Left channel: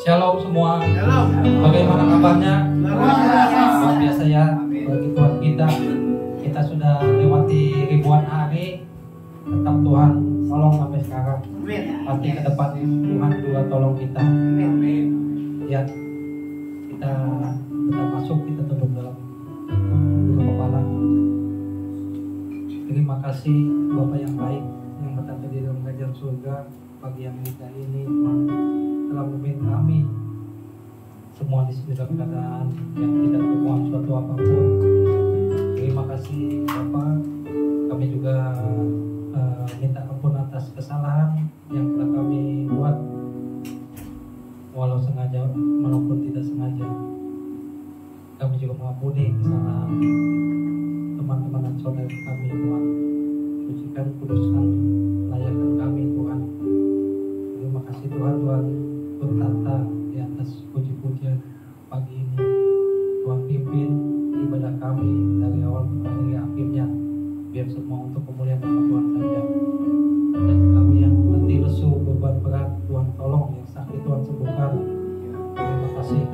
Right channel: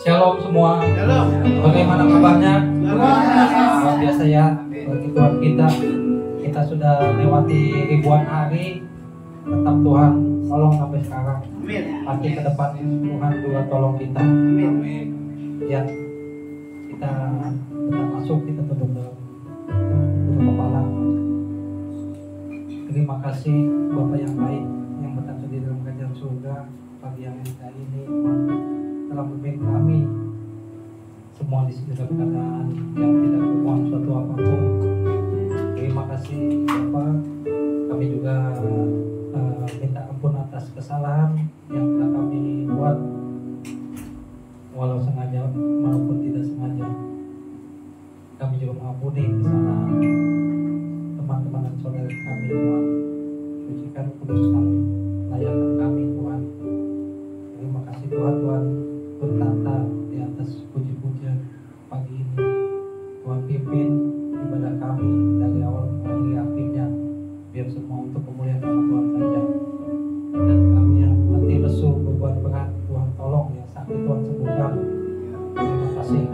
Shalom semua. Bagaimana kabarnya? Luar biasa ya bagi Tuhan kita sudah lewati ribuan hari, tetap Tuhan tolong sampai sekarang. Nanti ke depan Tuhan juga tolong kita. Ya, kita tetap masuk, kita tunduk dalam kepala. Terima kasih Bapak yang baik yang berada di dalam kerajaan surga. Pagi yang indah ini Tuhan telah memimpin kami semua di sini dalam keadaan yang tidak berbuat suatu apapun. Terima kasih Bapak. Kami juga minta ampun atas kesalahan yang telah kami buat, walau sengaja maupun tidak sengaja. Kami juga mengampuni kesalahan teman-teman dan saudara kami, Tuhan. Sucikan, kuduskan, layakkan kami, Tuhan. Terima kasih Tuhan, Tuhan berkata di atas puji-pujian pagi ini. Tuhan pimpin ibadah kami dari awal hingga akhirnya, biar semua untuk kemuliaan nama Tuhan saja. Dan kami yang letih lesu beban berat, Tuhan tolong, yang sakit Tuhan sembuhkan. Terima kasih.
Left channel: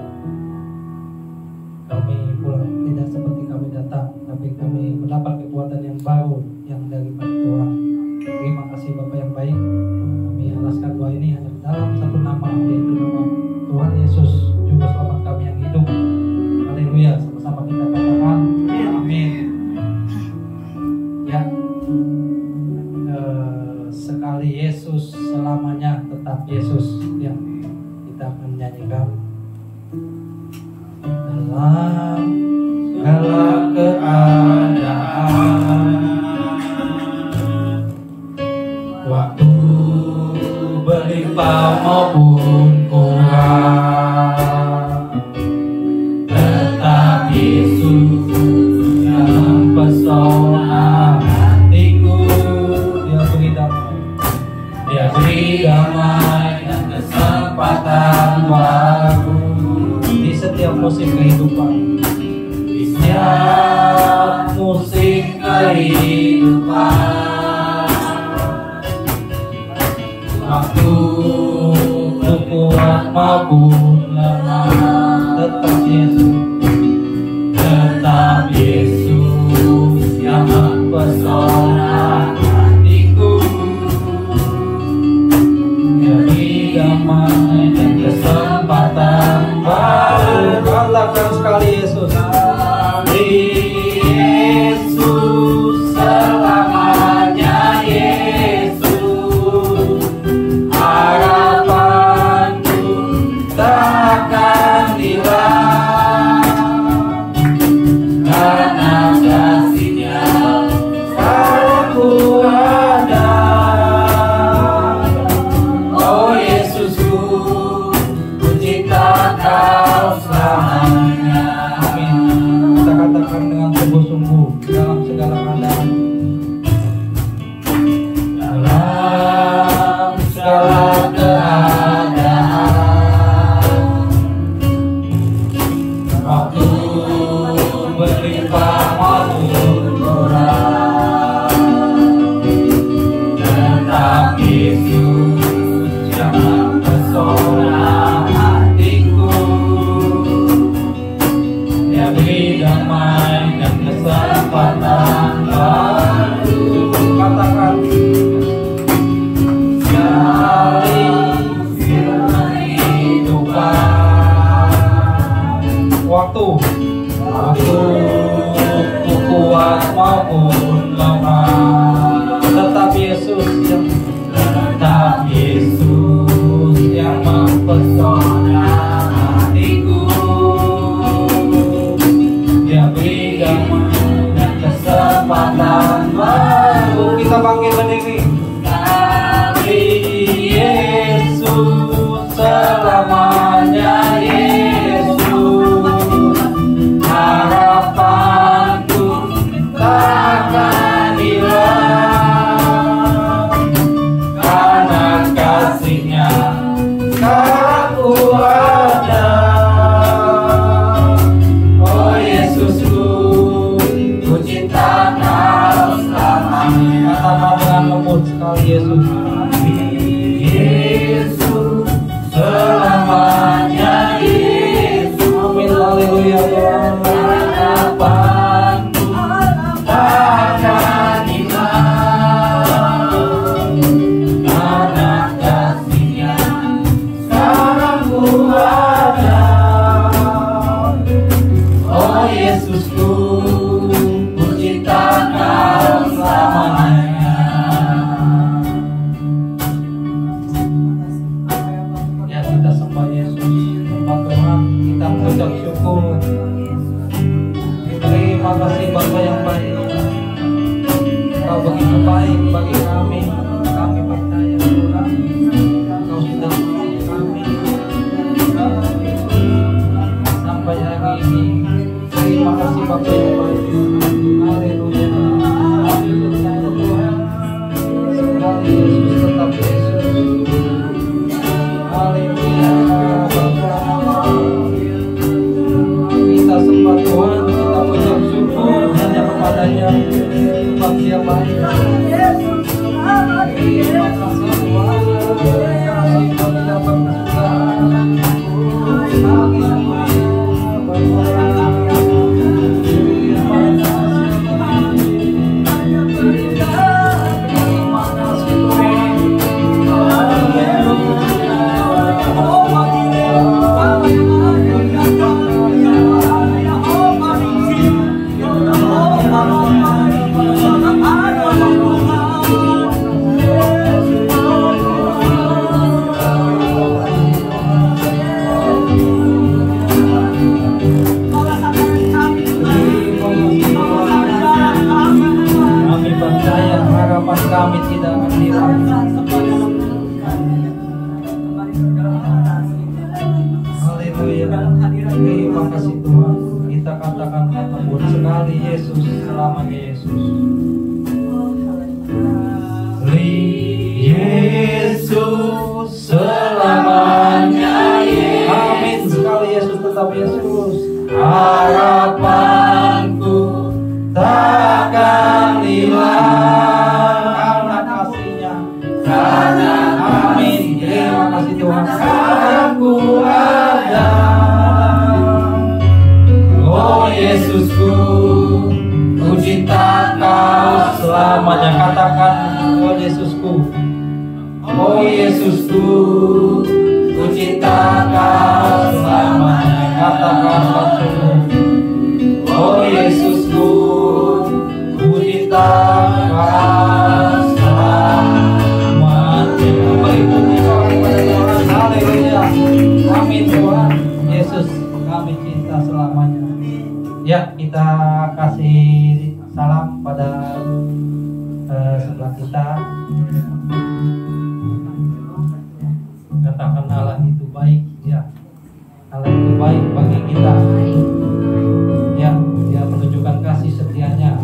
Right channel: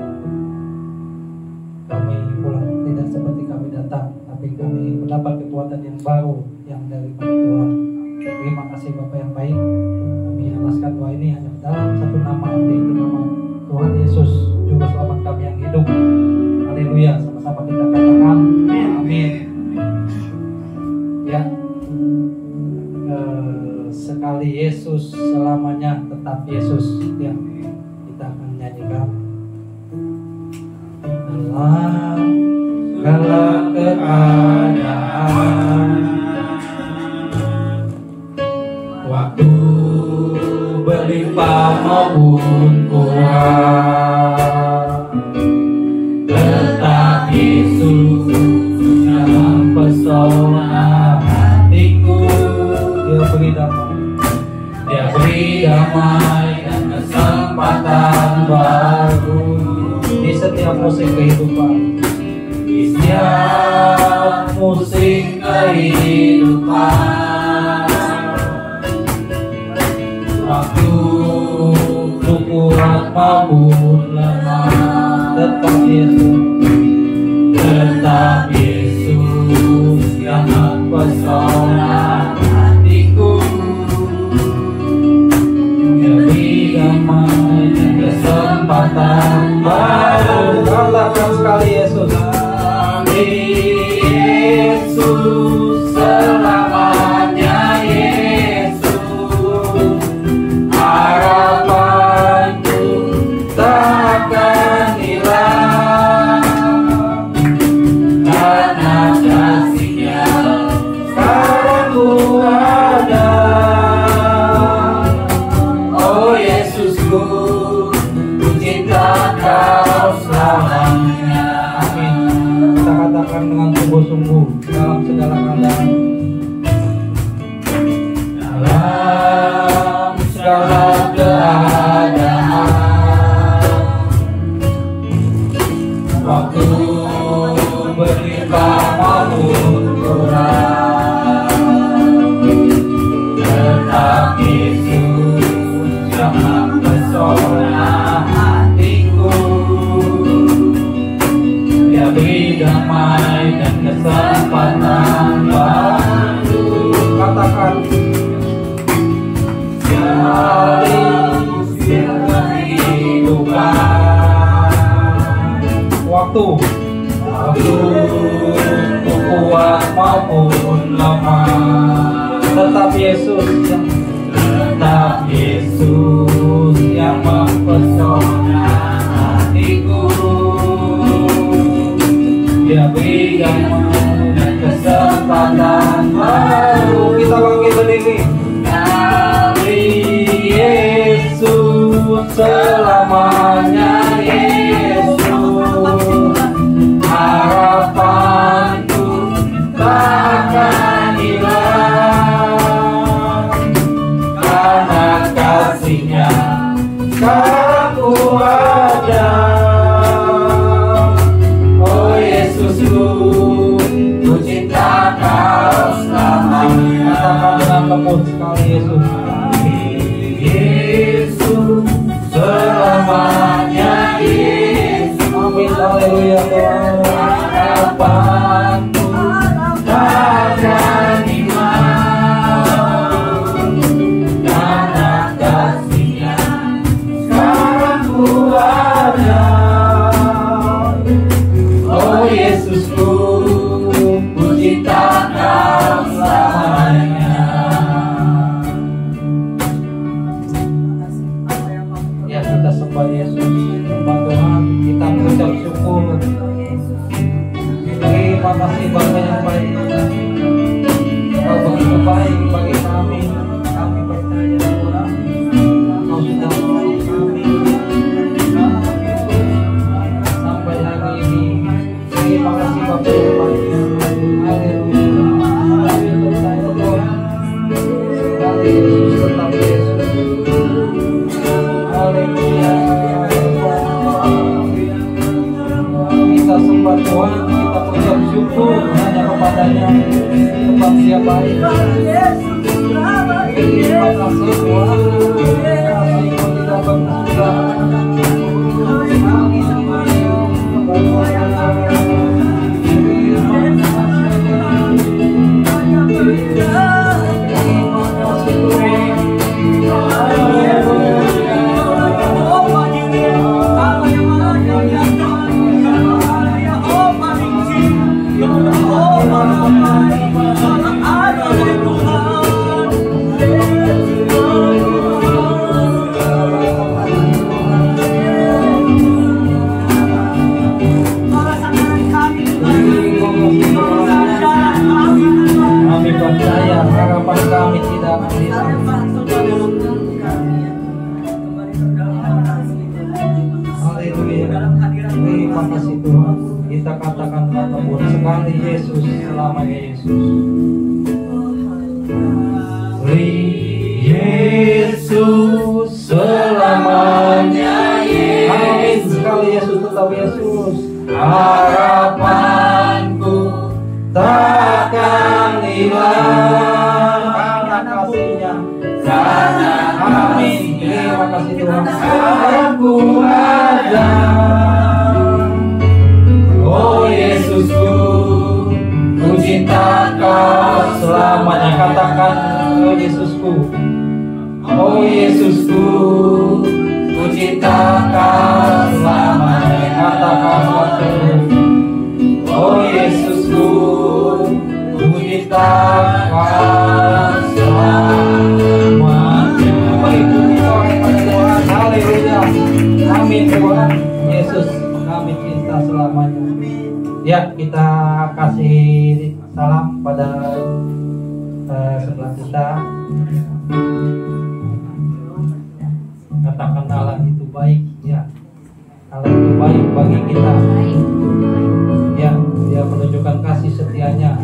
Kami pulang tidak seperti kami datang, tapi kami mendapat kekuatan yang baru yang dari Tuhan. Terima kasih Bapak yang baik. Kami alaskan doa ini hanya dalam satu nama, yaitu nama Tuhan Yesus, Juru Selamat kami yang hidup. Haleluya, sama-sama kita katakan amin. Ya, sekali Yesus, selamanya tetap Yesus. Ya, kita akan menyanyikan dalam segala keadaan, waktu berlimpah maupun kurang, tetap Yesus yang mempesona hatiku. Dia beri damai, Dia beri damai dan kesempatan baru di setiap musim kehidupan. Di setiap musim kehidupan, waktu kuat maupun lemah, tetap Yesus, tetap Yesus yang mempesona hatiku. Dia beri damai dan kesempatan baru. Katakan sekali Yesus, Yesus selamanya, Yesus harapanku takkan hilang, karena kasih-Nya sekarang ku ada. Oh Yesusku, ku cinta Kau selamanya. Amin. Kita katakan dengan sungguh-sungguh dalam segala keadaan. Dalam segala keadaan, waktu berlimpah maupun kurang, tetap Yesus yang mempesona hatiku. Dia beri damai dan kesempatan baru. Katakan sekali kehidupan, waktu kuat maupun lemah, tetap Yesus yang mempesona hatiku. Dia beri damai dan kesempatan baru. Kita bangkit berdiri. Yesus selamanya, Yesus harapan apa yang baik. Haleluya. Kami percaya Tuhan, sekali Yesus tetap Yesus. Haleluya. Kita sembah Tuhan, kita mengucap syukur hanya kepadanya. Tempat Dia baik. Terima kasih Tuhan. Kasih kami dapat berjalan. Kami percaya harapan kami tidak akan hilang. Haleluya. Terima kasih Tuhan. Kita katakan kata buat sekali Yesus, selamanya Yesus. Yesus selamanya Yesus. Amin. Sekali Yesus tetap Yesus. Harapanku takkan hilang karena kasih-Nya. Amin. Terima kasih Tuhan. Aku ada. Oh Yesusku, ku cinta Kau selamanya. Katakan, oh Yesusku. Oh Yesusku, ku cinta Kau selamanya. Katakan waktumu. Oh Yesusku, ku cinta Kau selamanya. Mengikuti doa Tuhan. Haleluya. Amin Tuhan. Yesus kami cinta selamanya. Ya, kita kasih salam pada sebelah kita. Katakan Allah itu baik, ya. Allah itu baik bagi kita. Ya, Dia menunjukkan kasih setianya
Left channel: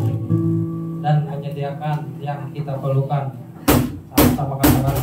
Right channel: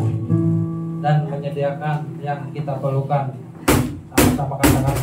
dan menyediakan yang kita perlukan. Sama-sama katakan.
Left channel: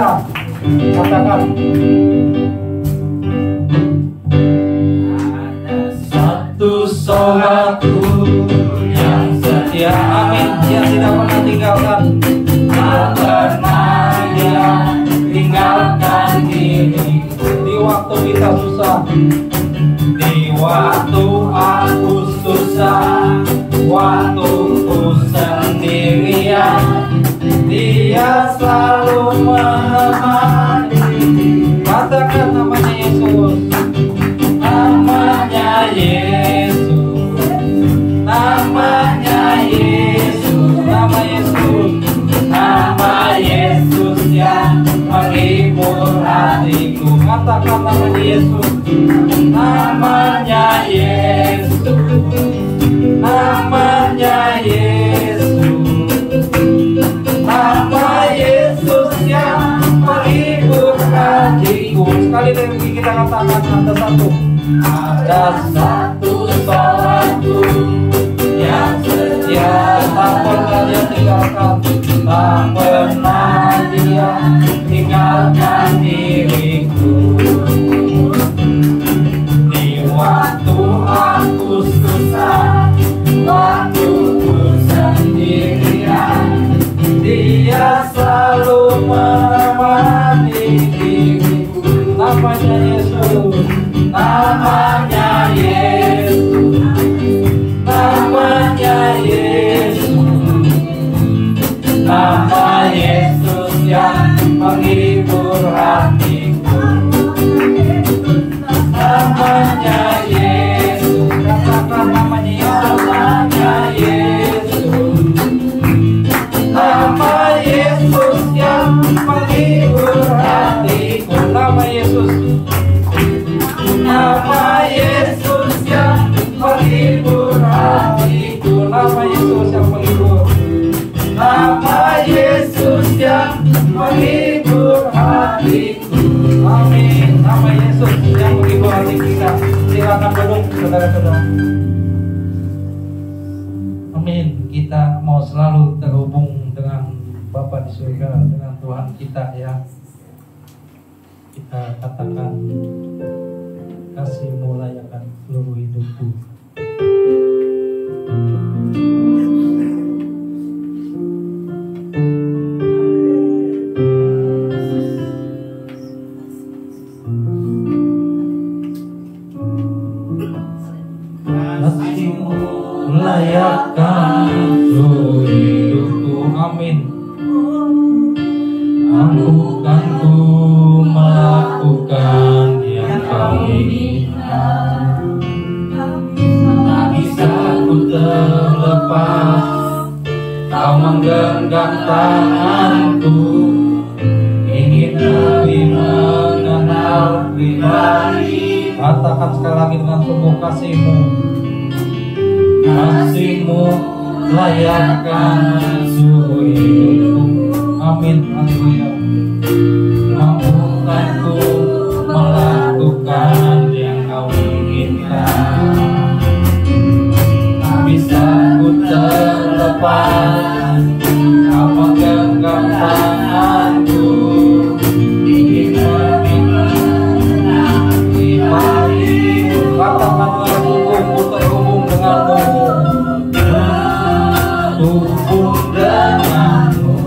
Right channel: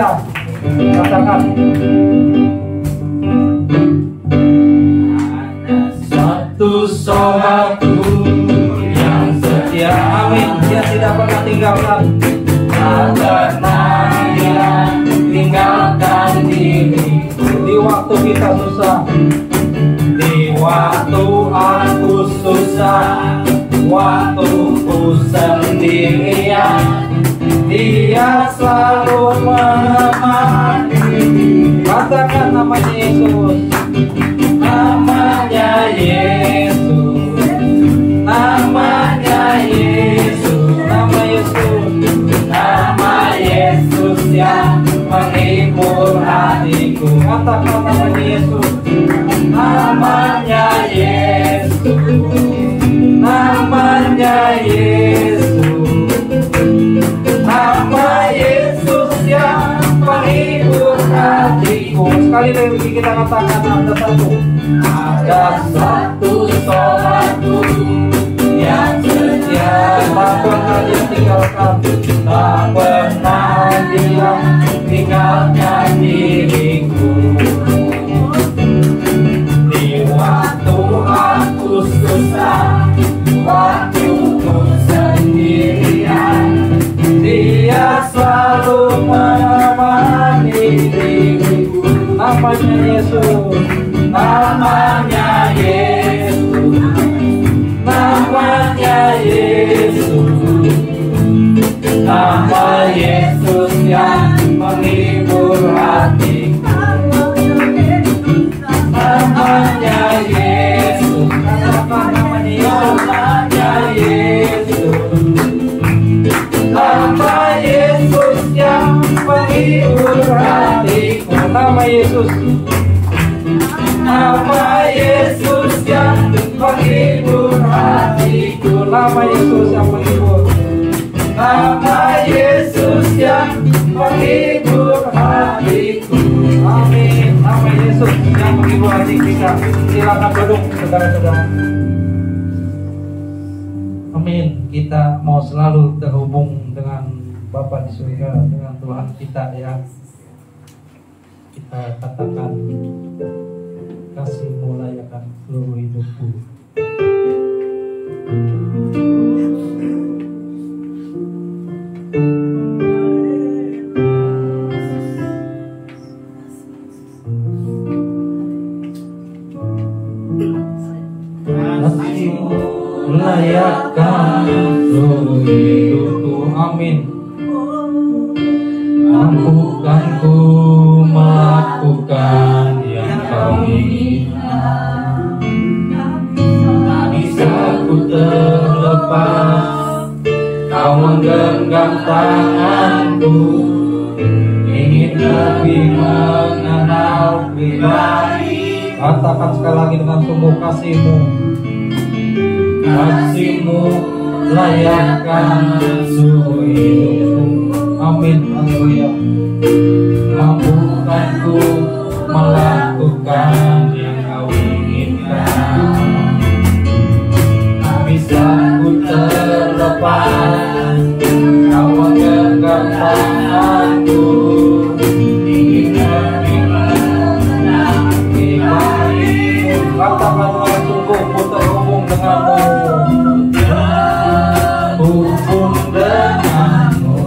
setia. Katakan. Ada satu yang setia. Amin. Dia tidak pernah tinggalkan. Tak pernah dia tinggalkan diri. Di waktu kita susah, di waktu aku susah, waktu ku sendirian, dia selalu menemani. Katakan namanya Yesus. Namanya Yesus. Namanya Yesus. Nama Yesus. Nama Yesus yang menghibur hatiku. Katakan namanya Yesus. Namanya Yesus. Namanya Yesus. Nama Yesus yang menghibur hatiku. Sekali lagi kita katakan ada satu. Ada satu yang setia. Tak pernah dia tinggalkan. Tak pernah dia tinggalkan diriku. Di waktu aku susah, waktu ku sendirian, dia selalu menemani diriku. Namanya Yesus. Namanya Yesus. Namanya Yesus. Nama Yesus yang menghibur hatiku. Namanya Yesus. Katakan namanya Yesus. Nama Yesus yang menghibur hatiku. Nama Yesus. Nama Yesus yang menghibur hatiku. Nama Yesus yang menghibur. Nama Yesus yang menghibur hatiku. Amin. Nama Yesus yang menghibur hati kita. Silakan duduk, saudara-saudara. Amin. Kita mau selalu terhubung dengan Bapa di surga, dengan Tuhan kita ya. Kita katakan, kasih-Mu layakan seluruh hidupku. Kasih-Mu layakan seluruh hidupku. Amin. Mampukanku melakukan yang Kau inginkan. Tak bisa ku terlepas, Kau menggenggam tanganku. Ingin lebih mengenal pribadi. Katakan sekali lagi dengan sungguh, kasih-Mu. Kasih-Mu layakkan seluruh hidupku. Amin. Haleluya. Mampukanku melakukan yang Kau inginkan. Tak bisa ku terlepas, Kau menggenggam tanganku. Ingin lebih mengenal pribadi. Katakan dengan sungguh, ku terhubung denganmu. Terhubung denganmu.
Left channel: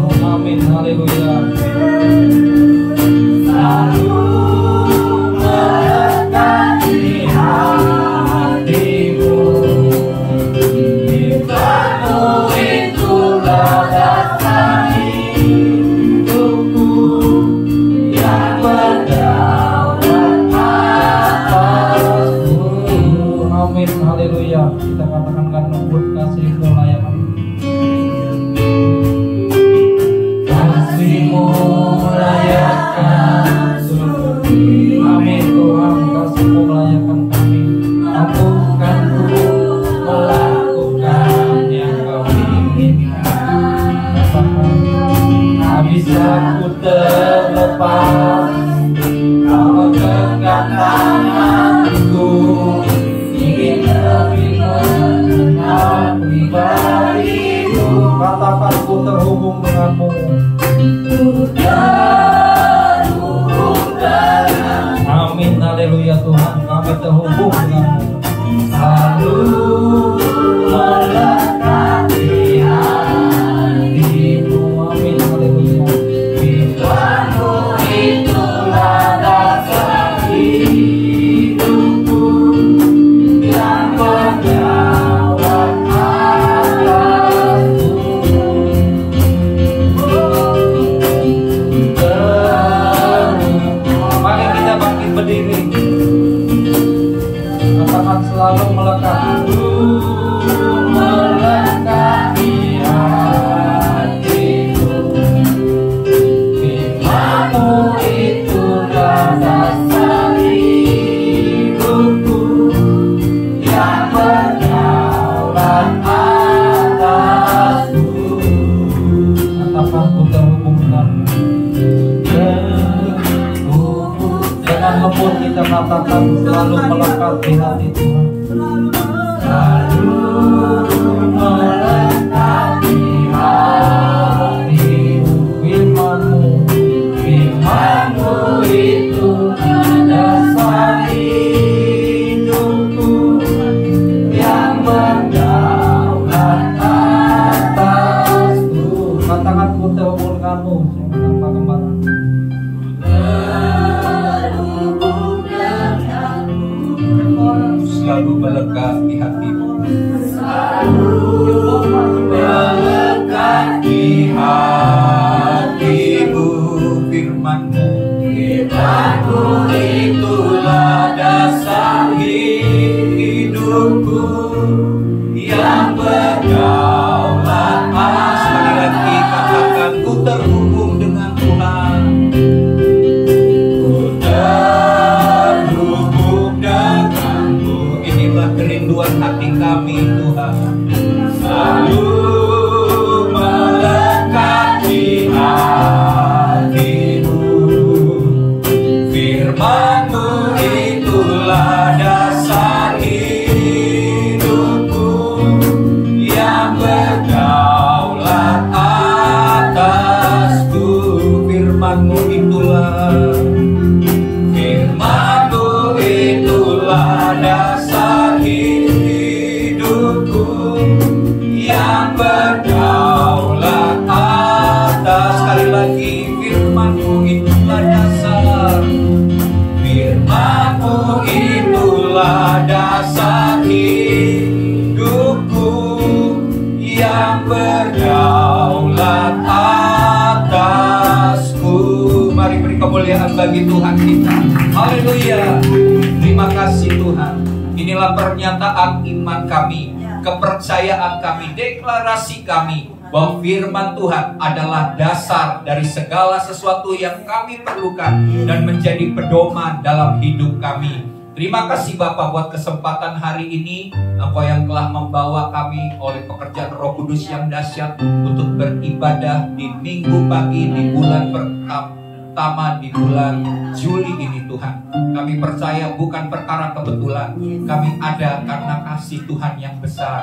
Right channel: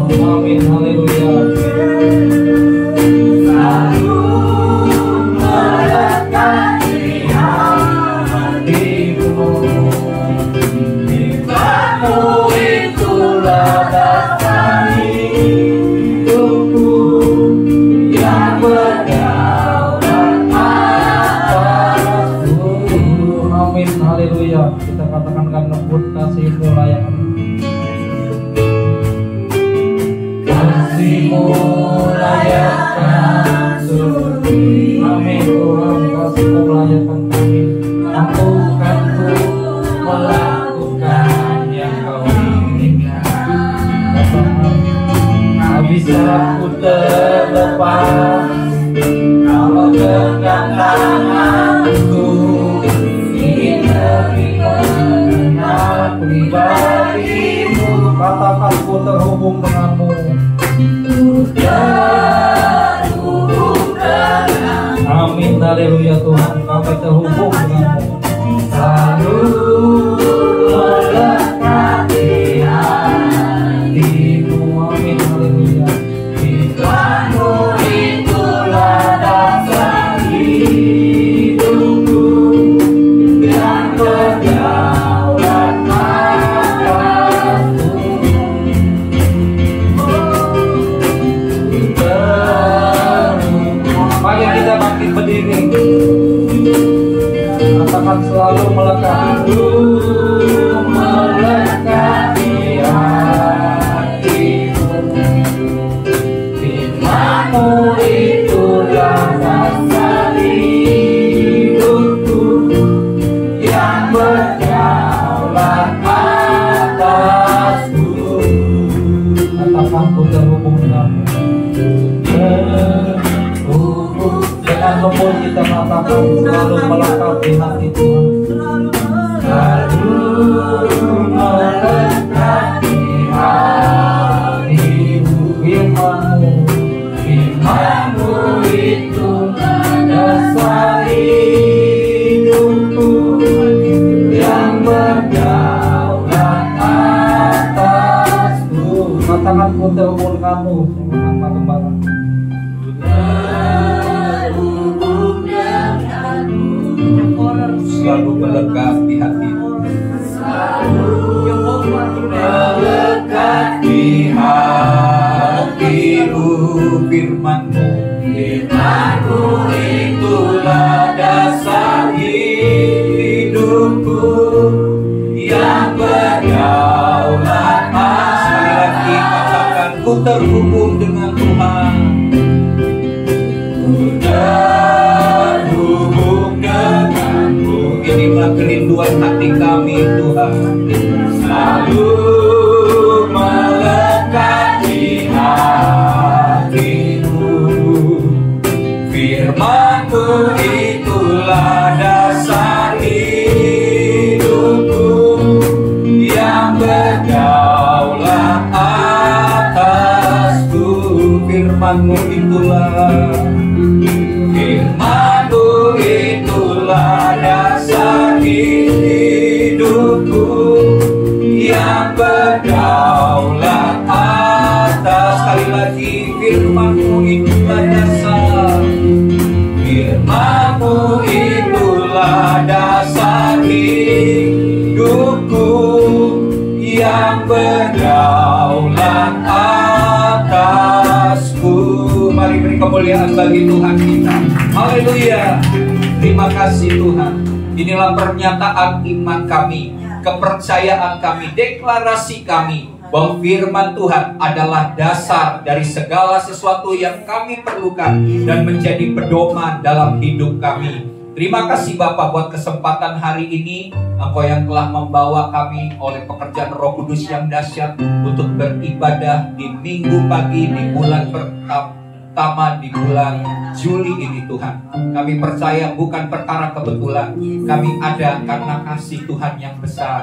kasih Tuhan. Inilah pernyataan iman kami, kepercayaan kami, deklarasi kami bahwa firman Tuhan adalah dasar dari segala sesuatu yang kami perlukan dan menjadi pedoman dalam hidup kami. Terima kasih Bapa buat kesempatan hari ini. Engkau yang telah membawa kami oleh pekerjaan Roh Kudus yang dahsyat untuk beribadah di minggu pagi di bulan pertama di bulan Juli ini Tuhan. Kami percaya bukan perkara kebetulan. Kami ada karena kasih Tuhan yang besar.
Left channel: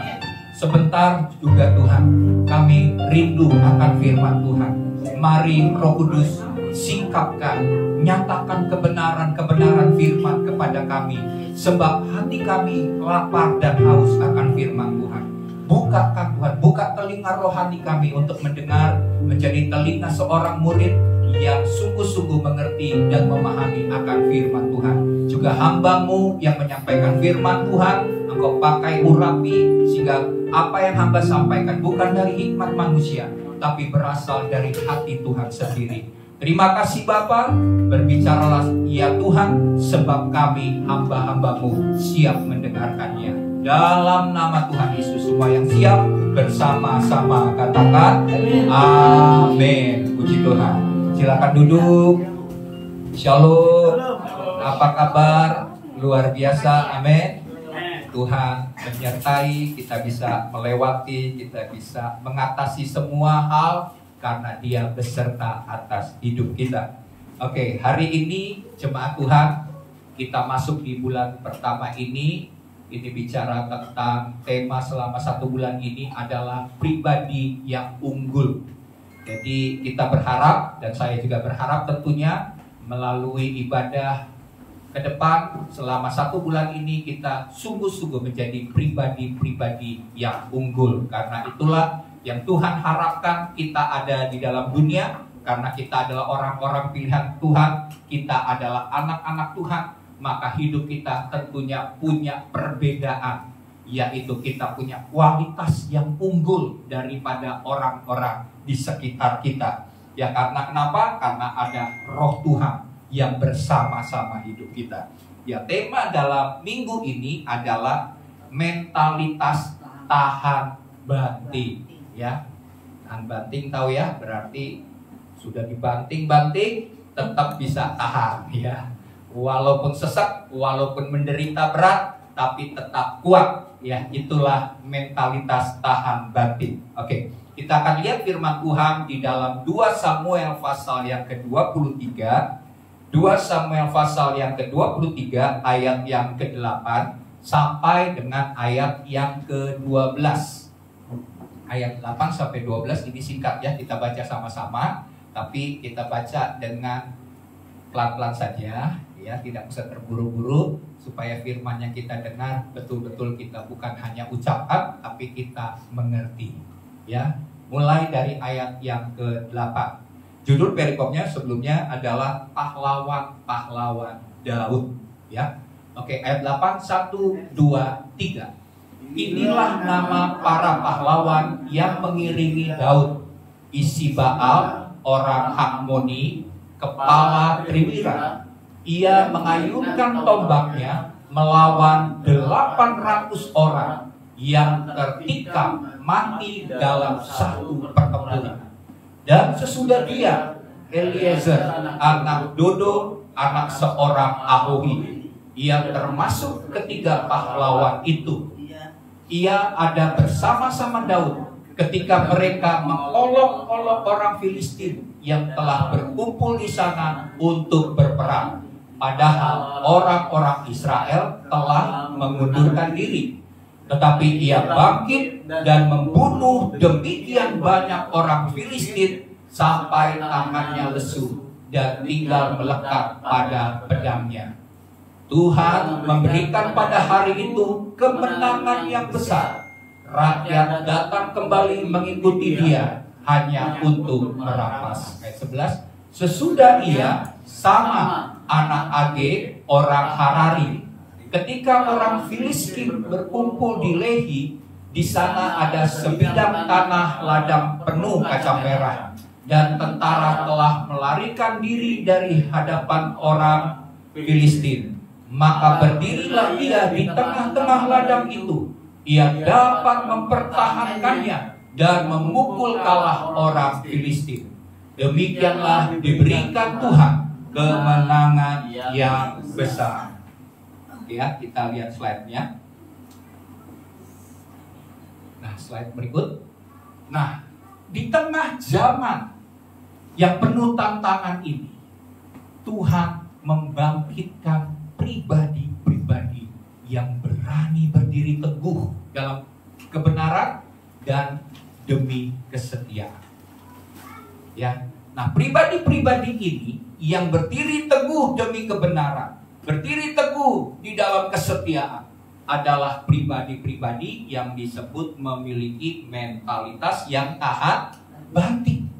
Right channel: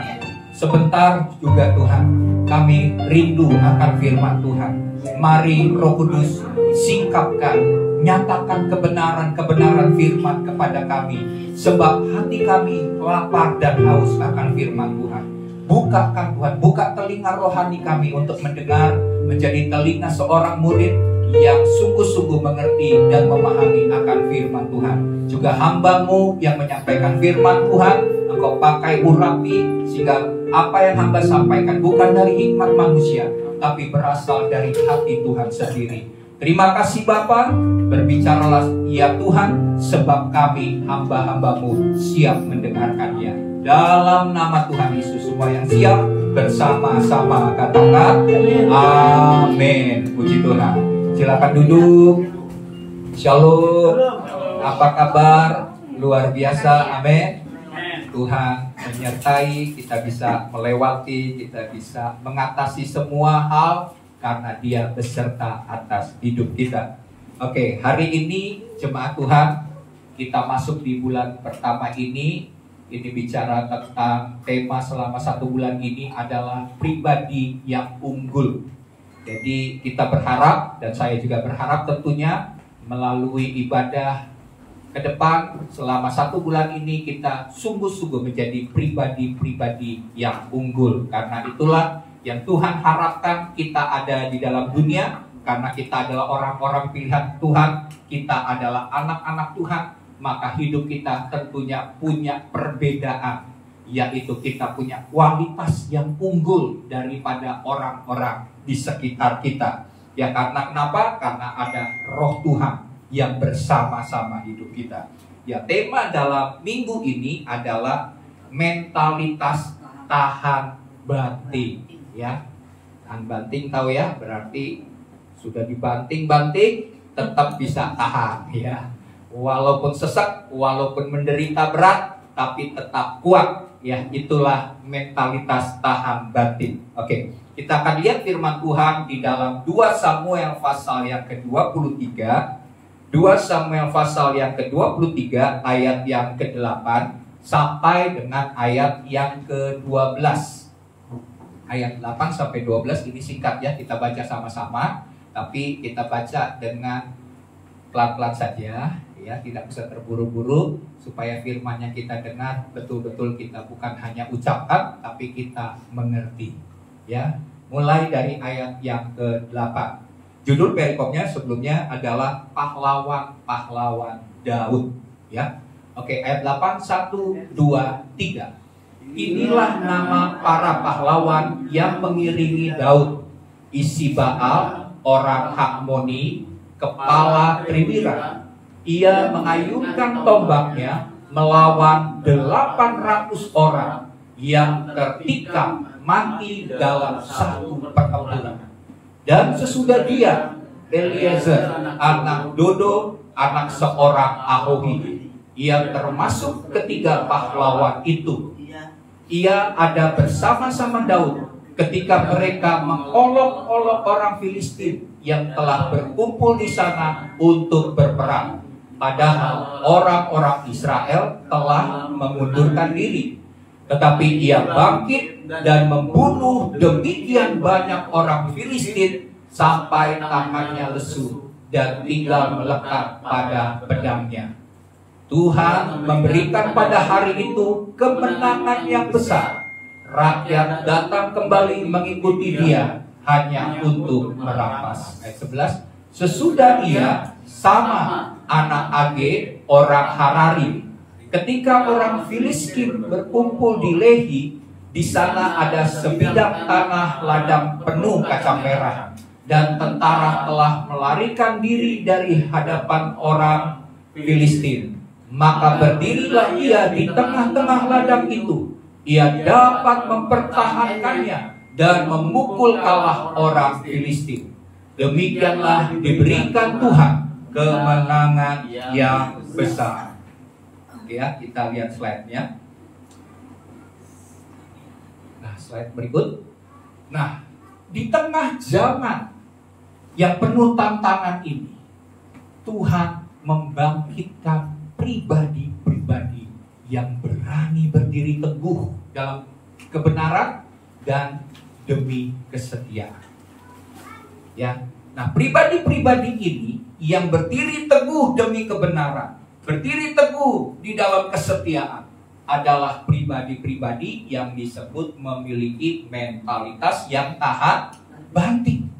Sebentar juga Tuhan, kami rindu akan firman Tuhan. Mari Roh Kudus singkapkan, nyatakan kebenaran-kebenaran firman kepada kami. Sebab hati kami lapar dan haus akan firman Tuhan. Bukakan Tuhan, buka telinga rohani kami untuk mendengar, menjadi telinga seorang murid yang sungguh-sungguh mengerti dan memahami akan firman Tuhan. Juga hamba-Mu yang menyampaikan firman Tuhan, Engkau pakai urapi sehingga apa yang hamba sampaikan bukan dari hikmat manusia, tapi berasal dari hati Tuhan sendiri. Terima kasih Bapa, berbicaralah ya Tuhan, sebab kami hamba-hamba-Mu siap mendengarkannya. Dalam nama Tuhan Yesus, semua yang siap bersama-sama katakan amin. Puji Tuhan. Silakan duduk. Shalom. Apa kabar? Luar biasa. Amin. Tuhan menyertai, kita bisa melewati, kita bisa mengatasi semua hal karena Dia beserta atas hidup kita. Oke, hari ini jemaat Tuhan, kita masuk di bulan pertama ini bicara tentang tema selama 1 bulan ini adalah pribadi yang unggul. Jadi kita berharap, dan saya juga berharap tentunya melalui ibadah ke depan selama 1 bulan ini kita sungguh-sungguh menjadi pribadi-pribadi yang unggul. Karena itulah yang Tuhan harapkan kita ada di dalam dunia. Karena kita adalah orang-orang pilihan Tuhan, kita adalah anak-anak Tuhan, maka hidup kita tentunya punya perbedaan, yaitu kita punya kualitas yang unggul daripada orang-orang di sekitar kita. Ya karena kenapa? Karena ada Roh Tuhan yang bersama-sama hidup kita. Ya tema dalam minggu ini adalah mentalitas tahan banting. Ya, tahan banting tahu ya, berarti sudah dibanting-banting tetap bisa tahan. Ya, walaupun sesak, walaupun menderita berat, tapi tetap kuat. Ya, itulah mentalitas tahan banting. Oke, kita akan lihat firman Tuhan di dalam 2 Samuel pasal yang ke-23. 2 Samuel pasal yang ke-23 ayat yang ke-8 sampai dengan ayat yang ke-12. Ayat 8 sampai 12 ini singkat ya, kita baca sama-sama, tapi kita baca dengan pelan-pelan saja ya, tidak usah terburu-buru supaya firman-Nya kita dengar betul-betul kita bukan hanya ucapkan tapi kita mengerti. Ya, mulai dari ayat yang ke-8. Judul perikopnya sebelumnya adalah pahlawan-pahlawan Daud. Ya, oke, ayat 8, 1, 2, 3. Inilah nama para pahlawan yang mengiringi Daud: Isbaal, orang Hakmoni, kepala Triwira. Ia mengayunkan tombaknya melawan 800 orang yang tertikam mati dalam satu pertempuran. Dan sesudah dia, Eliezer, anak Dodo, anak seorang Ahohi. Ia termasuk ketiga pahlawan itu. Ia ada bersama-sama Daud ketika mereka mengolok-olok orang Filistin yang telah berkumpul di sana untuk berperang. Padahal orang-orang Israel telah mengundurkan diri. Tetapi ia bangkit dan membunuh demikian banyak orang Filistin sampai tangannya lesu dan tinggal melekat pada pedangnya. Tuhan memberikan pada hari itu kemenangan yang besar. Rakyat datang kembali mengikuti dia hanya untuk merampas. Ayat 11. Sesudah ia, Sama anak Age, orang Harari. Ketika orang Filistin berkumpul di Lehi, di sana ada sebidang tanah ladang penuh kacang merah, dan tentara telah melarikan diri dari hadapan orang Filistin. maka berdirilah ia di tengah-tengah ladang itu. Ia dapat mempertahankannya dan memukul kalah orang Filistin. Demikianlah diberikan Tuhan kemenangan yang besar. Oke ya, kita lihat slide-nya. Nah, slide berikut. Nah, di tengah zaman yang penuh tantangan ini, Tuhan membangkitkan pribadi-pribadi yang berani berdiri teguh dalam kebenaran dan demi kesetiaan. Ya, nah pribadi-pribadi ini yang berdiri teguh demi kebenaran, berdiri teguh di dalam kesetiaan, adalah pribadi-pribadi yang disebut memiliki mentalitas yang tahan banting.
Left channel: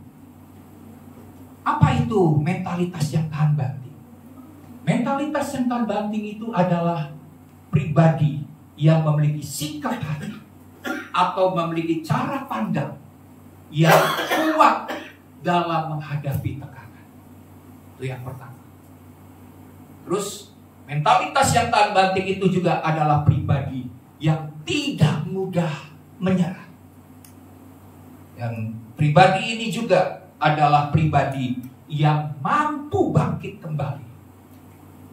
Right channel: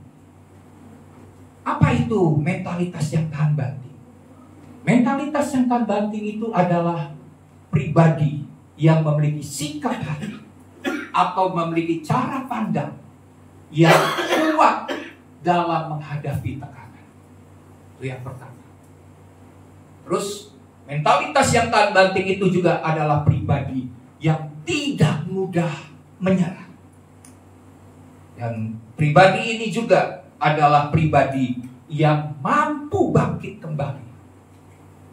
Apa itu mentalitas yang tahan banting? Mentalitas yang tahan banting itu adalah pribadi yang memiliki sikap hati atau memiliki cara pandang yang kuat dalam menghadapi tekanan. Itu yang pertama. Terus mentalitas yang tahan banting itu juga adalah pribadi yang tidak mudah menyerah. Dan pribadi ini juga adalah pribadi yang mampu bangkit kembali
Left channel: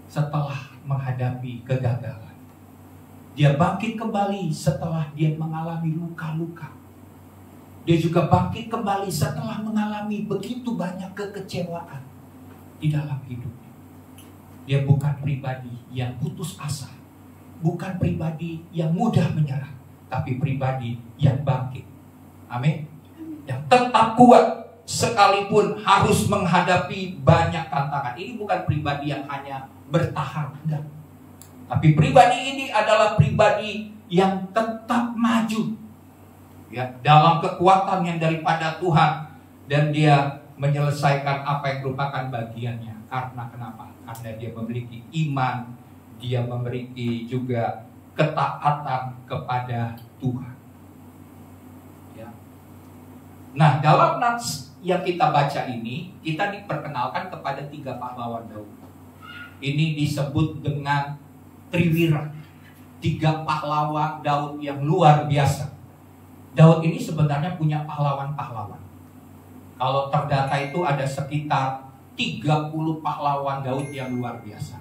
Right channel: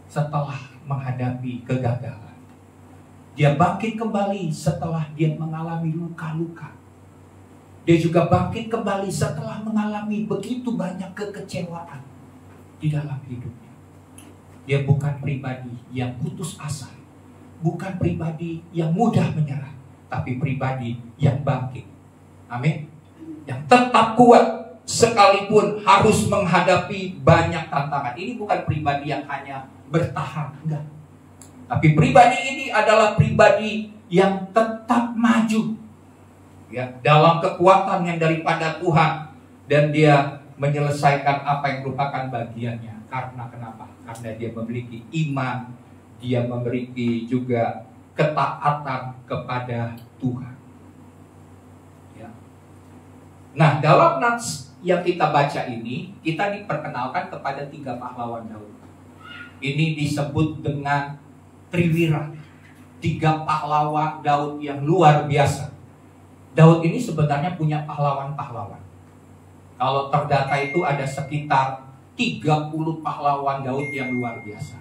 setelah menghadapi kegagalan. Dia bangkit kembali setelah dia mengalami luka-luka. Dia juga bangkit kembali setelah mengalami begitu banyak kekecewaan di dalam hidupnya. Dia bukan pribadi yang putus asa, bukan pribadi yang mudah menyerah, tapi pribadi yang bangkit. Amin. Yang tetap kuat sekalipun harus menghadapi banyak tantangan. Ini bukan pribadi yang hanya bertahan, enggak. Tapi pribadi ini adalah pribadi yang tetap maju, ya, dalam kekuatan yang daripada Tuhan, dan dia menyelesaikan apa yang merupakan bagiannya. Karena kenapa? Karena dia memiliki iman, dia memiliki juga ketaatan kepada Tuhan. Ya. Nah, dalam nats yang kita baca ini, kita diperkenalkan kepada 3 pahlawan Daud. Ini disebut dengan Triwira, 3 pahlawan Daud yang luar biasa. Daud ini sebenarnya punya pahlawan-pahlawan. Kalau terdata itu ada sekitar 30 pahlawan Daud yang luar biasa.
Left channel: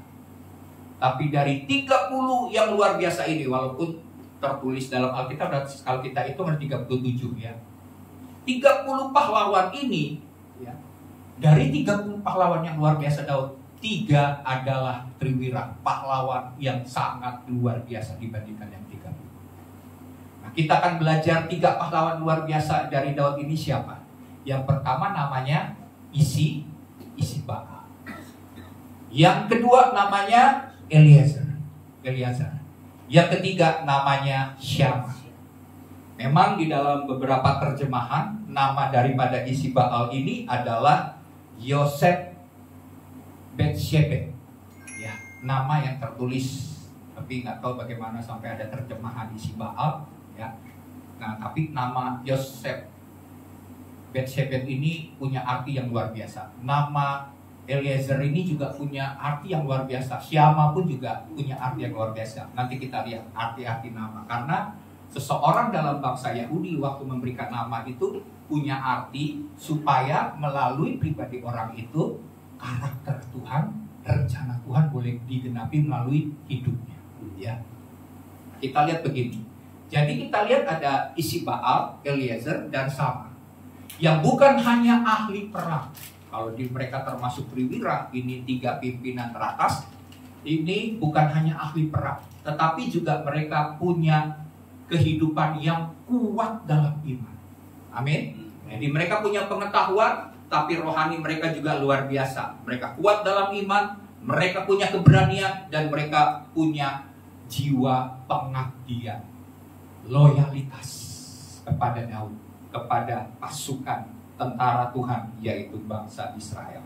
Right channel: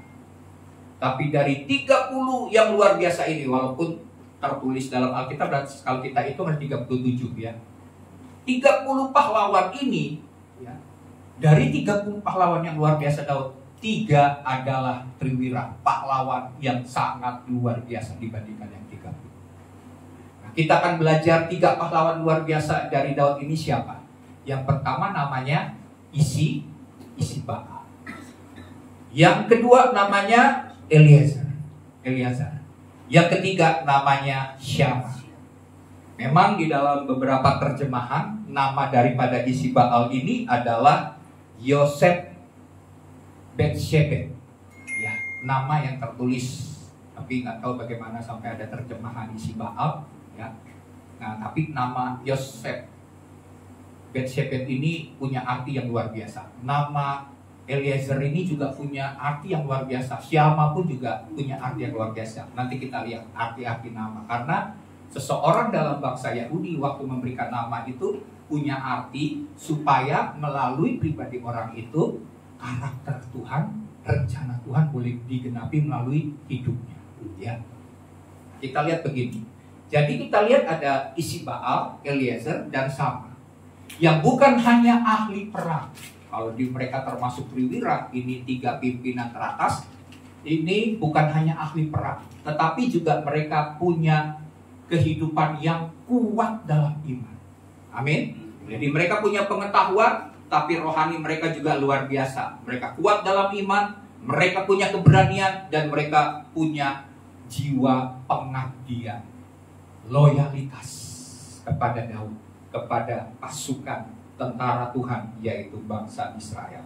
Tapi dari 30 yang luar biasa ini, walaupun tertulis dalam Alkitab, kalau kita itu ada 37 ya. 30 pahlawan ini, ya, dari 30 pahlawan yang luar biasa Daud, 3 adalah Triwira, pahlawan yang sangat luar biasa dibandingkan yang 30. Nah, kita akan belajar 3 pahlawan luar biasa dari Daud ini siapa? Yang pertama namanya Isibakal. Yang kedua namanya Eliezer. Yang ketiga namanya Syama. Memang di dalam beberapa terjemahan nama daripada Isibakal ini adalah Yosef Betshebet, ya, nama yang tertulis, tapi nggak tahu bagaimana sampai ada terjemahan Isibakal, ya. Nah, tapi nama Yosef Betshebet ini punya arti yang luar biasa. Nama Eliezer ini juga punya arti yang luar biasa. Syama pun juga punya arti yang luar biasa. Nanti kita lihat arti-arti nama, karena seseorang dalam bangsa Yahudi waktu memberikan nama itu punya arti supaya melalui pribadi orang itu karakter Tuhan, rencana Tuhan boleh digenapi melalui hidupnya, ya. Kita lihat begini. Jadi kita lihat ada Isibakal, Eliezer, dan Syama yang bukan hanya ahli perang. Kalau di mereka termasuk Triwira, ini 3 pimpinan teratas. Ini bukan hanya ahli perang, tetapi juga mereka punya kehidupan yang kuat dalam iman. Amin. Jadi mereka punya pengetahuan, tapi rohani mereka juga luar biasa. Mereka kuat dalam iman, mereka punya keberanian, dan mereka punya jiwa pengabdian, loyalitas kepada Daud, kepada pasukan tentara Tuhan, yaitu bangsa Israel.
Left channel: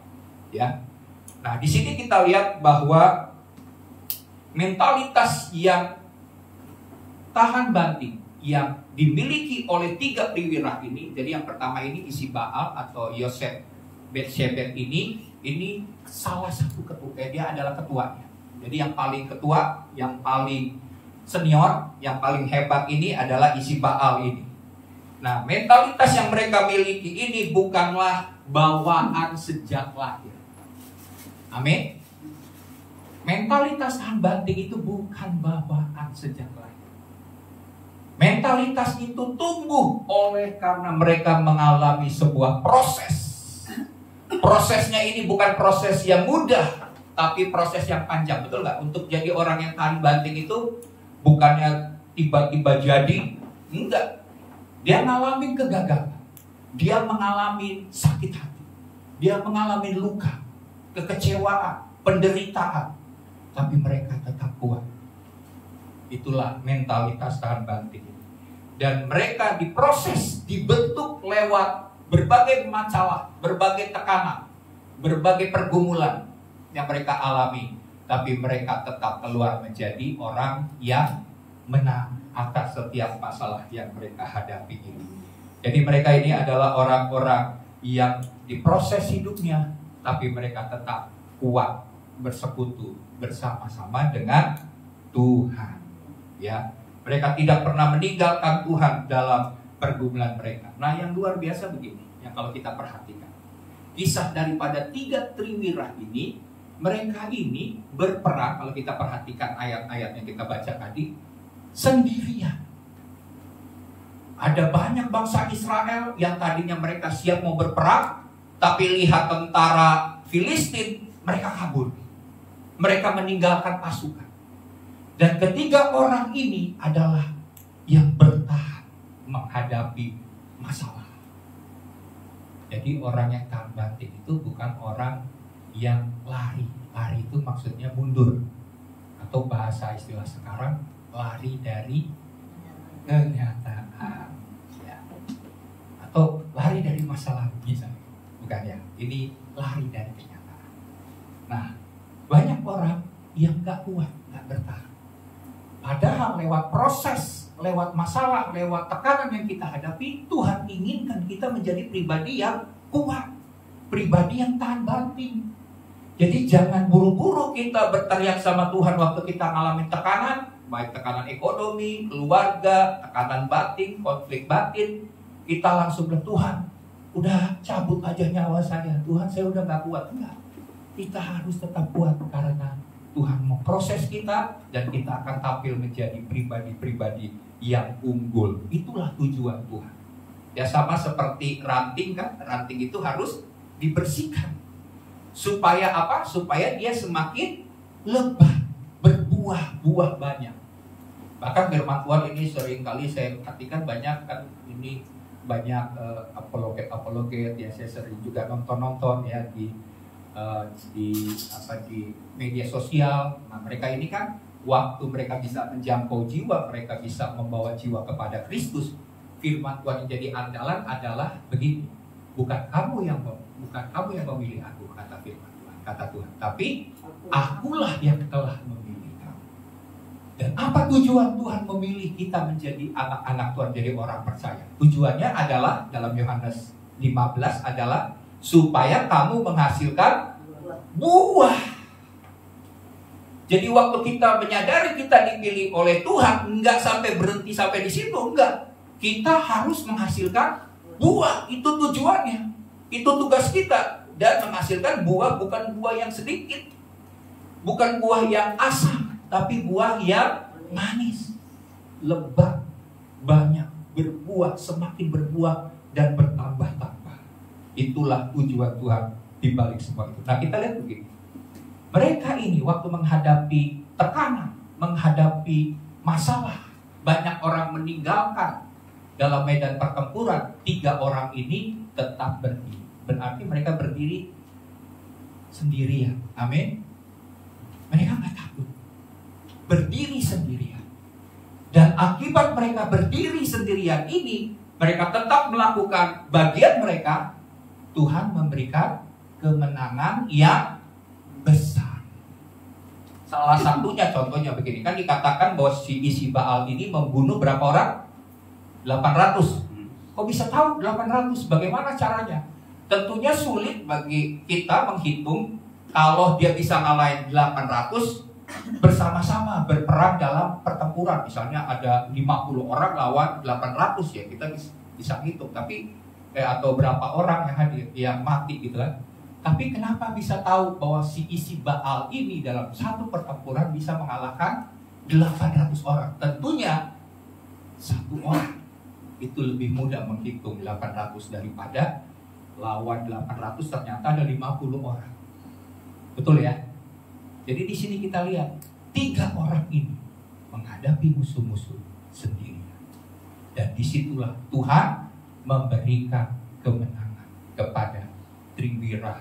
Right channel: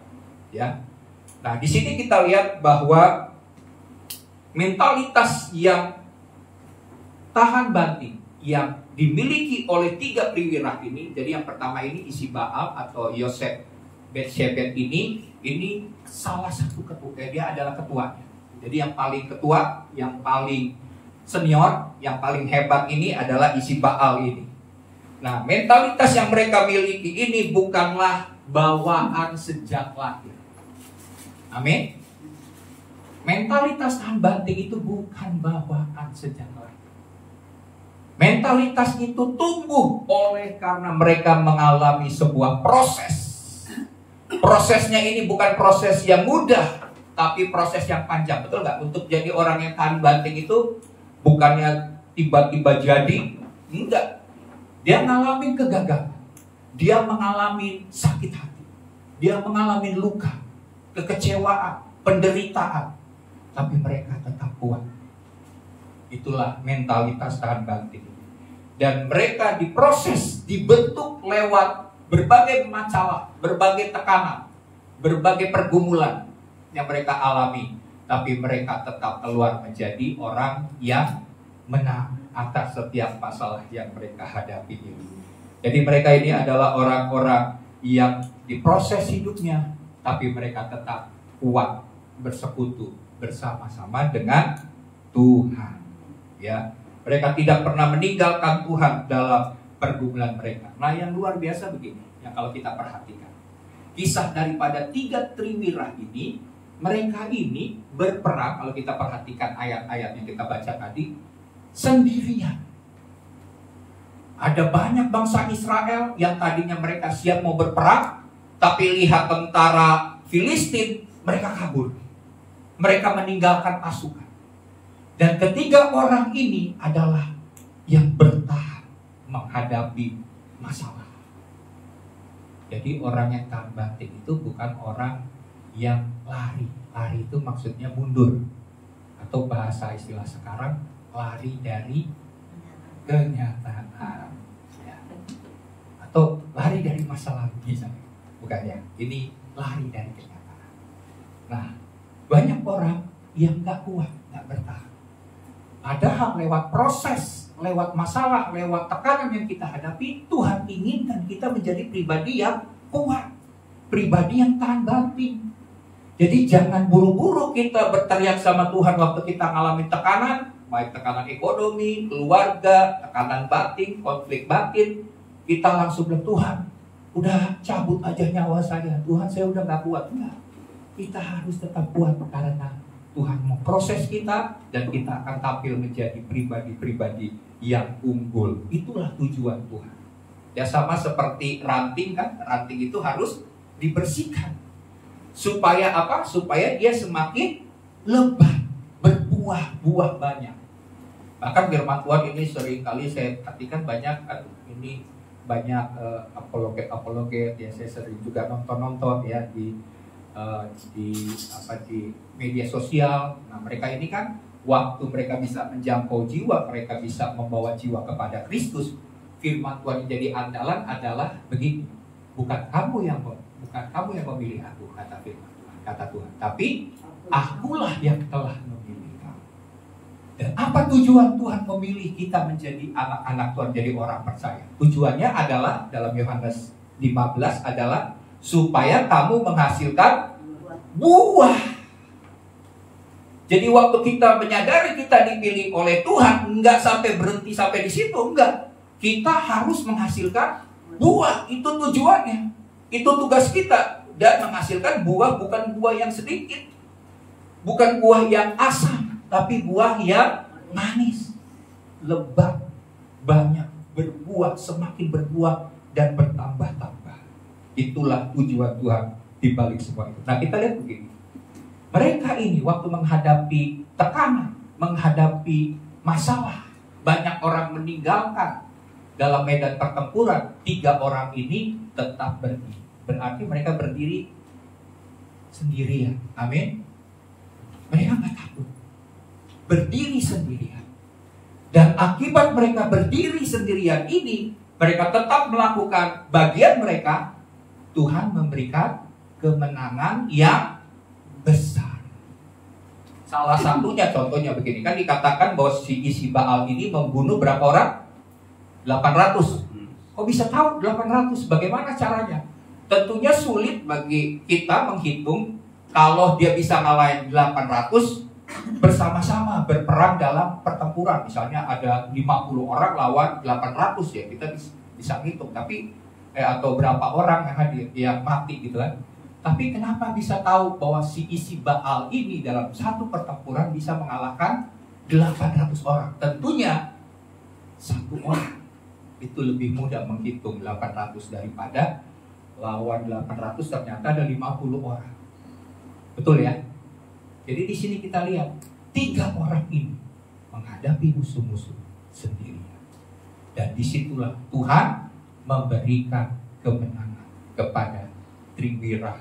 Ya. Nah, di sini kita lihat bahwa mentalitas yang tahan banting yang dimiliki oleh 3 Triwira ini. Jadi yang pertama ini Isibakal atau Yosef Betshebet ini salah satu ketua, dia adalah ketuanya. Jadi yang paling ketua, yang paling senior, yang paling hebat ini adalah isi Baal ini. Nah, mentalitas yang mereka miliki ini bukanlah bawaan sejak lahir. Amin. Mentalitas tahan banting itu bukan bawaan sejak lahir. Mentalitas itu tumbuh oleh karena mereka mengalami sebuah proses. Prosesnya ini bukan proses yang mudah, tapi proses yang panjang. Betul nggak? Untuk jadi orang yang tahan banting itu bukannya tiba-tiba jadi. Enggak. Dia mengalami kegagalan. Dia mengalami sakit hati. Dia mengalami luka, kekecewaan, penderitaan. Tapi mereka tetap kuat. Itulah mentalitas tahan banting. Dan mereka diproses, dibentuk lewat berbagai masalah, berbagai tekanan, berbagai pergumulan yang mereka alami. Tapi mereka tetap keluar menjadi orang yang menang atas setiap masalah yang mereka hadapi ini. Jadi mereka ini adalah orang-orang yang diproses hidupnya, tapi mereka tetap kuat bersekutu bersama-sama dengan Tuhan. Ya, mereka tidak pernah meninggalkan Tuhan dalam pergumulan mereka. Nah, yang luar biasa begini, yang kalau kita perhatikan, kisah daripada 3 triwirah ini, mereka ini berperang. Kalau kita perhatikan ayat-ayat yang kita baca tadi, sendirian. Ada banyak bangsa Israel yang tadinya mereka siap mau berperang, tapi lihat tentara Filistin, mereka kabur. Mereka meninggalkan pasukan. Dan ketiga orang ini adalah yang bertahan menghadapi masalah. Jadi orang yang tahan banting itu bukan orang yang lari. Lari itu maksudnya mundur. Atau bahasa istilah sekarang, lari dari kenyataan. Ya. Atau lari dari masalah misalnya. Bukan ya, ini lari dari kenyataan. Nah, banyak orang yang gak kuat, gak bertahan. Padahal lewat proses, lewat masalah, lewat tekanan yang kita hadapi, Tuhan inginkan kita menjadi pribadi yang kuat, pribadi yang tahan banting. Jadi jangan buru-buru kita berteriak sama Tuhan waktu kita mengalami tekanan, baik tekanan ekonomi, keluarga, tekanan batin, konflik batin. Kita langsung bilang, Tuhan, udah cabut aja nyawa saya. Tuhan, saya udah gak kuat. Enggak. Kita harus tetap kuat karena Tuhan mau proses kita dan kita akan tampil menjadi pribadi-pribadi yang unggul. Itulah tujuan Tuhan. Ya sama seperti ranting kan, ranting itu harus dibersihkan. Supaya apa? Supaya dia semakin lebat, berbuah banyak. Bahkan firman Tuhan ini sering kali saya perhatikan banyak kan, ini banyak apologet ya, saya sering juga nonton ya di media sosial. Nah, mereka ini kan waktu mereka bisa menjangkau jiwa, mereka bisa membawa jiwa kepada Kristus. Firman Tuhan yang jadi andalan adalah begini, bukan kamu yang memilih aku, kata firman Tuhan, kata Tuhan, tapi akulah yang telah memilih kamu. Dan apa tujuan Tuhan memilih kita menjadi anak-anak Tuhan, jadi orang percaya? Tujuannya adalah dalam Yohanes 15 adalah supaya kamu menghasilkan buah. Jadi waktu kita menyadari kita dipilih oleh Tuhan, enggak sampai berhenti sampai di situ, enggak. Kita harus menghasilkan buah, itu tujuannya. Itu tugas kita. Dan menghasilkan buah bukan buah yang sedikit, bukan buah yang asam, tapi buah yang manis, lebat, banyak, berbuah, semakin berbuah dan bertambah-tambah. Itulah tujuan Tuhan di balik semua itu. Nah, kita lihat begini. Mereka ini waktu menghadapi tekanan, menghadapi masalah, banyak orang meninggalkan dalam medan pertempuran. 3 orang ini tetap berdiri. Berarti mereka berdiri sendirian. Amin. Mereka nggak takut. Berdiri sendirian. Dan akibat mereka berdiri sendirian ini, mereka tetap melakukan bagian mereka. Tuhan memberikan kemenangan yang besar. Salah satunya contohnya begini, kan dikatakan bahwa si isi Baal ini membunuh berapa orang? 800. Kok bisa tahu 800? Bagaimana caranya? Tentunya sulit bagi kita menghitung kalau dia bisa ngalahin 800, bersama-sama berperang dalam pertempuran. Misalnya ada 50 orang lawan 800 ya, kita bisa ngitung. Tapi atau berapa orang yang hadir, yang mati gitu kan. Tapi kenapa bisa tahu bahwa si isi Baal ini dalam satu pertempuran bisa mengalahkan 800 orang? Tentunya satu orang itu lebih mudah menghitung 800 daripada lawan 800 ternyata ada 50 orang. Betul ya? Jadi di sini kita lihat 3 orang ini menghadapi musuh-musuh sendirian. Dan disitulah Tuhan memberikan kemenangan kepada Triwira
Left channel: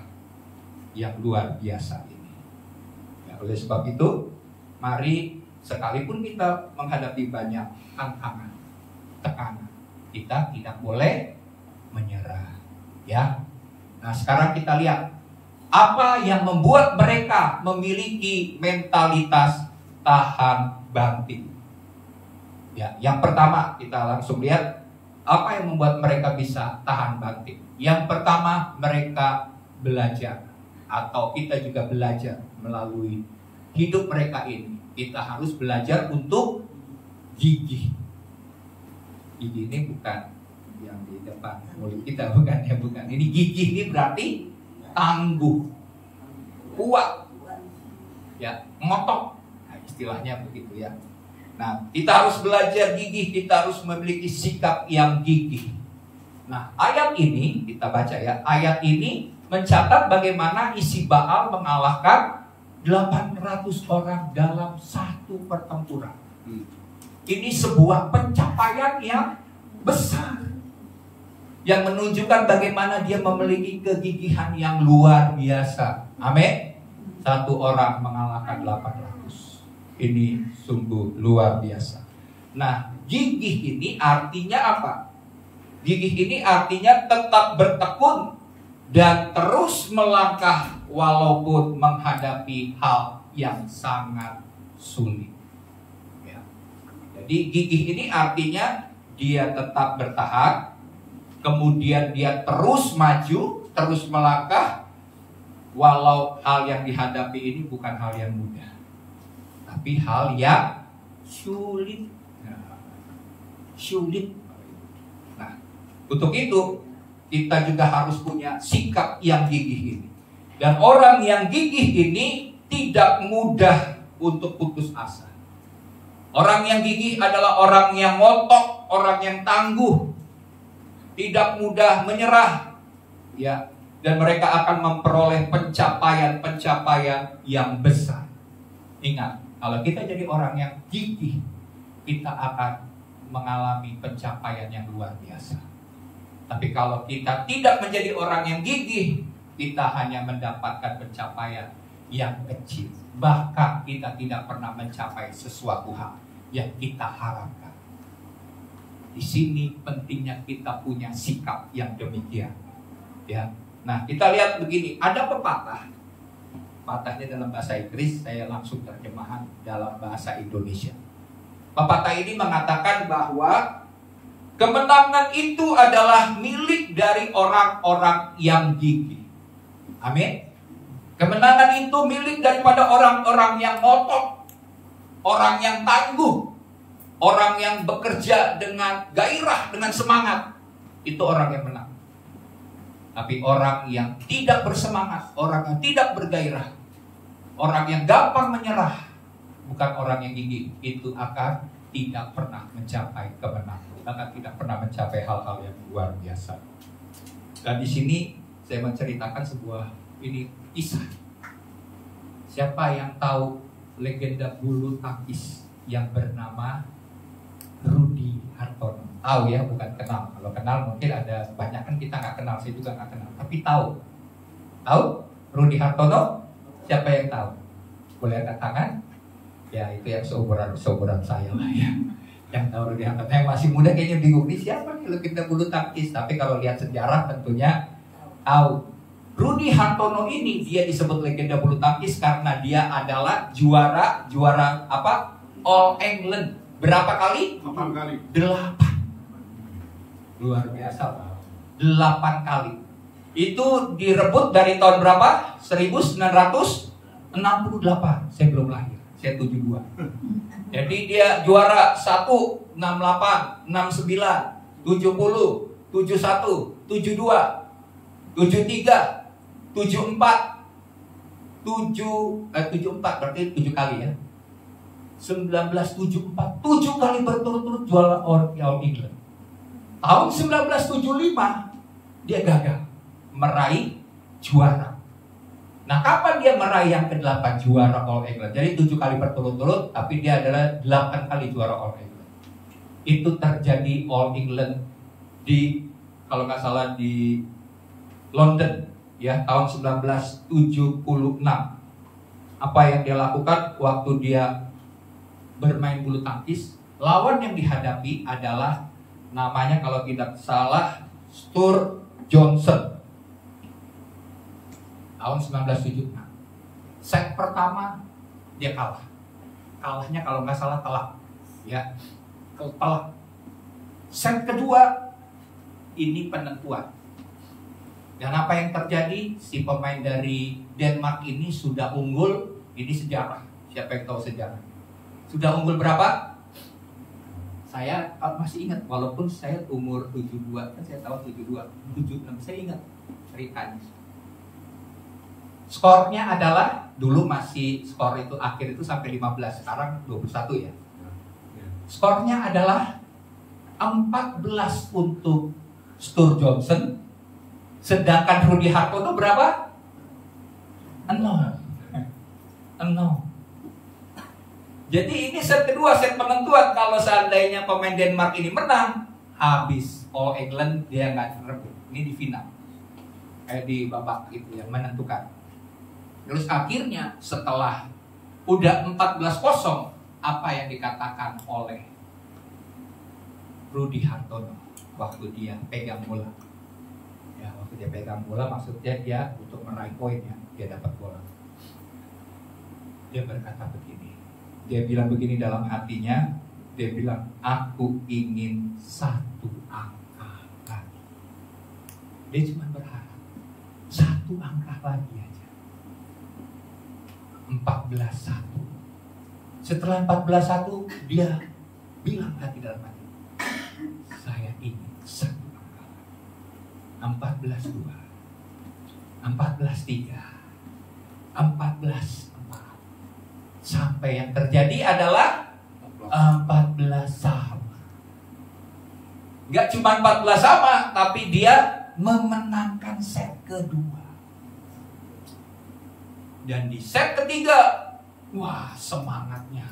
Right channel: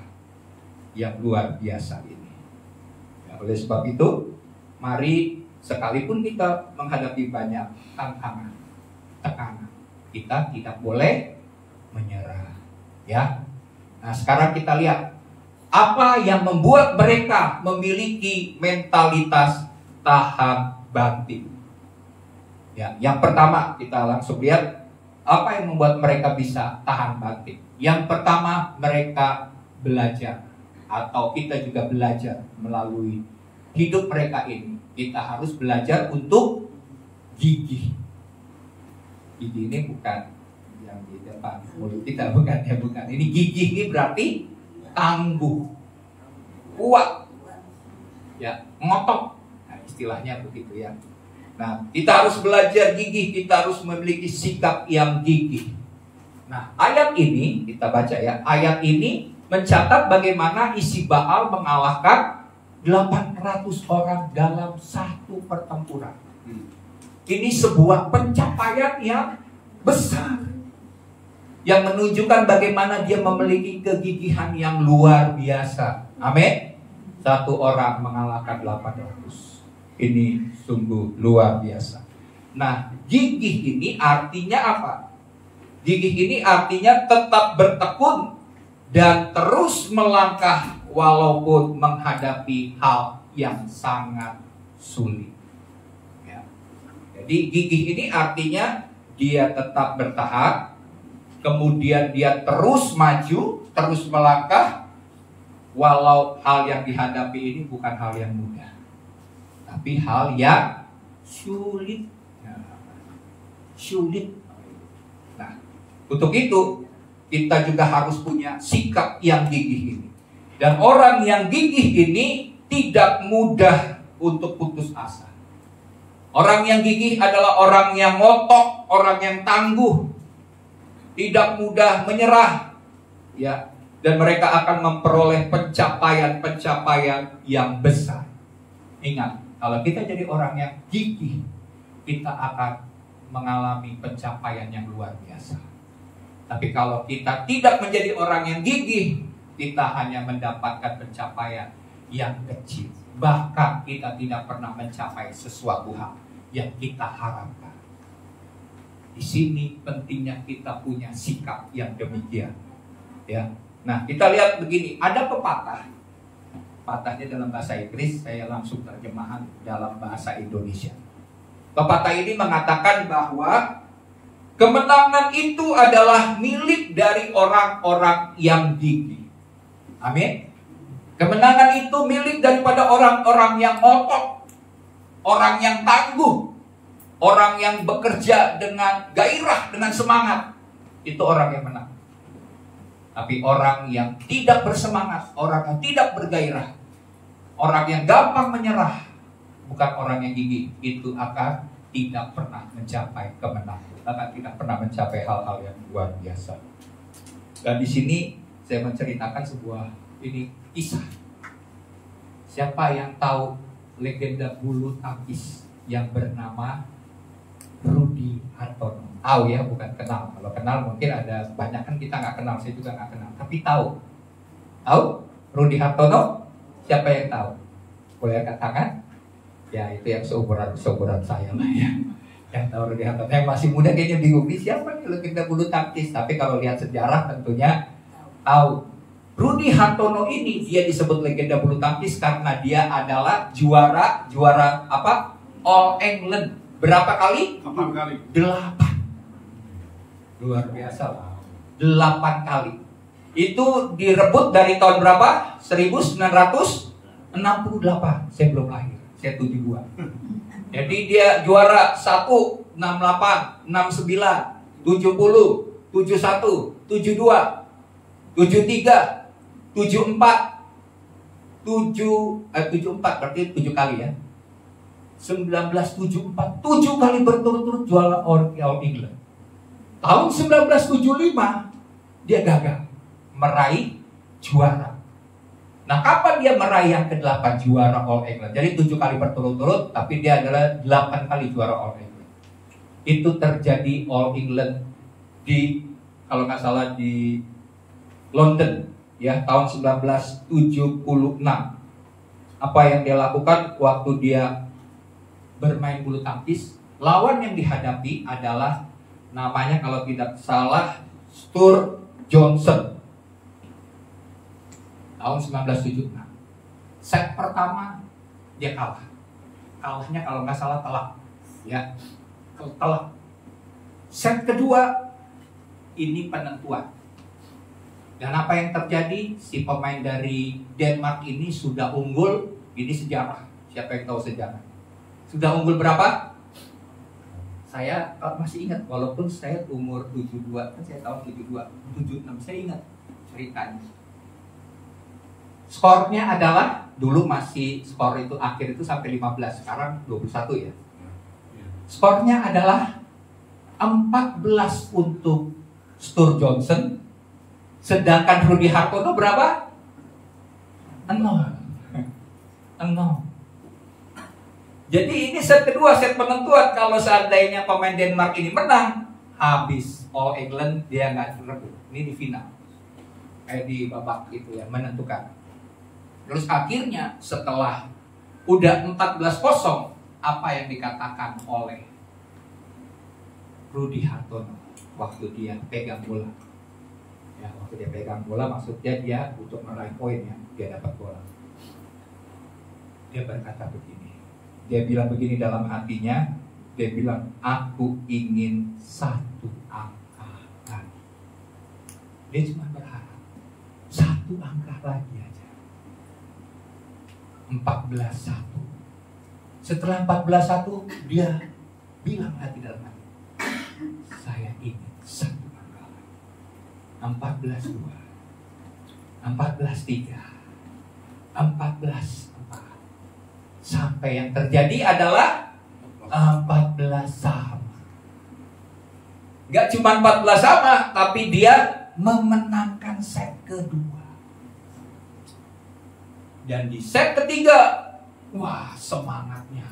yang luar biasa ini. Ya, oleh sebab itu, mari sekalipun kita menghadapi banyak tantangan, tekanan, kita tidak boleh menyerah. Ya. Nah, sekarang kita lihat apa yang membuat mereka memiliki mentalitas tahan banting. Ya, yang pertama kita langsung lihat apa yang membuat mereka bisa tahan banting. Yang pertama, mereka belajar, atau kita juga belajar melalui hidup mereka ini. Kita harus belajar untuk gigih. Gigih ini bukan yang di depan mulut kita, bukan ya, bukan. Ini gigih ini berarti tangguh, kuat, ya, ngotot. Nah, istilahnya begitu ya. Nah, kita harus belajar gigih, kita harus memiliki sikap yang gigih. Nah, ayat ini kita baca ya. Ayat ini mencatat bagaimana isi Baal mengalahkan 800 orang dalam satu pertempuran. Ini sebuah pencapaian yang besar, yang menunjukkan bagaimana dia memiliki kegigihan yang luar biasa. Amin. Satu orang mengalahkan 800. Ini sungguh luar biasa. Nah, gigih ini artinya apa? Gigih ini artinya tetap bertekun dan terus melangkah walaupun menghadapi hal yang sangat sulit. Ya. Jadi gigih ini artinya dia tetap bertahan, kemudian dia terus maju, terus melangkah, walau hal yang dihadapi ini bukan hal yang mudah, tapi hal yang sulit. Sulit. Nah, untuk itu kita juga harus punya sikap yang gigih ini. Dan orang yang gigih ini tidak mudah untuk putus asa. Orang yang gigih adalah orang yang ngotot, orang yang tangguh, tidak mudah menyerah, ya. Dan mereka akan memperoleh pencapaian-pencapaian yang besar. Ingat, kalau kita jadi orang yang gigih, kita akan mengalami pencapaian yang luar biasa. Tapi kalau kita tidak menjadi orang yang gigih, kita hanya mendapatkan pencapaian yang kecil. Bahkan kita tidak pernah mencapai sesuatu hal yang kita harapkan. Di sini pentingnya kita punya sikap yang demikian. Ya. Nah, kita lihat begini, ada pepatah. Pepatahnya dalam bahasa Inggris, saya langsung terjemahan dalam bahasa Indonesia. Pepatah ini mengatakan bahwa kemenangan itu adalah milik dari orang-orang yang gigih. Amin. Kemenangan itu milik daripada orang-orang yang ngotot, orang yang tangguh, orang yang bekerja dengan gairah, dengan semangat. Itu orang yang menang. Tapi orang yang tidak bersemangat, orang yang tidak bergairah, orang yang gampang menyerah, bukan orang yang gigih, itu akan tidak pernah mencapai kemenangan, akan tidak pernah mencapai hal-hal yang luar biasa. Dan di sini saya menceritakan sebuah kisah. Siapa yang tahu legenda bulu tangkis yang bernama Rudy Hartono? Tahu ya, bukan kenal. Kalau kenal mungkin ada banyak, kan kita nggak kenal, saya juga nggak kenal. Tapi tahu Rudy Hartono? Siapa yang tahu? Boleh angkat tangan? Ya, itu yang seumuran saya lah ya. Yang tahu Rudy Hartono, yang masih muda kayaknya bingung nih siapa nih legenda bulu tangkis. Tapi kalau lihat sejarah tentunya tahu. Rudy Hartono ini dia disebut legenda bulu tangkis karena dia adalah juara apa? All England. Berapa kali? 8 kali. 8. Luar biasa. 8 kali. Itu direbut dari tahun berapa? 1968. Saya belum lahir. saya 72. Jadi dia juara 1, 68, 69, 70, 71, 72, 73, 74, 74 berarti 7 kali ya. 1974, 7 kali berturut-turut juara All England. Tahun 1975 dia gagal meraih juara. Nah, kapan dia meraih yang ke-8 juara All England? Jadi 7 kali berturut-turut, tapi dia adalah 8 kali juara All England. Itu terjadi All England di, kalau nggak salah, di London ya, tahun 1976. Apa yang dia lakukan waktu dia bermain bulu tangkis? Lawan yang dihadapi adalah namanya, kalau tidak salah, Stuart Johnson. Tahun 1976. Set pertama dia kalah. Kalahnya kalau nggak salah telak. Ya, telak. Set kedua ini penentuan. Dan apa yang terjadi? Si pemain dari Denmark ini sudah unggul. Ini sejarah. Siapa yang tahu sejarah? Sudah unggul berapa? Saya masih ingat, walaupun saya umur 72, kan saya tahun 72, 76, saya ingat ceritanya. Skornya adalah, dulu masih skor itu akhir itu sampai 15, sekarang 21 ya. Skornya adalah 14 untuk Stuart Johnson, sedangkan Rudy Hartono berapa? 0. Jadi ini set kedua, set penentuan. Kalau seandainya pemain Denmark ini menang, habis All England, dia nggak rebut. Ini di final, kayak di babak itu yang menentukan. Terus akhirnya setelah udah 14-0, apa yang dikatakan oleh Rudy Hartono waktu dia pegang bola? Ya, waktu dia pegang bola maksudnya dia untuk meraih poin ya, dia dapat bola. Dia berkata begini, dia bilang begini dalam hatinya, dia bilang, aku ingin 1 angka lagi. Dia cuma berharap 1 angka lagi aja. 14-1. Setelah 14-1 dia bilang lagi dalam hati, saya ingin 1 angka lagi. 14-2, 14-3, 14-4. Sampai yang terjadi adalah 14 sama. Gak cuma 14 sama, tapi dia memenangkan set kedua. Dan di set ketiga, wah, semangatnya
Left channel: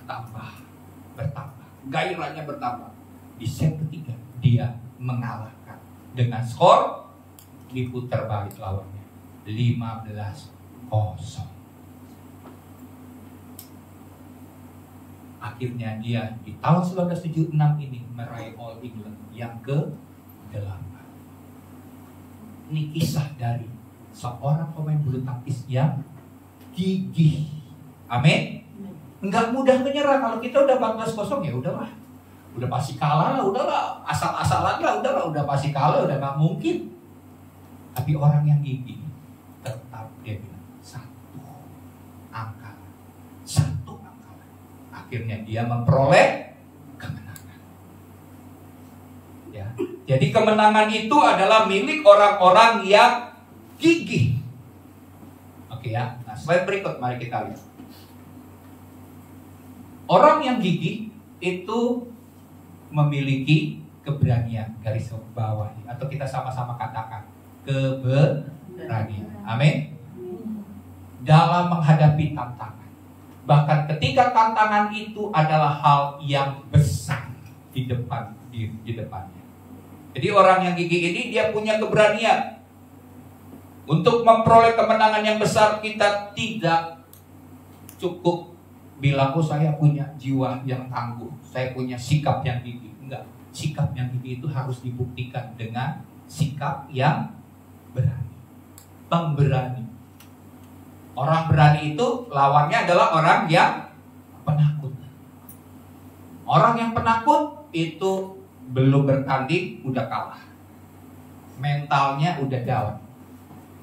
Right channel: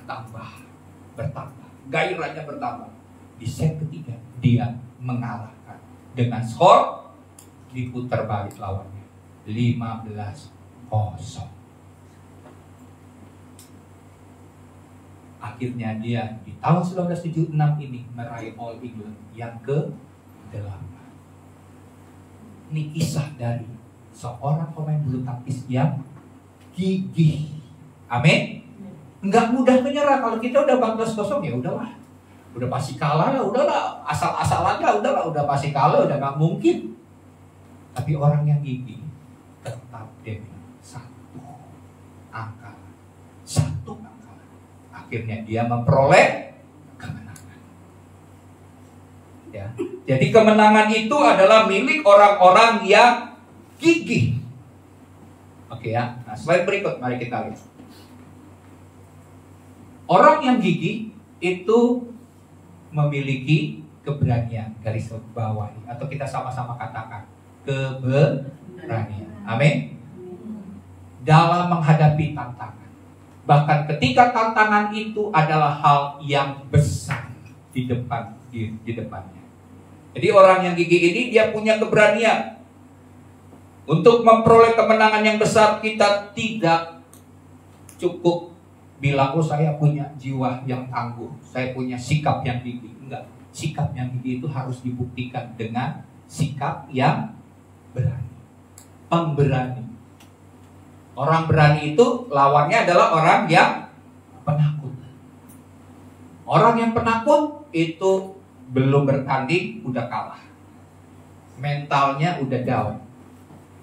bertambah, gairahnya bertambah. Di set ketiga dia mengalahkan dengan skor diputar balik lawannya 15-0. Akhirnya dia di tahun 1976 ini meraih All England yang ke-8. Ini kisah dari seorang pemain bulu tangkis yang gigih. Amin. Enggak mudah menyerah. Kalau kita udah 14-0 ya udahlah. Udah pasti kalah lah, udahlah. Asal-asalan lah, udahlah. Udah pasti kalah, udah gak mungkin. Tapi orang yang gigih tetap dia bilang 1 angka. 1 angka. Akhirnya dia memperoleh kemenangan. Ya. Jadi kemenangan itu adalah milik orang-orang yang gigih. Oke ya. Nah, slide berikut mari kita lihat. Orang yang gigih itu memiliki keberanian, garis bawahi, atau kita sama-sama katakan keberanian. Amin. Dalam menghadapi tantangan. Bahkan ketika tantangan itu adalah hal yang besar di depannya. Jadi orang yang gigih ini dia punya keberanian. Untuk memperoleh kemenangan yang besar, kita tidak cukup bilang, oh saya punya jiwa yang tangguh, saya punya sikap yang gigih. Enggak, sikap yang gigih itu harus dibuktikan dengan sikap yang berani, pemberani. Orang berani itu lawannya adalah orang yang penakut. Orang yang penakut itu belum bertanding udah kalah, mentalnya udah down.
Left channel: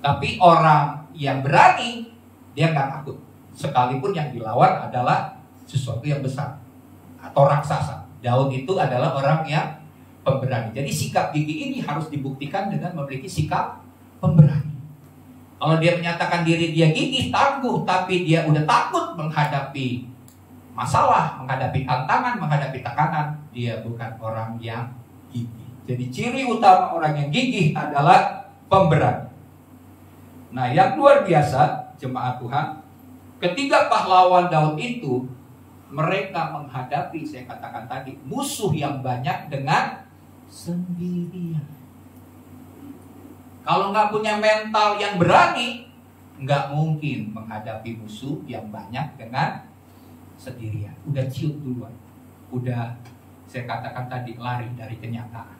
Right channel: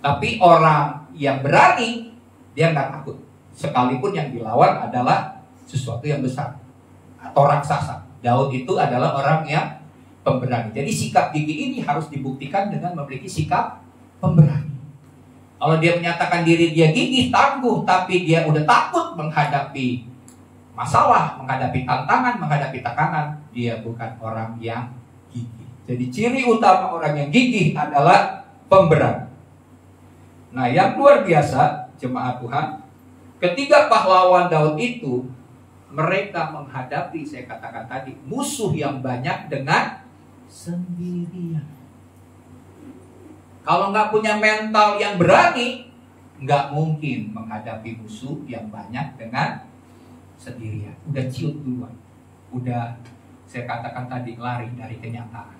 Tapi orang yang berani dia nggak takut, sekalipun yang dilawan adalah sesuatu yang besar atau raksasa. Daud itu adalah orang yang pemberani. Jadi sikap gigih ini harus dibuktikan dengan memiliki sikap pemberani. Kalau dia menyatakan diri dia gigih, tangguh, tapi dia udah takut menghadapi masalah, menghadapi tantangan, menghadapi tekanan, dia bukan orang yang gigih. Jadi ciri utama orang yang gigih adalah pemberani. Nah, yang luar biasa, jemaat Tuhan, ketiga pahlawan Daud itu, mereka menghadapi, saya katakan tadi, musuh yang banyak dengan sendirian. Kalau nggak punya mental yang berani, nggak mungkin menghadapi musuh yang banyak dengan sendirian. Udah ciut duluan, udah saya katakan tadi lari dari kenyataan.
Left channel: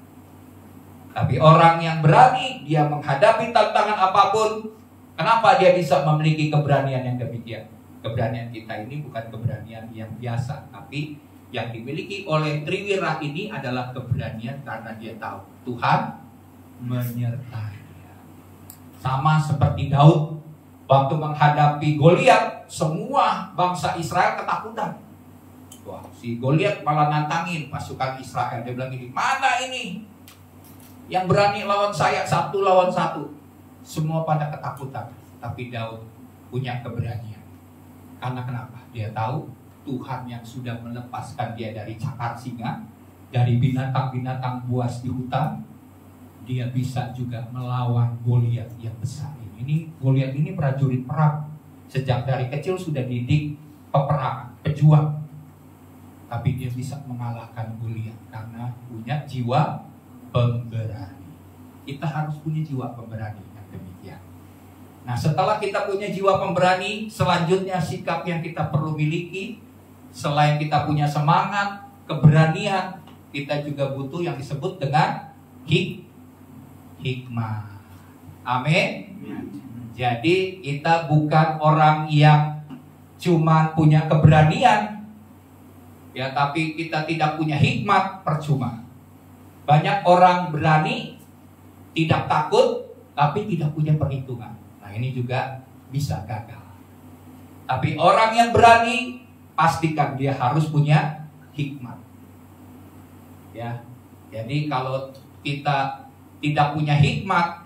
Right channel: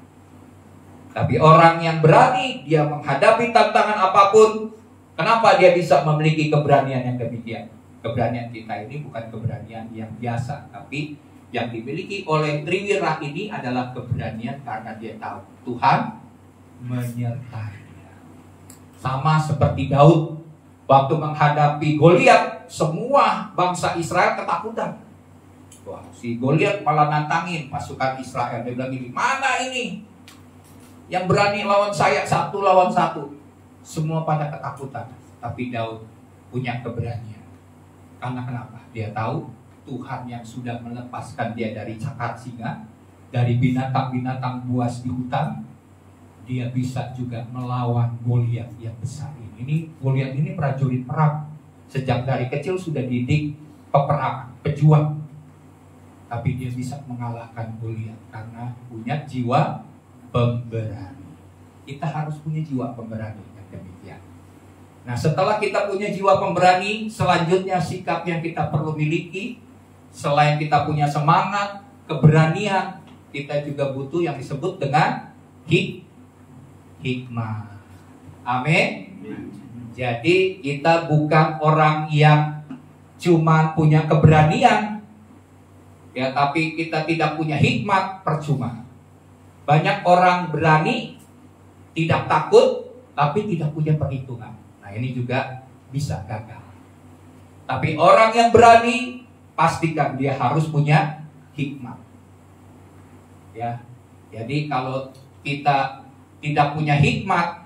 Tapi orang yang berani, dia menghadapi tantangan apapun. Kenapa dia bisa memiliki keberanian yang demikian? Keberanian kita ini bukan keberanian yang biasa, tapi yang dimiliki oleh Triwira ini adalah keberanian karena dia tahu Tuhan menyertainya. Sama seperti Daud waktu menghadapi Goliat, semua bangsa Israel ketakutan. Wah, si Goliat malah nantangin pasukan Israel. Dia bilang gini, mana ini yang berani lawan saya 1 lawan 1? Semua pada ketakutan. Tapi Daud punya keberanian. Karena kenapa? Dia tahu Tuhan yang sudah melepaskan dia dari cakar singa, dari binatang-binatang buas di hutan. Dia bisa juga melawan Goliat yang besar ini. Goliat ini prajurit perang. Sejak dari kecil sudah didik peperangan, pejuang. Tapi dia bisa mengalahkan Goliat karena punya jiwa pemberani. Kita harus punya jiwa pemberani yang demikian. Nah, setelah kita punya jiwa pemberani, selanjutnya sikap yang kita perlu miliki, selain kita punya semangat, keberanian, kita juga butuh yang disebut dengan hikmah. Amin. Jadi kita bukan orang yang cuma punya keberanian, ya, tapi kita tidak punya hikmat, percuma. Banyak orang berani, tidak takut, tapi tidak punya perhitungan. Nah, ini juga bisa gagal. Tapi orang yang berani, pastikan dia harus punya hikmat. Ya, jadi kalau kita tidak punya hikmat,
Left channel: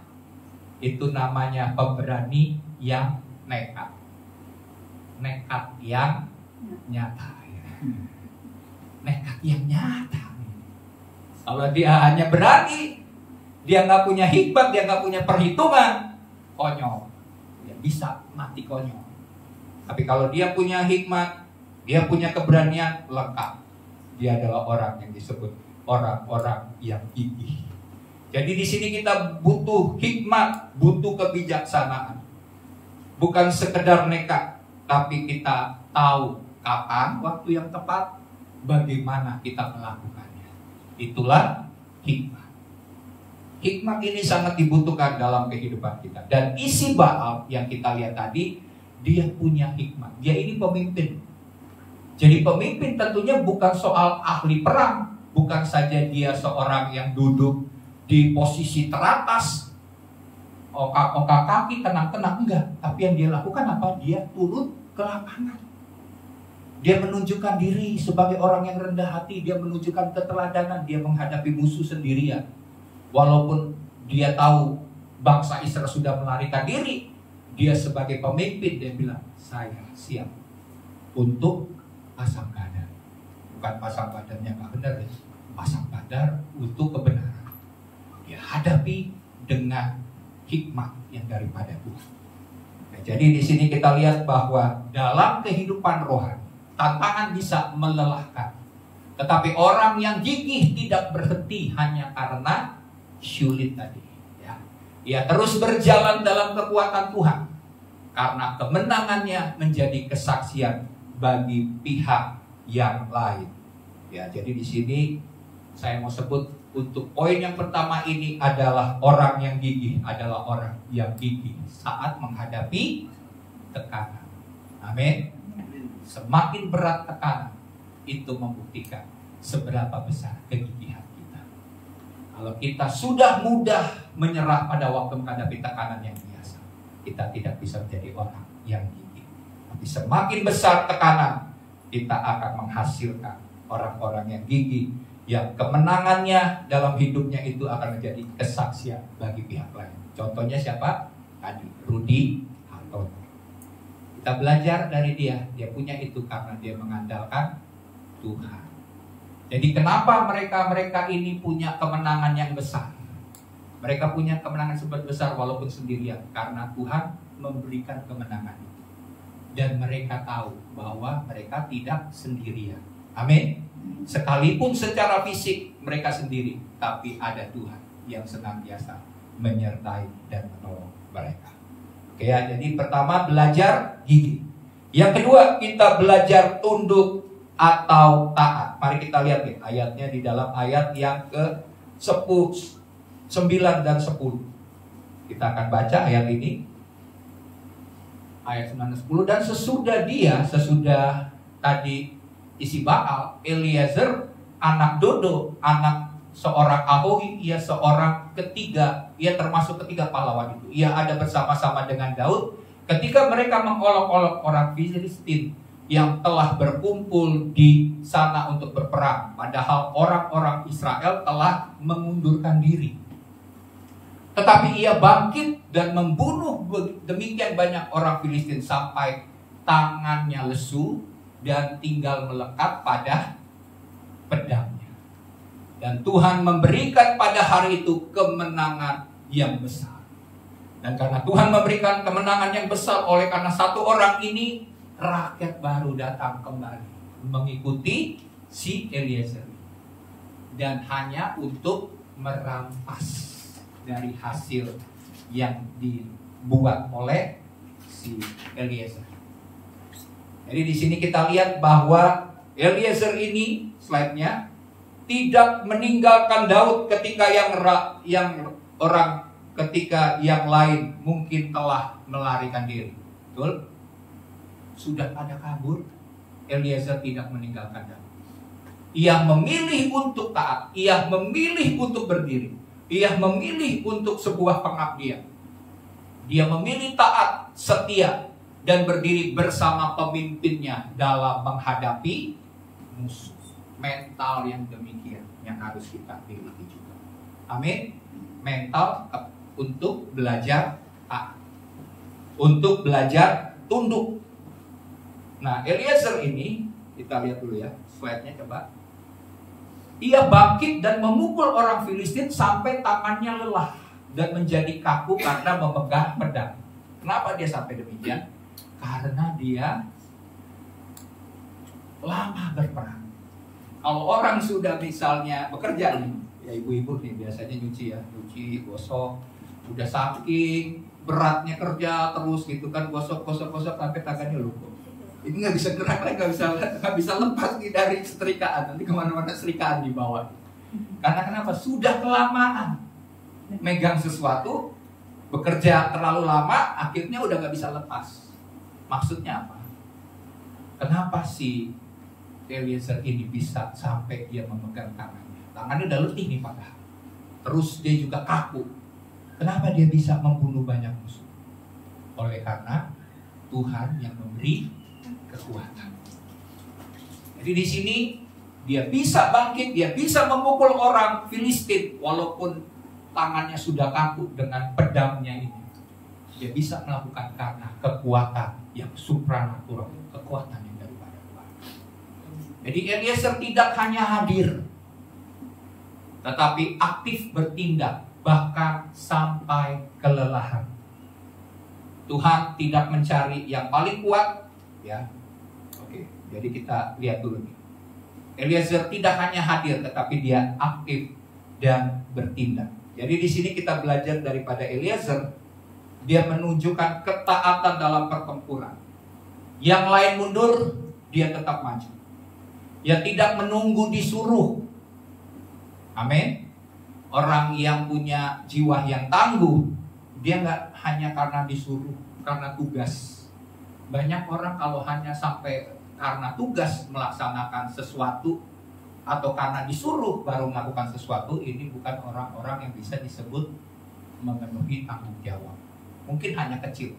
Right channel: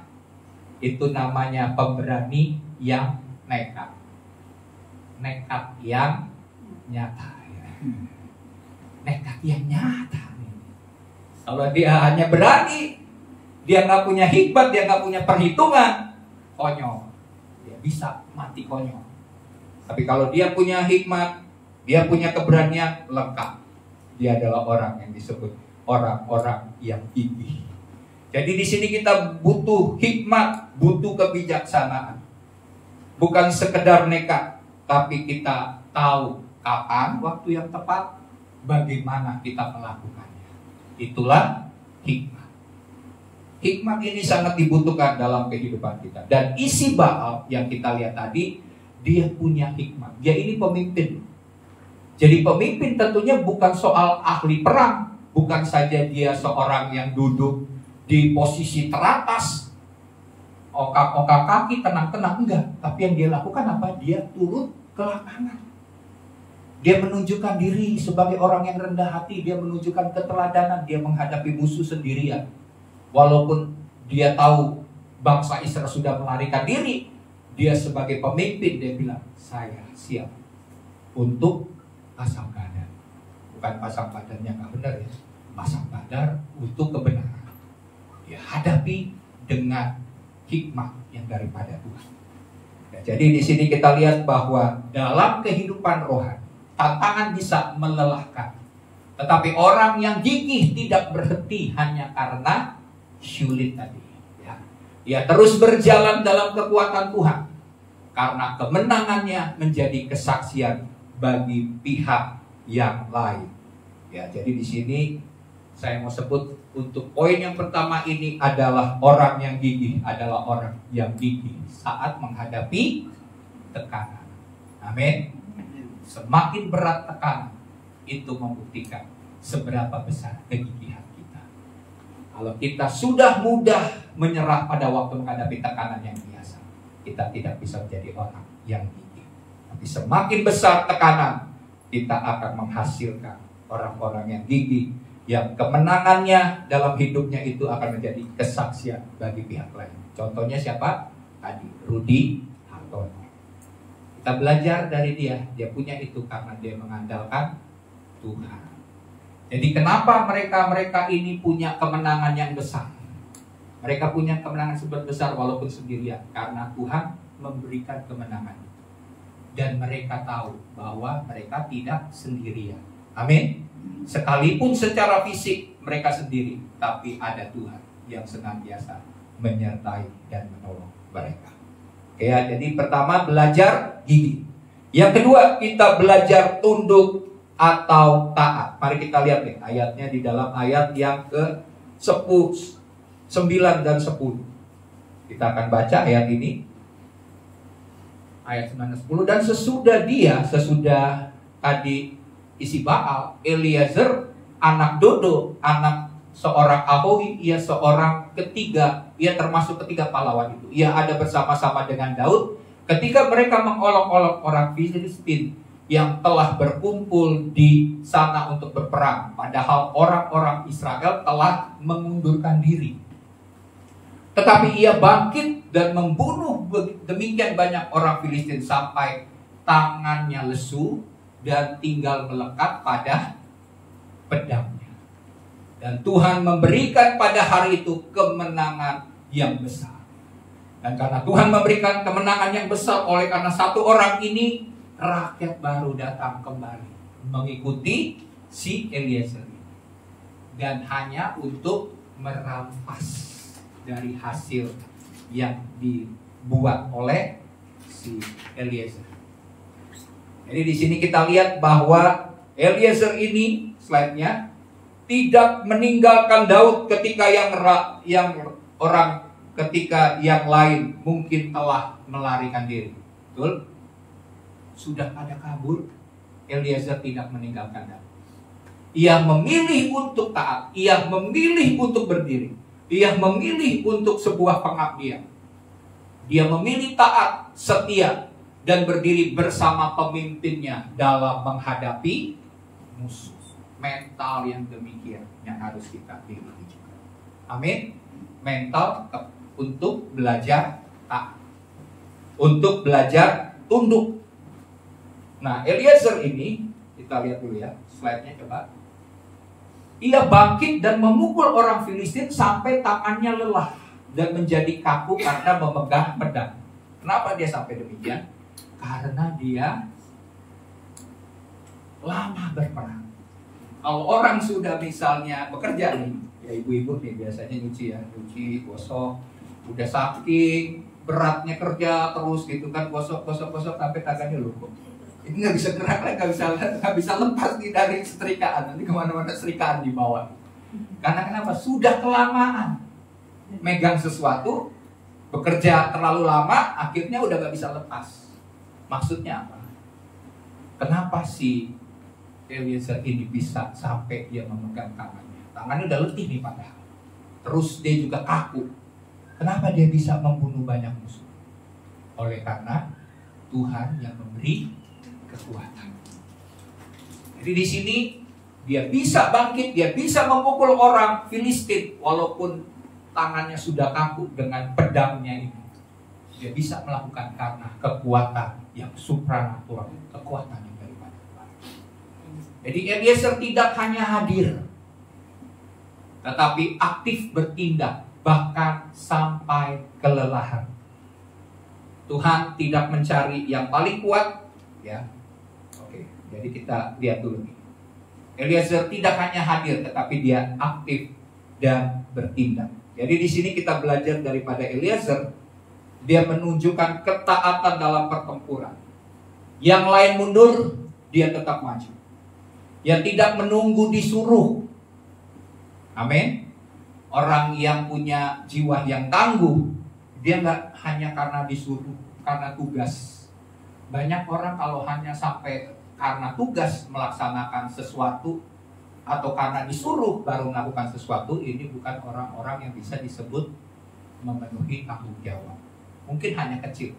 itu namanya pemberani yang nekat. Nekat yang nyata. Ya. Nekat yang nyata. Kalau dia hanya berani, dia nggak punya hikmat, dia nggak punya perhitungan, konyol. Dia bisa mati konyol. Tapi kalau dia punya hikmat, dia punya keberanian, lengkap. Dia adalah orang yang disebut orang-orang yang gigih. Jadi di sini kita butuh hikmat, butuh kebijaksanaan. Bukan sekedar nekat, tapi kita tahu kapan waktu yang tepat, bagaimana kita melakukannya. Itulah hikmat. Hikmat ini sangat dibutuhkan dalam kehidupan kita. Dan isi Baal yang kita lihat tadi, dia punya hikmat. Dia ini pemimpin. Jadi pemimpin tentunya bukan soal ahli perang, bukan saja dia seorang yang duduk di posisi teratas, ongkak-ongkak kaki, tenang-tenang, enggak. Tapi yang dia lakukan apa? Dia turun ke lapangan. Dia menunjukkan diri sebagai orang yang rendah hati. Dia menunjukkan keteladanan. Dia menghadapi musuh sendirian. Walaupun dia tahu bangsa Israel sudah melarikan diri, dia sebagai pemimpin, dia bilang, saya siap untuk pasang badan. Bukan pasang badan yang gak benar ya, pasang badan untuk kebenaran. Dia hadapi dengan hikmat yang daripada Tuhan. Nah, jadi di sini kita lihat bahwa dalam kehidupan rohani, tantangan bisa melelahkan. Tetapi orang yang gigih tidak berhenti hanya karena sulit tadi. Ya. Dia terus berjalan dalam kekuatan Tuhan. Karena kemenangannya menjadi kesaksian bagi pihak yang lain. Ya, jadi di sini saya mau sebut untuk poin yang pertama ini adalah orang yang gigih adalah orang yang gigih saat menghadapi tekanan. Amin. Semakin berat tekanan, itu membuktikan seberapa besar kegigihan kita. Kalau kita sudah mudah menyerah pada waktu menghadapi tekanan yang biasa, kita tidak bisa menjadi orang yang gigih. Tapi semakin besar tekanan, kita akan menghasilkan orang-orang yang gigih, yang kemenangannya dalam hidupnya itu akan menjadi kesaksian bagi pihak lain. Contohnya siapa? Tadi Rudy Hartono. Kita belajar dari dia punya itu karena dia mengandalkan Tuhan. Jadi kenapa mereka ini punya kemenangan yang besar? Mereka punya kemenangan sebesar besar walaupun sendirian, karena Tuhan memberikan kemenangan itu. Dan mereka tahu bahwa mereka tidak sendirian. Amin. Sekalipun secara fisik mereka sendiri, tapi ada Tuhan yang senantiasa menyertai dan menolong mereka. Oke ya, jadi pertama belajar gigih. Yang kedua kita belajar tunduk atau taat. Mari kita lihat nih ayatnya di dalam ayat yang ke-10, 9 dan 10. Kita akan baca ayat ini. Ayat 9 dan 10. Dan sesudah adik isi Baal, Eliezer anak Dodo, anak seorang Ahohi, ia seorang ketiga, ia termasuk ketiga pahlawan itu. Ia ada bersama-sama dengan Daud ketika mereka mengolok-olok orang Filistin yang telah berkumpul di sana untuk berperang, padahal orang-orang Israel telah mengundurkan diri. Tetapi ia bangkit dan membunuh demikian banyak orang Filistin sampai tangannya lesu dan tinggal melekat pada pedangnya. Dan Tuhan memberikan pada hari itu kemenangan yang besar. Dan karena Tuhan memberikan kemenangan yang besar, oleh karena satu orang ini, rakyat baru datang kembali mengikuti si Eliezer ini. Dan hanya untuk merampas dari hasil yang dibuat oleh si Eliezer. Jadi di sini kita lihat bahwa Eliezer ini, slide-nya, tidak meninggalkan Daud ketika ketika yang lain mungkin telah melarikan diri. Betul? Sudah pada kabur, Eliezer tidak meninggalkan Daud. Ia memilih untuk taat, ia memilih untuk berdiri, ia memilih untuk sebuah pengabdian. Dia memilih taat, setia, dan berdiri bersama pemimpinnya dalam menghadapi musuh. Mental yang demikian yang harus kita miliki juga. Amin. Mental untuk belajar taat, untuk belajar tunduk. Nah, Eliezer ini kita lihat dulu ya, slide-nya coba. Ia bangkit dan memukul orang Filistin sampai tangannya lelah dan menjadi kaku karena memegang pedang. Kenapa dia sampai demikian? Karena dia lama berperang. Kalau orang sudah misalnya bekerja nih, ya ibu-ibu nih biasanya nyuci gosok, udah saking beratnya kerja terus gitu kan, gosok sampai tangannya lumpuh. Ini nggak bisa gerak lagi, nggak bisa lepas nih dari setrikaan. Nanti kemana-mana setrikaan di bawah. Karena kenapa? Sudah kelamaan megang sesuatu, bekerja terlalu lama, akhirnya udah nggak bisa lepas. Maksudnya apa? Kenapa sih Eliezer ini bisa sampai dia memegang tangannya? Tangannya udah letih nih padahal. Terus dia juga kaku. Kenapa dia bisa membunuh banyak musuh? Oleh karena Tuhan yang memberi kekuatan. Jadi di sini dia bisa bangkit, dia bisa memukul orang Filistin walaupun tangannya sudah kaku dengan pedangnya ini. Dia bisa melakukan karena kekuatan yang supranatural, kekuatan yang daripada Tuhan. Jadi Eliezer tidak hanya hadir, tetapi aktif bertindak bahkan sampai kelelahan. Tuhan tidak mencari yang paling kuat, ya. Oke, jadi kita lihat dulu nih. Eliezer tidak hanya hadir, tetapi dia aktif dan bertindak. Jadi di sini kita belajar daripada Eliezer, dia menunjukkan ketaatan dalam pertempuran. Yang lain mundur, dia tetap maju. Yang tidak menunggu disuruh. Amin. Orang yang punya jiwa yang tangguh, dia nggak hanya karena disuruh, karena tugas. Banyak orang kalau hanya sampai karena tugas melaksanakan sesuatu atau karena disuruh baru melakukan sesuatu, ini bukan orang-orang yang bisa disebut memenuhi tanggung jawab. Mungkin hanya kecil.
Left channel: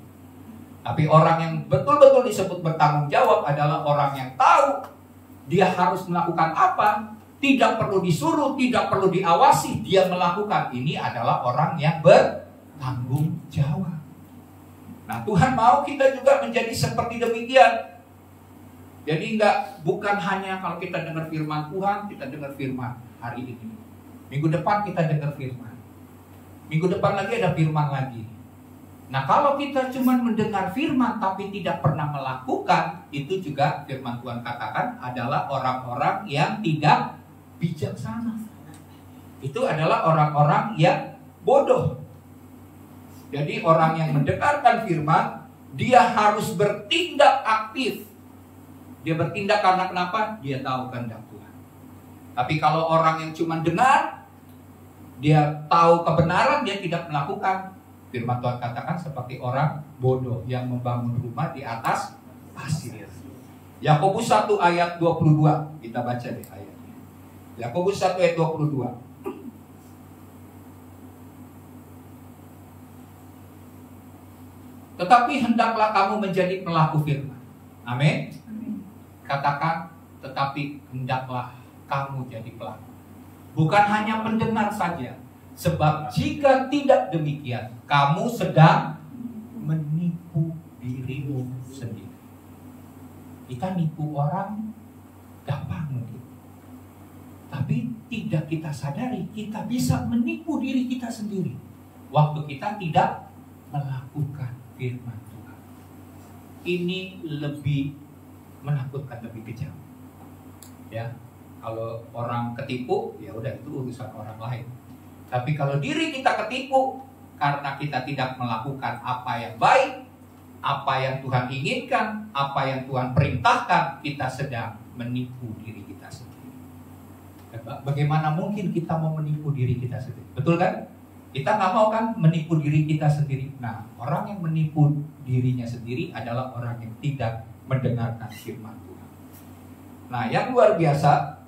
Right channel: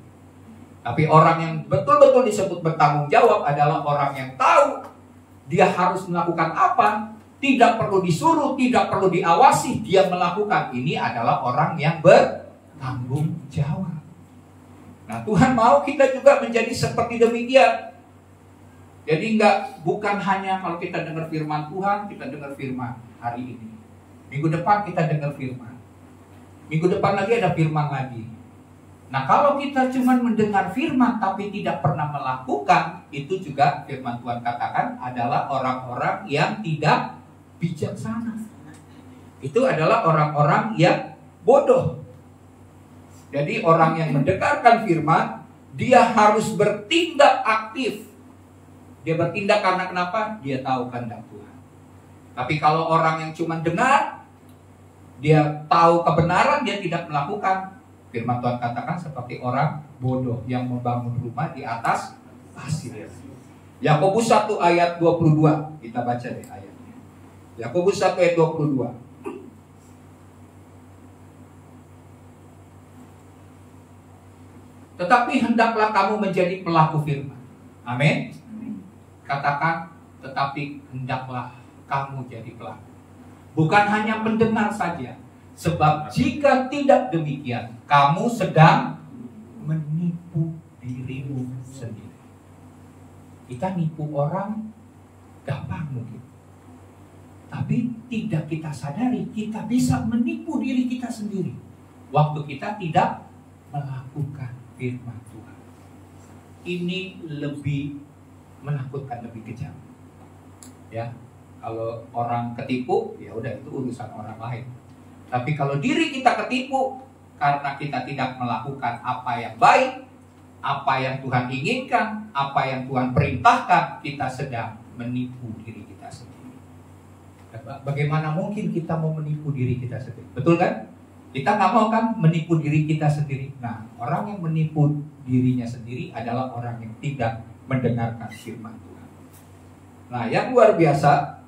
Tapi orang yang betul-betul disebut bertanggung jawab adalah orang yang tahu dia harus melakukan apa, tidak perlu disuruh, tidak perlu diawasi, dia melakukan. Ini adalah orang yang bertanggung jawab. Nah, Tuhan mau kita juga menjadi seperti demikian. Jadi bukan hanya kalau kita dengar firman Tuhan, kita dengar firman hari ini. Minggu depan kita dengar firman. Minggu depan lagi ada firman lagi. Nah, kalau kita cuma mendengar firman tapi tidak pernah melakukan, itu juga firman Tuhan katakan adalah orang-orang yang tidak bijaksana. Itu adalah orang-orang yang bodoh. Jadi orang yang mendengarkan firman, dia harus bertindak aktif. Dia bertindak karena kenapa? Dia tahu kehendak Tuhan. Tapi kalau orang yang cuma dengar, dia tahu kebenaran, dia tidak melakukan, firman Tuhan katakan seperti orang bodoh yang membangun rumah di atas pasir. Yakobus 1 ayat 22. Kita baca deh ayatnya. Yakobus 1 ayat 22. Tetapi hendaklah kamu menjadi pelaku firman. Amin. Katakan, tetapi hendaklah kamu jadi pelaku. Bukan hanya pendengar saja. Sebab jika tidak demikian, kamu sedang menipu dirimu sendiri. Kita nipu orang gampang mungkin. Tapi tidak kita sadari, kita bisa menipu diri kita sendiri. Waktu kita tidak melakukan firman Tuhan. Ini lebih menakutkan, lebih kejam. Ya, kalau orang ketipu, ya udah itu urusan orang lain. Tapi kalau diri kita ketipu karena kita tidak melakukan apa yang baik, apa yang Tuhan inginkan, apa yang Tuhan perintahkan, kita sedang menipu diri kita sendiri. Bagaimana mungkin kita mau menipu diri kita sendiri? Betul kan? Kita nggak mau kan menipu diri kita sendiri. Nah, orang yang menipu dirinya sendiri adalah orang yang tidak mendengarkan firman Tuhan. Nah, yang luar biasa,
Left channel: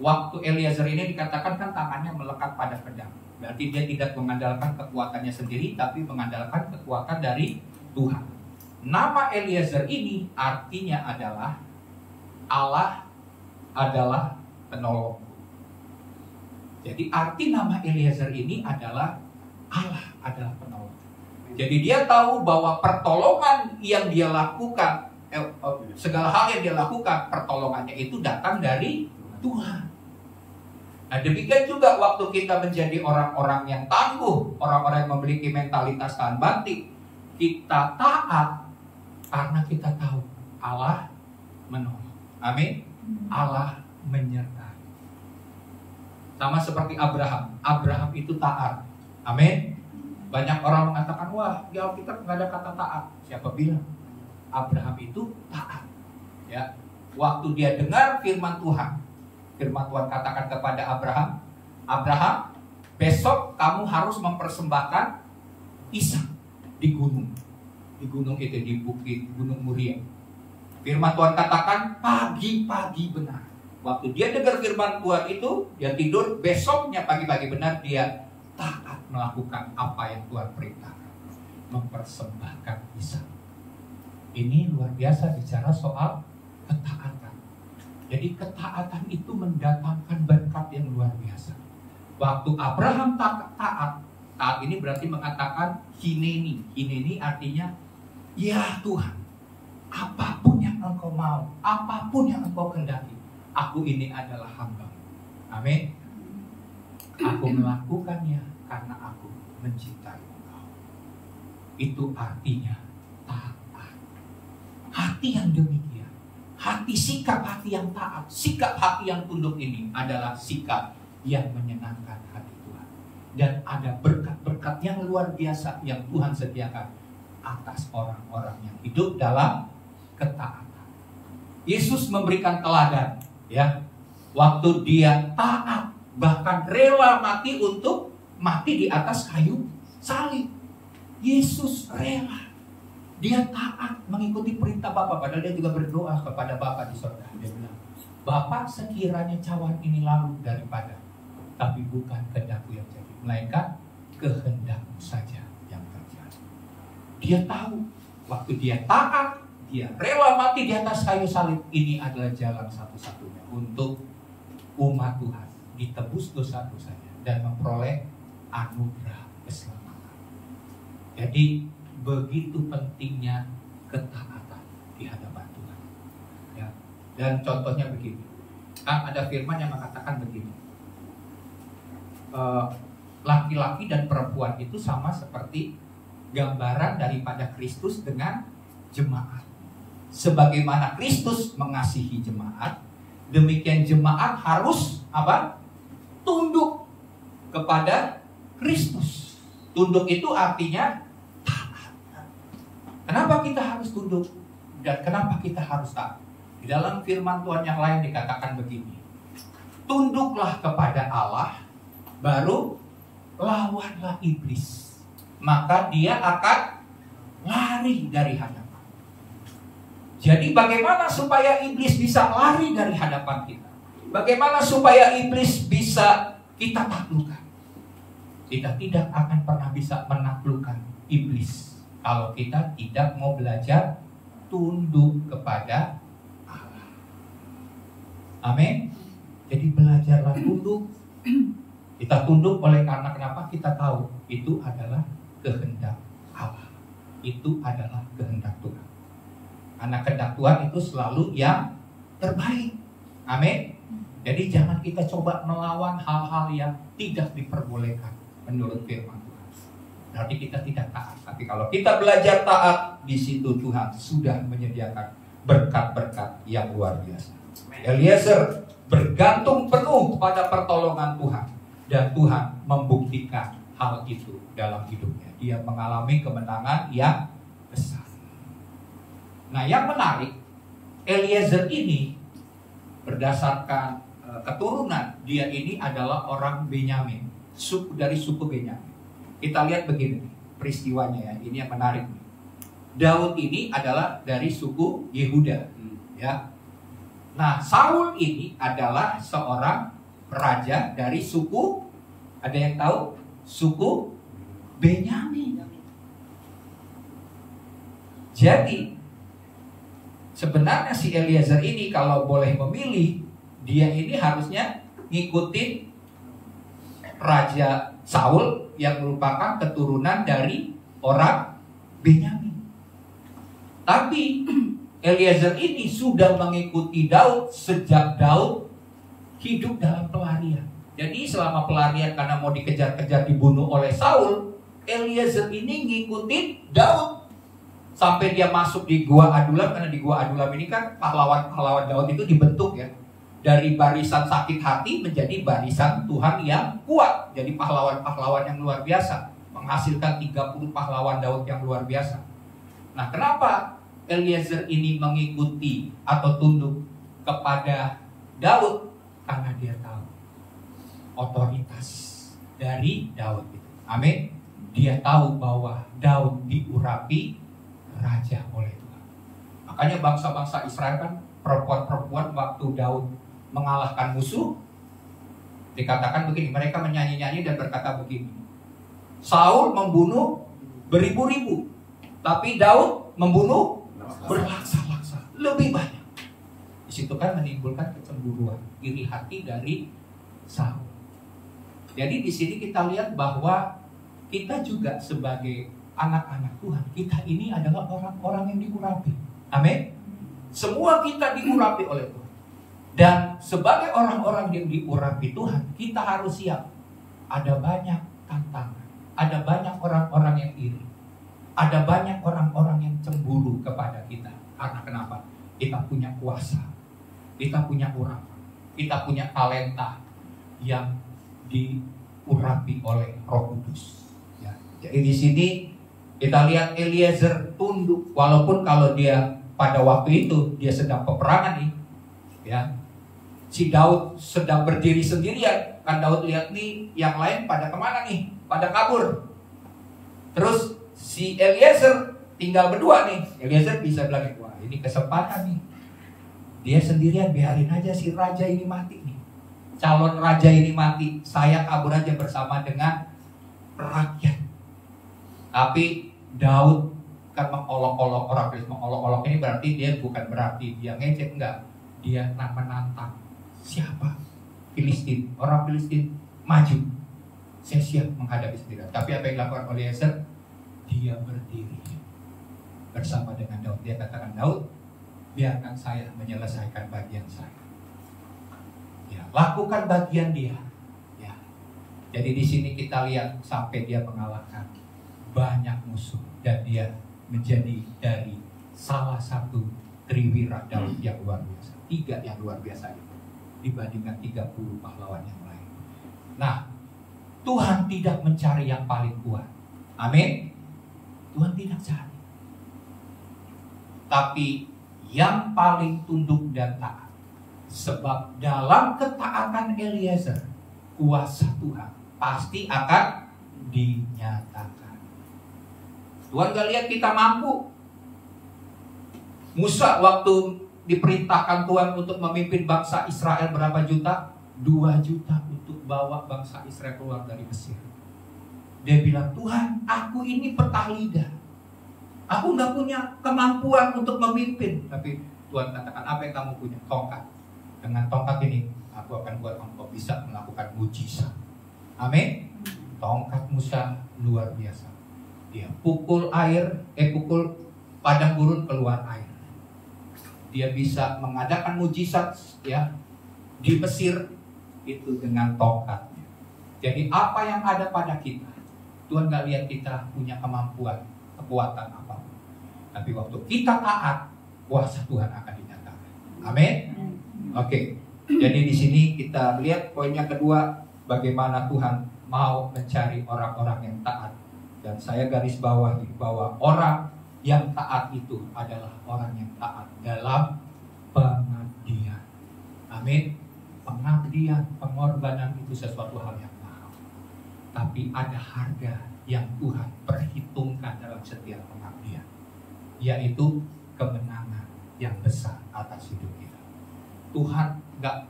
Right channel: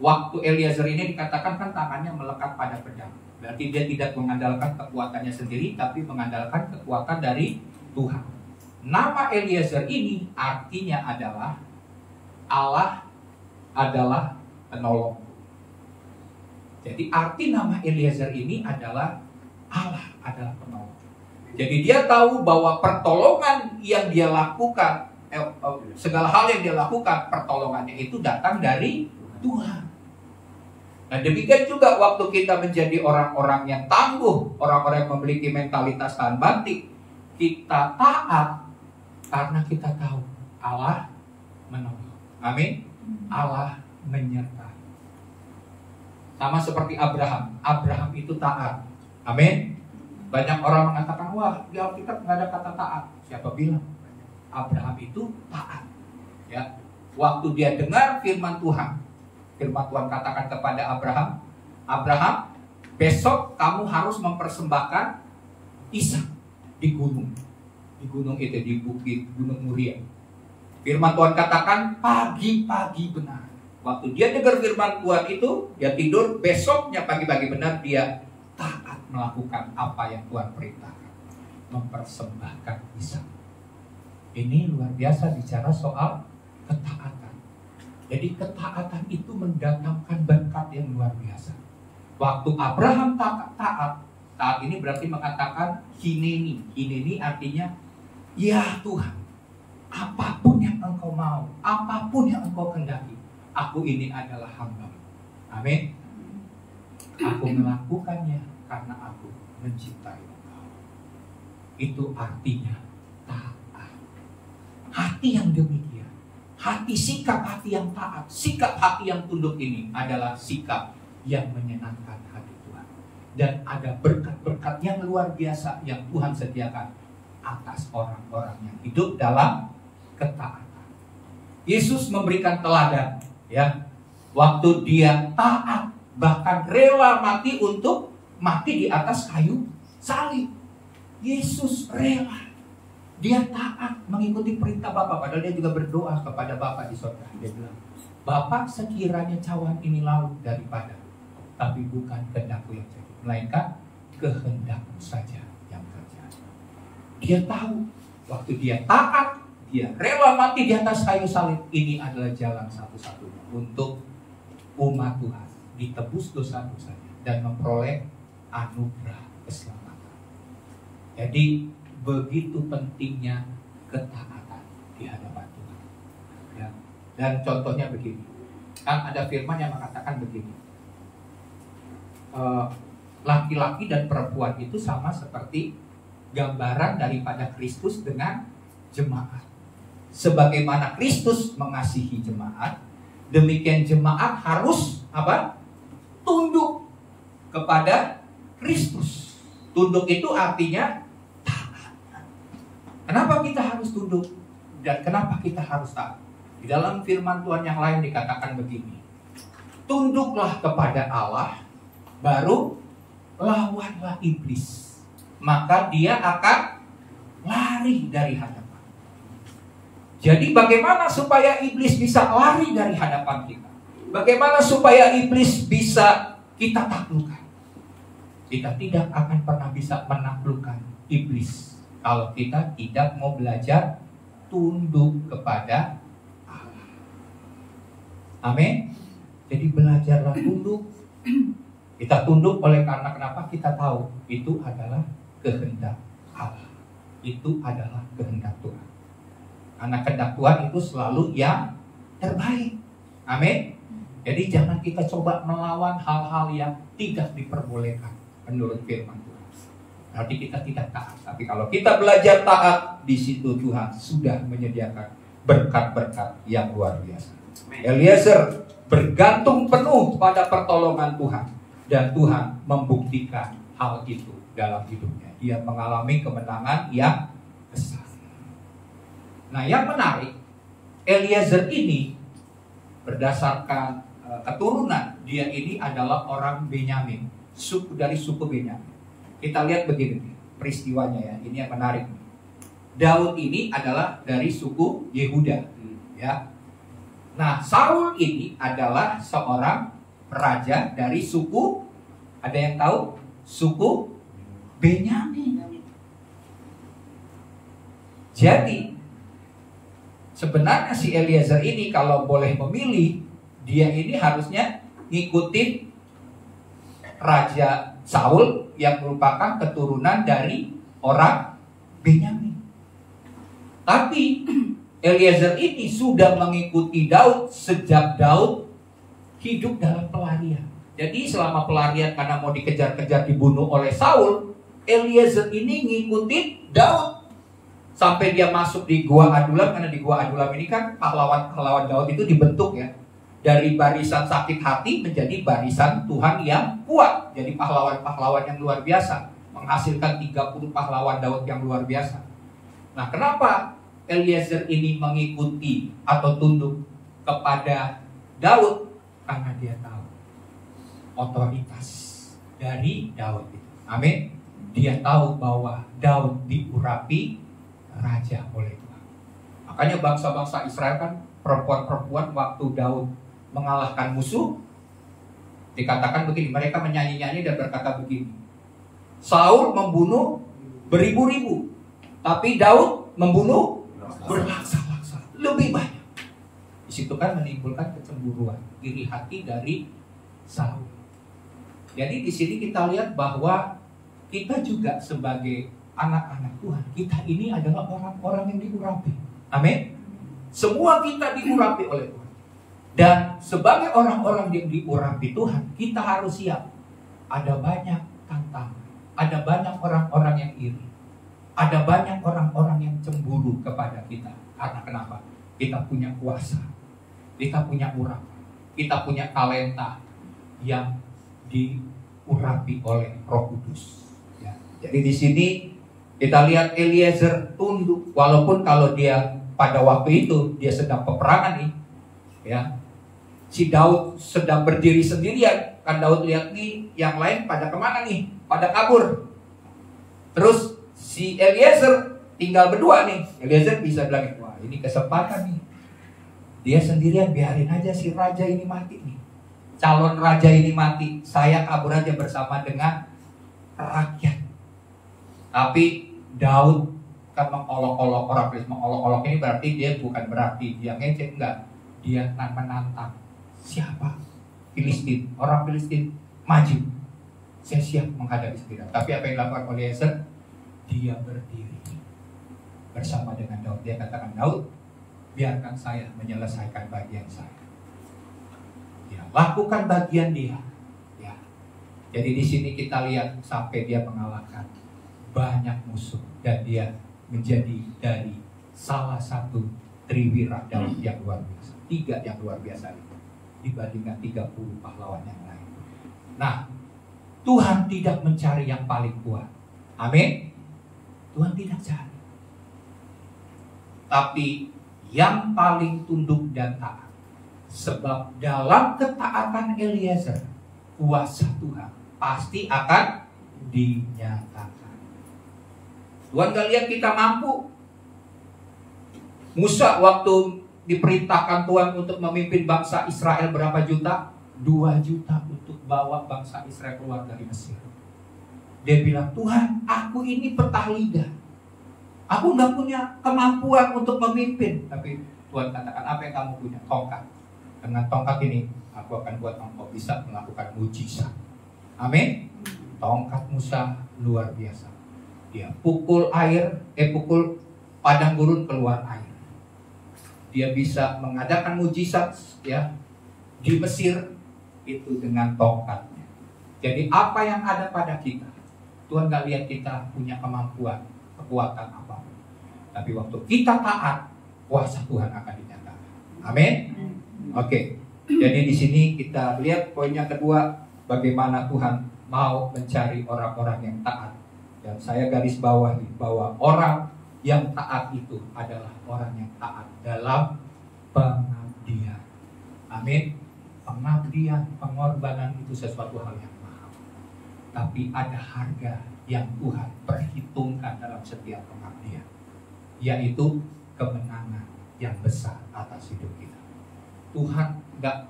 waktu Eliezer ini dikatakan kan tangannya melekat pada pedang. Berarti dia tidak mengandalkan kekuatannya sendiri, tapi mengandalkan kekuatan dari Tuhan. Nama Eliezer ini artinya adalah Allah adalah penolongku. Jadi arti nama Eliezer ini adalah Allah adalah penolong. Jadi dia tahu bahwa pertolongan yang dia lakukan, segala hal yang dia lakukan, pertolongannya itu datang dari Tuhan. Nah, demikian juga waktu kita menjadi orang-orang yang tangguh, orang-orang yang memiliki mentalitas tahan banting, kita taat karena kita tahu Allah menolong. Amin. Allah menyertai. Sama seperti Abraham. Abraham itu taat. Amin. Banyak orang mengatakan, wah di Alkitab nggak ada kata taat. Siapa bilang? Abraham itu taat. Ya, waktu dia dengar firman Tuhan, firman Tuhan katakan kepada Abraham, Abraham, besok kamu harus mempersembahkan Ishak di gunung itu, di bukit Gunung Muria. Firman Tuhan katakan pagi-pagi benar. Waktu dia dengar firman Tuhan itu, dia tidur, besoknya pagi-pagi benar dia taat melakukan apa yang Tuhan perintahkan, mempersembahkan Ishak. Ini luar biasa bicara soal ketaatan. Jadi ketaatan itu mendatangkan berkat yang luar biasa. Waktu Abraham taat ini berarti mengatakan hineni. Hineni artinya, ya Tuhan, apapun yang Engkau mau, apapun yang Engkau kehendaki, aku ini adalah hamba-Mu. Amin. Aku melakukannya karena aku mencintai Engkau. Itu artinya taat. Hati yang demikian, sikap hati yang taat, sikap hati yang tunduk ini adalah sikap yang menyenangkan hati Tuhan. Dan ada berkat-berkat yang luar biasa yang Tuhan sediakan atas orang-orang yang hidup dalam ketaatan. Yesus memberikan teladan, ya, waktu dia taat, bahkan rela mati untuk mati di atas kayu salib. Yesus rela. Dia taat mengikuti perintah Bapa, padahal dia juga berdoa kepada Bapa di surga. Dia bilang, Bapa, sekiranya cawan ini lalu daripada, tapi bukan kehendak-Ku yang jadi, melainkan kehendak-Mu saja yang terjadi. Dia tahu waktu dia taat, dia rela mati di atas kayu salib. Ini adalah jalan satu-satunya untuk umat Tuhan ditebus dosa-dosanya dan memperoleh anugerah keselamatan. Jadi begitu pentingnya ketaatan di hadapan Tuhan. Ya. Dan contohnya begini, ada firman yang mengatakan begini, laki-laki dan perempuan itu sama seperti gambaran daripada Kristus dengan jemaat. Sebagaimana Kristus mengasihi jemaat, demikian jemaat harus apa? Tunduk kepada Kristus. Tunduk itu artinya taat. Kenapa kita harus tunduk? Dan kenapa kita harus taat? Di dalam firman Tuhan yang lain dikatakan begini, tunduklah kepada Allah, baru lawanlah iblis, maka dia akan lari dari hadapan. Jadi bagaimana supaya iblis bisa lari dari hadapan kita? Bagaimana supaya iblis bisa kita taklukkan? Kita tidak akan pernah bisa menaklukkan iblis kalau kita tidak mau belajar tunduk kepada Allah. Amin. Jadi belajarlah tunduk. Kita tunduk oleh karena kenapa? Kita tahu itu adalah kehendak Allah. Itu adalah kehendak Tuhan. Karena kehendak Tuhan itu selalu yang terbaik. Amin. Jadi jangan kita coba melawan hal-hal yang tidak diperbolehkan menurut firman Tuhan. Berarti kita tidak taat. Tapi kalau kita belajar taat, di situ Tuhan sudah menyediakan berkat-berkat yang luar biasa. Eliezer bergantung penuh pada pertolongan Tuhan. Dan Tuhan membuktikan hal itu dalam hidupnya. Dia mengalami kemenangan yang besar. Nah, yang menarik, Eliezer ini berdasarkan keturunan, dia ini adalah orang Benyamin, dari suku Benyamin. Kita lihat begini peristiwanya ya, ini yang menarik. Daud ini adalah dari suku Yehuda, ya. Nah, Saul ini adalah seorang raja dari suku, ada yang tahu? Suku Benyamin. Jadi sebenarnya si Eliezer ini kalau boleh memilih, dia ini harusnya ngikutin Raja Saul yang merupakan keturunan dari orang Benyamin. Tapi Eliezer ini sudah mengikuti Daud sejak Daud hidup dalam pelarian. Jadi selama pelarian karena mau dikejar-kejar dibunuh oleh Saul, Eliezer ini ngikutin Daud sampai dia masuk di Gua Adulam. Karena di Gua Adulam ini kan pahlawan-pahlawan Daud itu dibentuk ya, dari barisan sakit hati menjadi barisan Tuhan yang kuat. Jadi pahlawan-pahlawan yang luar biasa, menghasilkan 30 pahlawan Daud yang luar biasa. Nah, kenapa Eliezer ini mengikuti atau tunduk kepada Daud? Karena dia tahu otoritas dari Daud itu. Amin. Dia tahu bahwa Daud diurapi raja oleh Tuhan. Makanya bangsa-bangsa Israel kan, perempuan-perempuan waktu Daud mengalahkan musuh, dikatakan begini, mereka menyanyi-nyanyi dan berkata begini, Saul membunuh beribu-ribu, tapi Daud membunuh berlaksa-laksa, lebih banyak. Di situ kan menimbulkan kecemburuan, iri hati dari Saul. Jadi di sini kita lihat bahwa kita juga sebagai anak-anak Tuhan, kita ini adalah orang-orang yang diurapi. Amin. Semua kita diurapi oleh Tuhan. Dan sebagai orang-orang yang diurapi Tuhan, kita harus siap. Ada banyak tantangan, ada banyak orang-orang yang iri, ada banyak orang-orang yang cemburu kepada kita. Karena kenapa? Kita punya kuasa, kita punya urapan, kita punya talenta yang diurapi oleh Roh Kudus. Ya. Jadi di sini kita lihat Eliezer tunduk, walaupun kalau dia pada waktu itu dia sedang peperangan nih, ya. Si Daud sedang berdiri sendirian, kan Daud lihat nih yang lain pada kemana nih, pada kabur. Terus si Eliezer tinggal berdua nih. Eliezer bisa bilang, wah ini kesempatan nih. Dia sendirian, biarin aja si raja ini mati nih. Calon raja ini mati, saya kabur aja bersama dengan rakyat. Tapi Daud kita mengolok-olok orang Filistin. Mengolok-olok ini berarti dia bukan berarti dia ngecek, enggak. Dia menantang. Siapa? Filistin. Orang Filistin maju. Saya siap menghadapi sendiri. Tapi apa yang dilakukan oleh Eliezer? Dia berdiri bersama dengan Daud. Dia katakan, Daud, biarkan saya menyelesaikan bagian saya. Ya, lakukan bagian dia. Ya. Jadi di sini kita lihat sampai dia mengalahkan banyak musuh dan dia menjadi dari salah satu triwira Daud yang luar biasa. 3 yang luar biasa itu dibandingkan 30 pahlawan yang lain. Nah, Tuhan tidak mencari yang paling kuat. Amin. Tuhan tidak cari. Tapi yang paling tunduk dan taat. Sebab dalam ketaatan Eliezer, kuasa Tuhan pasti akan dinyatakan. Tuhan gak lihat kita mampu. Musa waktu diperintahkan Tuhan untuk memimpin bangsa Israel berapa juta? 2 juta untuk bawa bangsa Israel keluar dari Mesir. Dia bilang, Tuhan, aku ini petah lidah. Aku gak punya kemampuan untuk memimpin. Tapi Tuhan katakan, apa yang kamu punya? Tongkat. Dengan tongkat ini, aku akan buat engkau bisa melakukan mujizat. Amin. Tongkat Musa luar biasa. Dia pukul padang gurun keluar air. Dia bisa mengadakan mujizat ya di Mesir itu dengan tongkatnya. Jadi apa yang ada pada kita, Tuhan gak lihat kita punya kemampuan, kekuatan apapun. Tapi waktu kita taat, kuasa Tuhan akan dinyatakan. Amin. Oke. Jadi di sini kita lihat poinnya kedua, bagaimana Tuhan mau mencari orang-orang yang taat. Dan saya garis bawahi bahwa orang yang taat itu adalah orang yang taat dalam pengabdian. Amin. Pengabdian, pengorbanan itu sesuatu hal yang mahal. Tapi ada harga yang Tuhan perhitungkan dalam setiap pengabdian, yaitu kemenangan yang besar atas hidup kita. Tuhan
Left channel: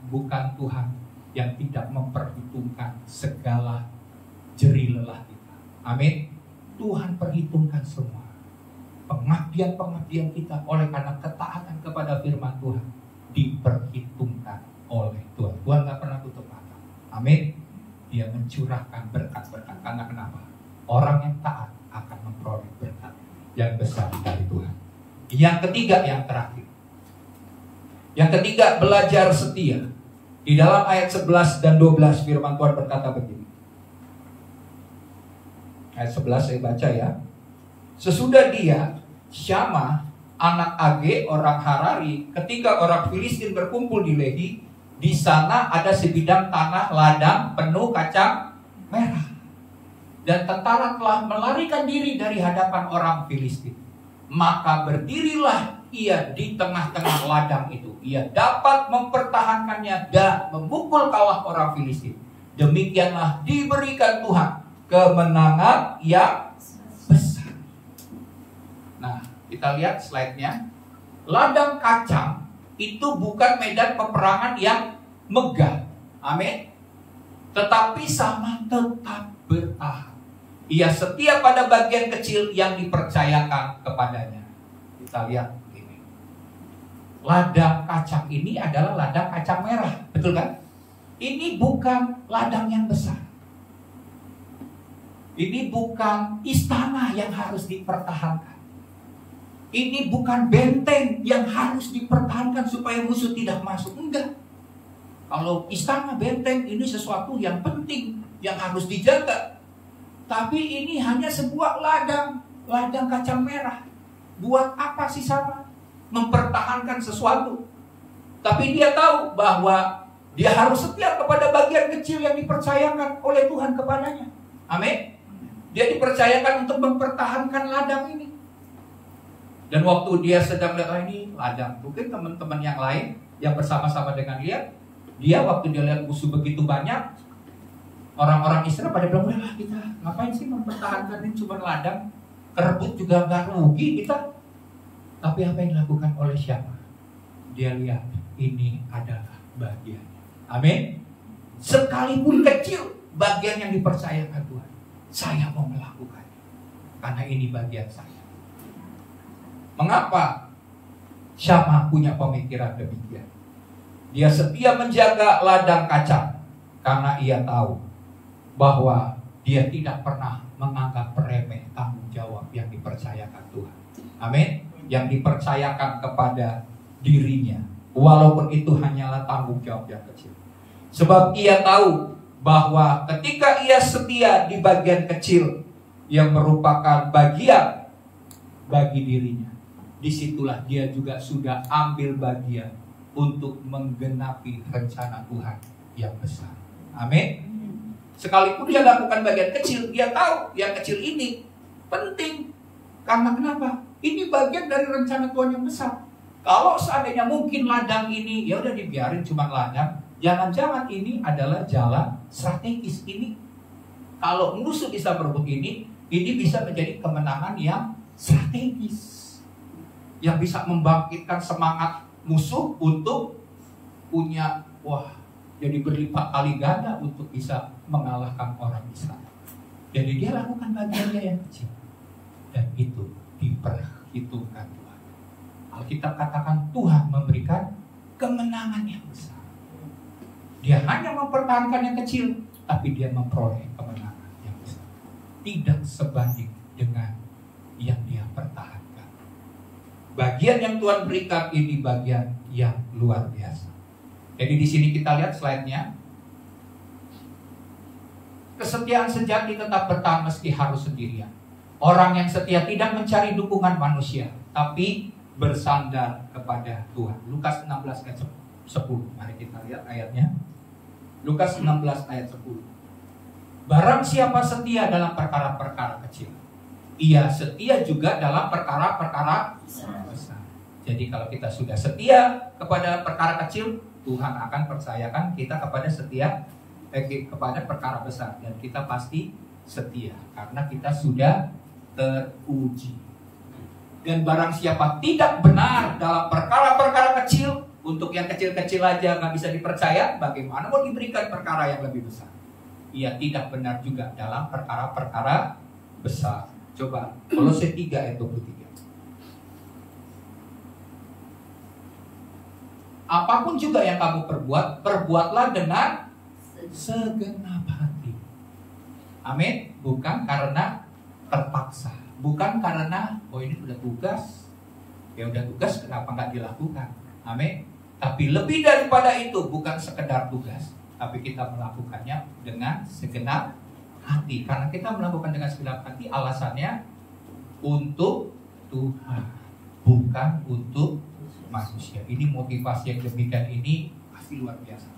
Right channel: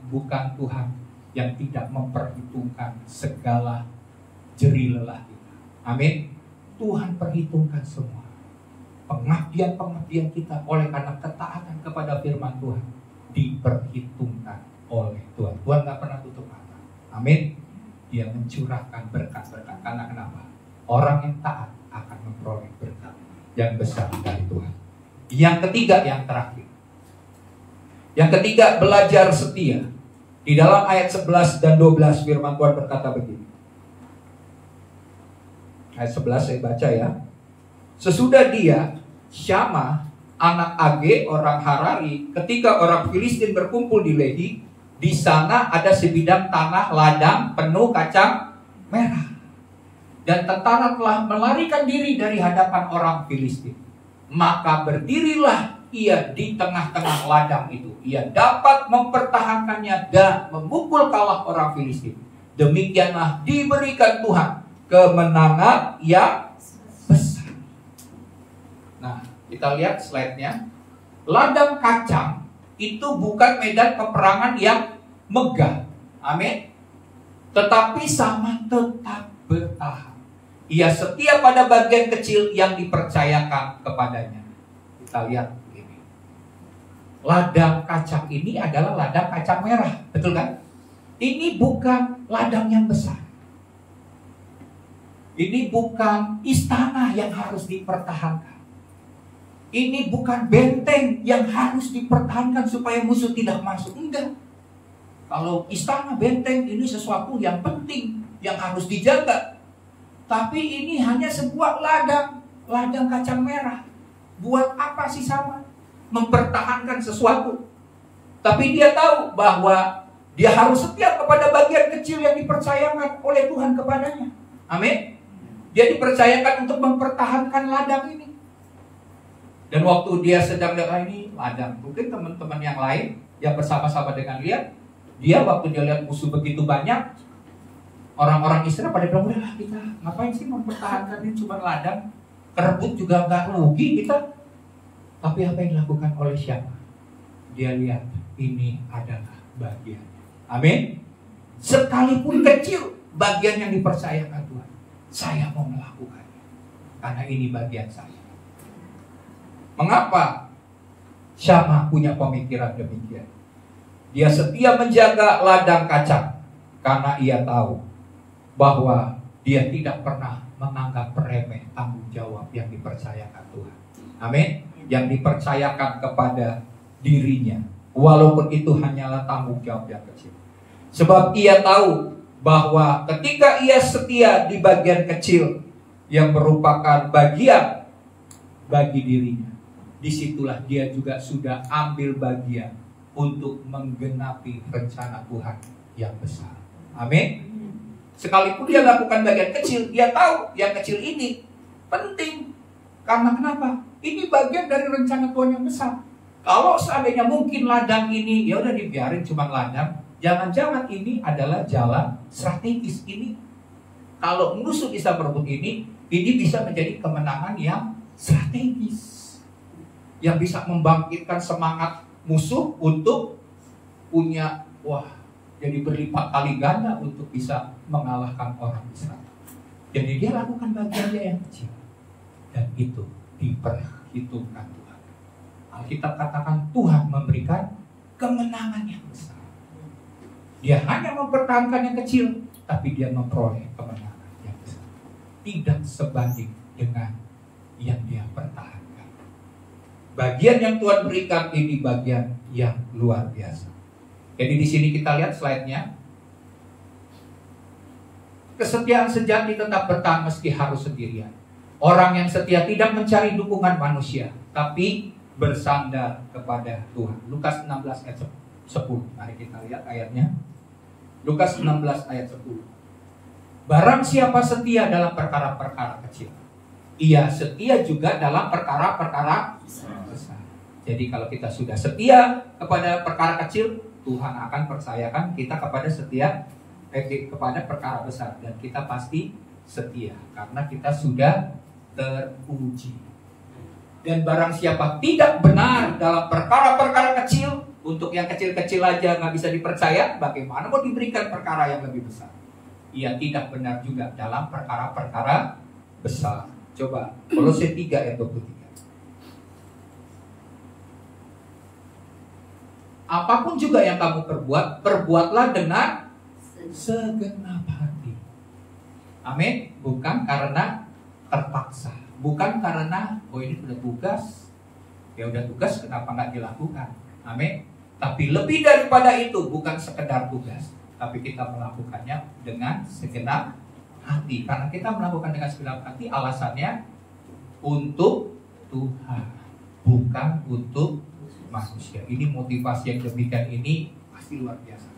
bukan Tuhan yang tidak memperhitungkan segala jerih lelah kita. Amin. Tuhan perhitungkan semua pengabdian kita oleh karena ketaatan kepada firman Tuhan diperhitungkan oleh Tuhan. Tuhan gak pernah tutup mata. Amin. Dia mencurahkan berkat-berkat. Karena kenapa? Orang yang taat akan memperoleh berkat yang besar dari Tuhan. Yang ketiga, yang terakhir. Yang ketiga, belajar setia. Di dalam ayat 11 dan 12 firman Tuhan berkata begini. Ayat 11 saya baca ya. Sesudah dia, Syama, anak Age, orang Harari, ketika orang Filistin berkumpul di Lehi, di sana ada sebidang tanah ladang penuh kacang merah. Dan tentara telah melarikan diri dari hadapan orang Filistin. Maka berdirilah ia di tengah-tengah ladang itu. Ia dapat mempertahankannya dan memukul kalah orang Filistin. Demikianlah diberikan Tuhan kemenangan yang besar. Nah, kita lihat slide-nya. Ladang kacang itu bukan medan peperangan yang megah. Amin. Tetapi sama tetap bertahan. Ia setia pada bagian kecil yang dipercayakan kepadanya. Kita lihat begini. Ladang kacang ini adalah ladang kacang merah. Betul kan? Ini bukan ladang yang besar. Ini bukan istana yang harus dipertahankan. Ini bukan benteng yang harus dipertahankan supaya musuh tidak masuk. Enggak. Kalau istana, benteng ini sesuatu yang penting, yang harus dijaga. Tapi ini hanya sebuah ladang kacang merah. Buat apa sih sama? Mempertahankan sesuatu. Tapi dia tahu bahwa dia harus setia kepada bagian kecil yang dipercayakan oleh Tuhan kepadanya. Amin. Dia dipercayakan untuk mempertahankan ladang ini. Dan waktu dia sedang lihat ini ladang, mungkin teman-teman yang lain yang bersama-sama dengan dia waktu dia lihat musuh begitu banyak, orang-orang Israel pada bilang, udah kita ngapain sih mempertahankan ini cuma ladang, kerebut juga nggak rugi kita. Tapi apa yang dilakukan oleh siapa? Dia lihat ini adalah bagiannya. Amin. Sekalipun kecil bagian yang dipercayakan Tuhan, saya mau melakukannya karena ini bagian saya. Mengapa Syama punya pemikiran demikian? Dia setia menjaga ladang kacang karena ia tahu bahwa dia tidak pernah menganggap remeh tanggung jawab yang dipercayakan Tuhan. Amin. Yang dipercayakan kepada dirinya, walaupun itu hanyalah tanggung jawab yang kecil. Sebab ia tahu bahwa ketika ia setia di bagian kecil yang merupakan bagian bagi dirinya, disitulah dia juga sudah ambil bagian untuk menggenapi rencana Tuhan yang besar. Amin. Sekalipun dia lakukan bagian kecil, dia tahu yang kecil ini penting. Karena kenapa? Ini bagian dari rencana Tuhan yang besar. Kalau seandainya mungkin ladang ini, ya udah dibiarin cuma ladang. Jangan-jangan ini adalah jalan strategis ini. Kalau musuh bisa berebut ini bisa menjadi kemenangan yang strategis. Yang bisa membangkitkan semangat musuh untuk punya, jadi berlipat kali ganda untuk bisa mengalahkan orang Israel. Jadi dia lakukan bagian dia yang kecil. Dan itu diperhitungkan Tuhan. Alkitab katakan Tuhan memberikan kemenangan yang besar. Dia hanya mempertahankan yang kecil, tapi dia memperoleh kemenangan yang besar. Tidak sebanding dengan yang dia pertahankan. Bagian yang Tuhan berikan ini bagian yang luar biasa. Jadi di sini kita lihat slide-nya. Kesetiaan sejati tetap bertahan meski harus sendirian. Orang yang setia tidak mencari dukungan manusia, tapi bersandar kepada Tuhan. Lukas 16 ayat 10. Mari kita lihat ayatnya. Lukas 16 ayat 10. Barang siapa setia dalam perkara-perkara kecil, ia setia juga dalam perkara-perkara besar. Jadi kalau kita sudah setia kepada perkara kecil, Tuhan akan percayakan kita kepada perkara besar, dan kita pasti setia karena kita sudah teruji. Dan barang siapa tidak benar dalam perkara-perkara kecil, untuk yang kecil-kecil aja nggak bisa dipercaya, bagaimana mau diberikan perkara yang lebih besar? Ia tidak benar juga dalam perkara-perkara besar. Coba Kolose 3 ayat 23. Apapun juga yang kamu perbuat, perbuatlah dengan segenap hati. Amin. Bukan karena terpaksa, bukan karena ini udah tugas, ya udah tugas kenapa nggak dilakukan. Amin. Tapi lebih daripada itu, bukan sekedar tugas, tapi kita melakukannya dengan segenap hati. Karena kita melakukan dengan segenap hati, alasannya untuk Tuhan, bukan untuk manusia. Ini motivasi yang demikian ini pasti luar biasa.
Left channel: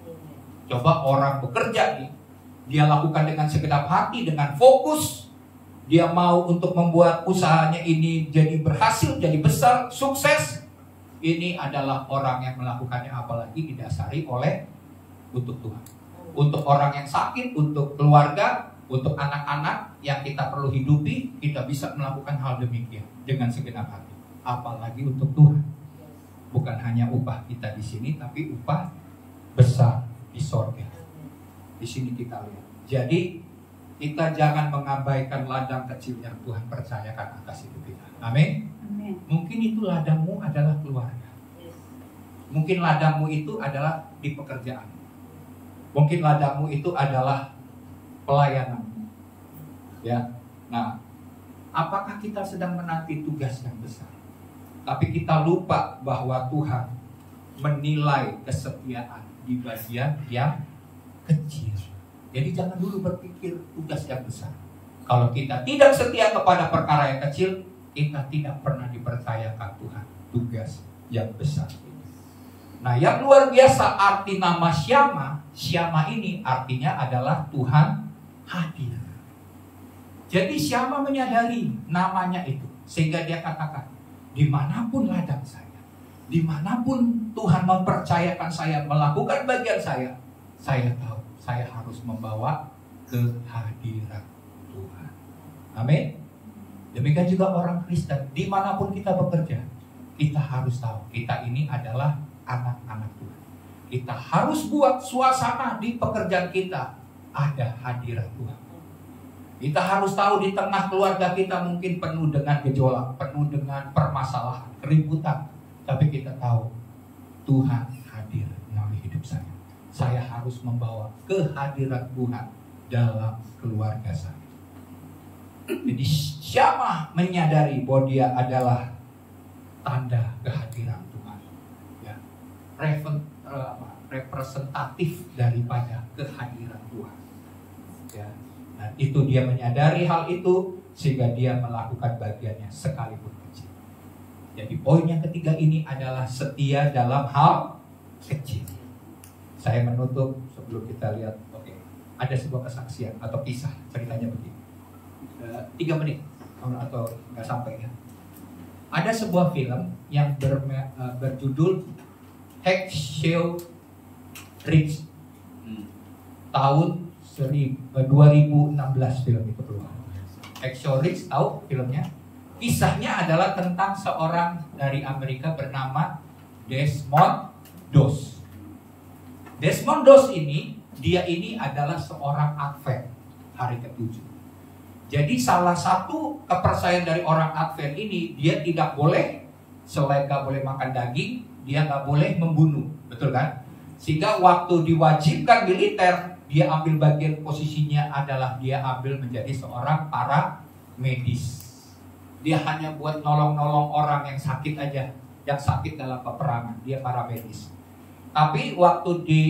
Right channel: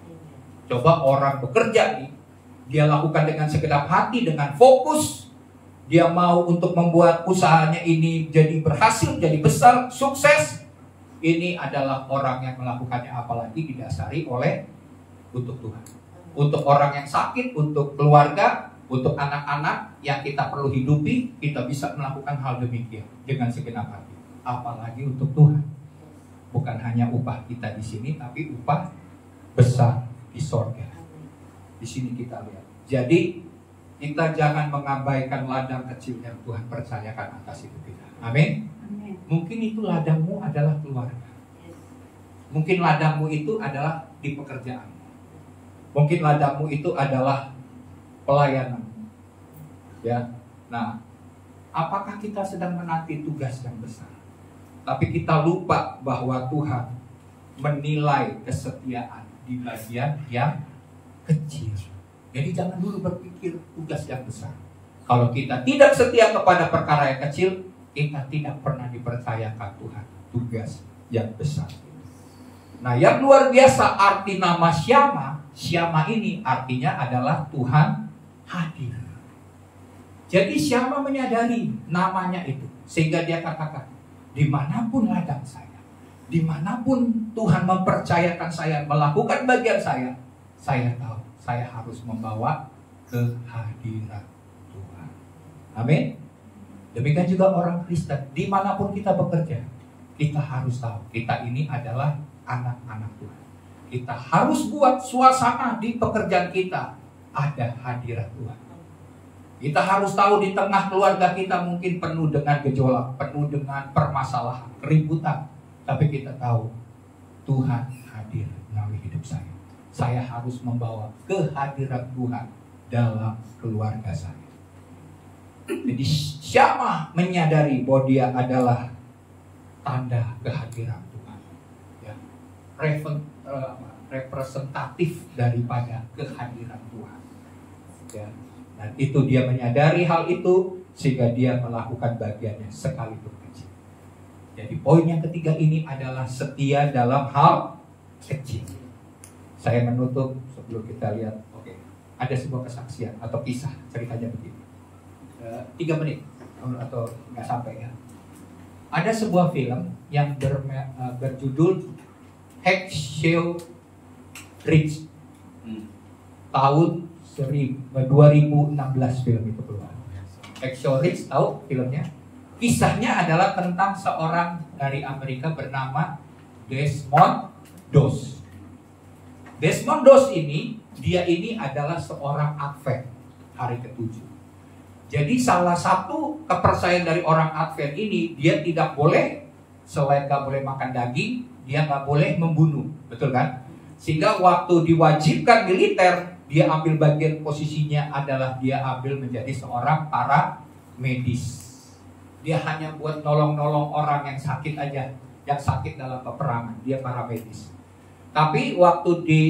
Coba orang bekerja nih, dia lakukan dengan segenap hati, dengan fokus. Dia mau untuk membuat usahanya ini jadi berhasil, jadi besar, sukses. Ini adalah orang yang melakukannya, apalagi didasari oleh untuk Tuhan. Untuk orang yang sakit, untuk keluarga, untuk anak-anak yang kita perlu hidupi, kita bisa melakukan hal demikian dengan segenap hati. Apalagi untuk Tuhan. Bukan hanya upah kita di sini, tapi upah besar di sorga. Di sini kita lihat. Jadi kita jangan mengabaikan ladang kecil yang Tuhan percayakan atas hidup kita. Amin. Mungkin itu ladangmu adalah keluarga. Mungkin ladangmu itu adalah di pekerjaanmu. Mungkin ladangmu itu adalah pelayananmu. Ya. Nah, apakah kita sedang menanti tugas yang besar? Tapi kita lupa bahwa Tuhan menilai kesetiaan di bagian yang kecil. Jadi jangan dulu berpikir tugas yang besar. Kalau kita tidak setia kepada perkara yang kecil, kita tidak pernah dipercayakan Tuhan tugas yang besar. Nah, yang luar biasa arti nama Syama ini artinya adalah Tuhan hadir. Jadi Syama menyadari namanya itu, sehingga dia katakan, dimanapun ladang saya, dimanapun Tuhan mempercayakan saya melakukan bagian saya tahu saya harus membawa kehadiran Tuhan. Amin. Demikian juga orang Kristen, dimanapun kita bekerja, kita harus tahu kita ini adalah anak-anak Tuhan. Kita harus buat suasana di pekerjaan kita ada hadirat Tuhan. Kita harus tahu di tengah keluarga kita mungkin penuh dengan gejolak, penuh dengan permasalahan, keributan. Tapi kita tahu Tuhan hadir melalui hidup saya. Saya harus membawa kehadiran Tuhan dalam keluarga saya. Jadi Syamah menyadari bahwa dia adalah tanda kehadiran Tuhan. Ya, representatif daripada kehadiran Tuhan. Ya. Dan itu dia menyadari hal itu sehingga dia melakukan bagiannya sekalipun kecil. Jadi poin yang ketiga ini adalah setia dalam hal kecil. Saya menutup sebelum kita lihat. Oke, ada sebuah kesaksian atau kisah, ceritanya begini. 3 menit atau nggak sampai ya. Ada sebuah film yang berjudul Hacksaw Ridge. Tahun 2016 film itu keluar. Hacksaw Ridge, tahu filmnya? Kisahnya adalah tentang seorang dari Amerika bernama Desmond Doss. Desmond Doss ini, dia ini adalah seorang Advent hari ke-7. Jadi salah satu kepercayaan dari orang Advent ini, dia tidak boleh, selain gak boleh makan daging, dia gak boleh membunuh, betul kan? Sehingga waktu diwajibkan militer, dia ambil bagian posisinya adalah dia ambil menjadi seorang para medis. Dia hanya buat nolong-nolong orang yang sakit aja, yang sakit dalam peperangan, dia para medis. Tapi waktu di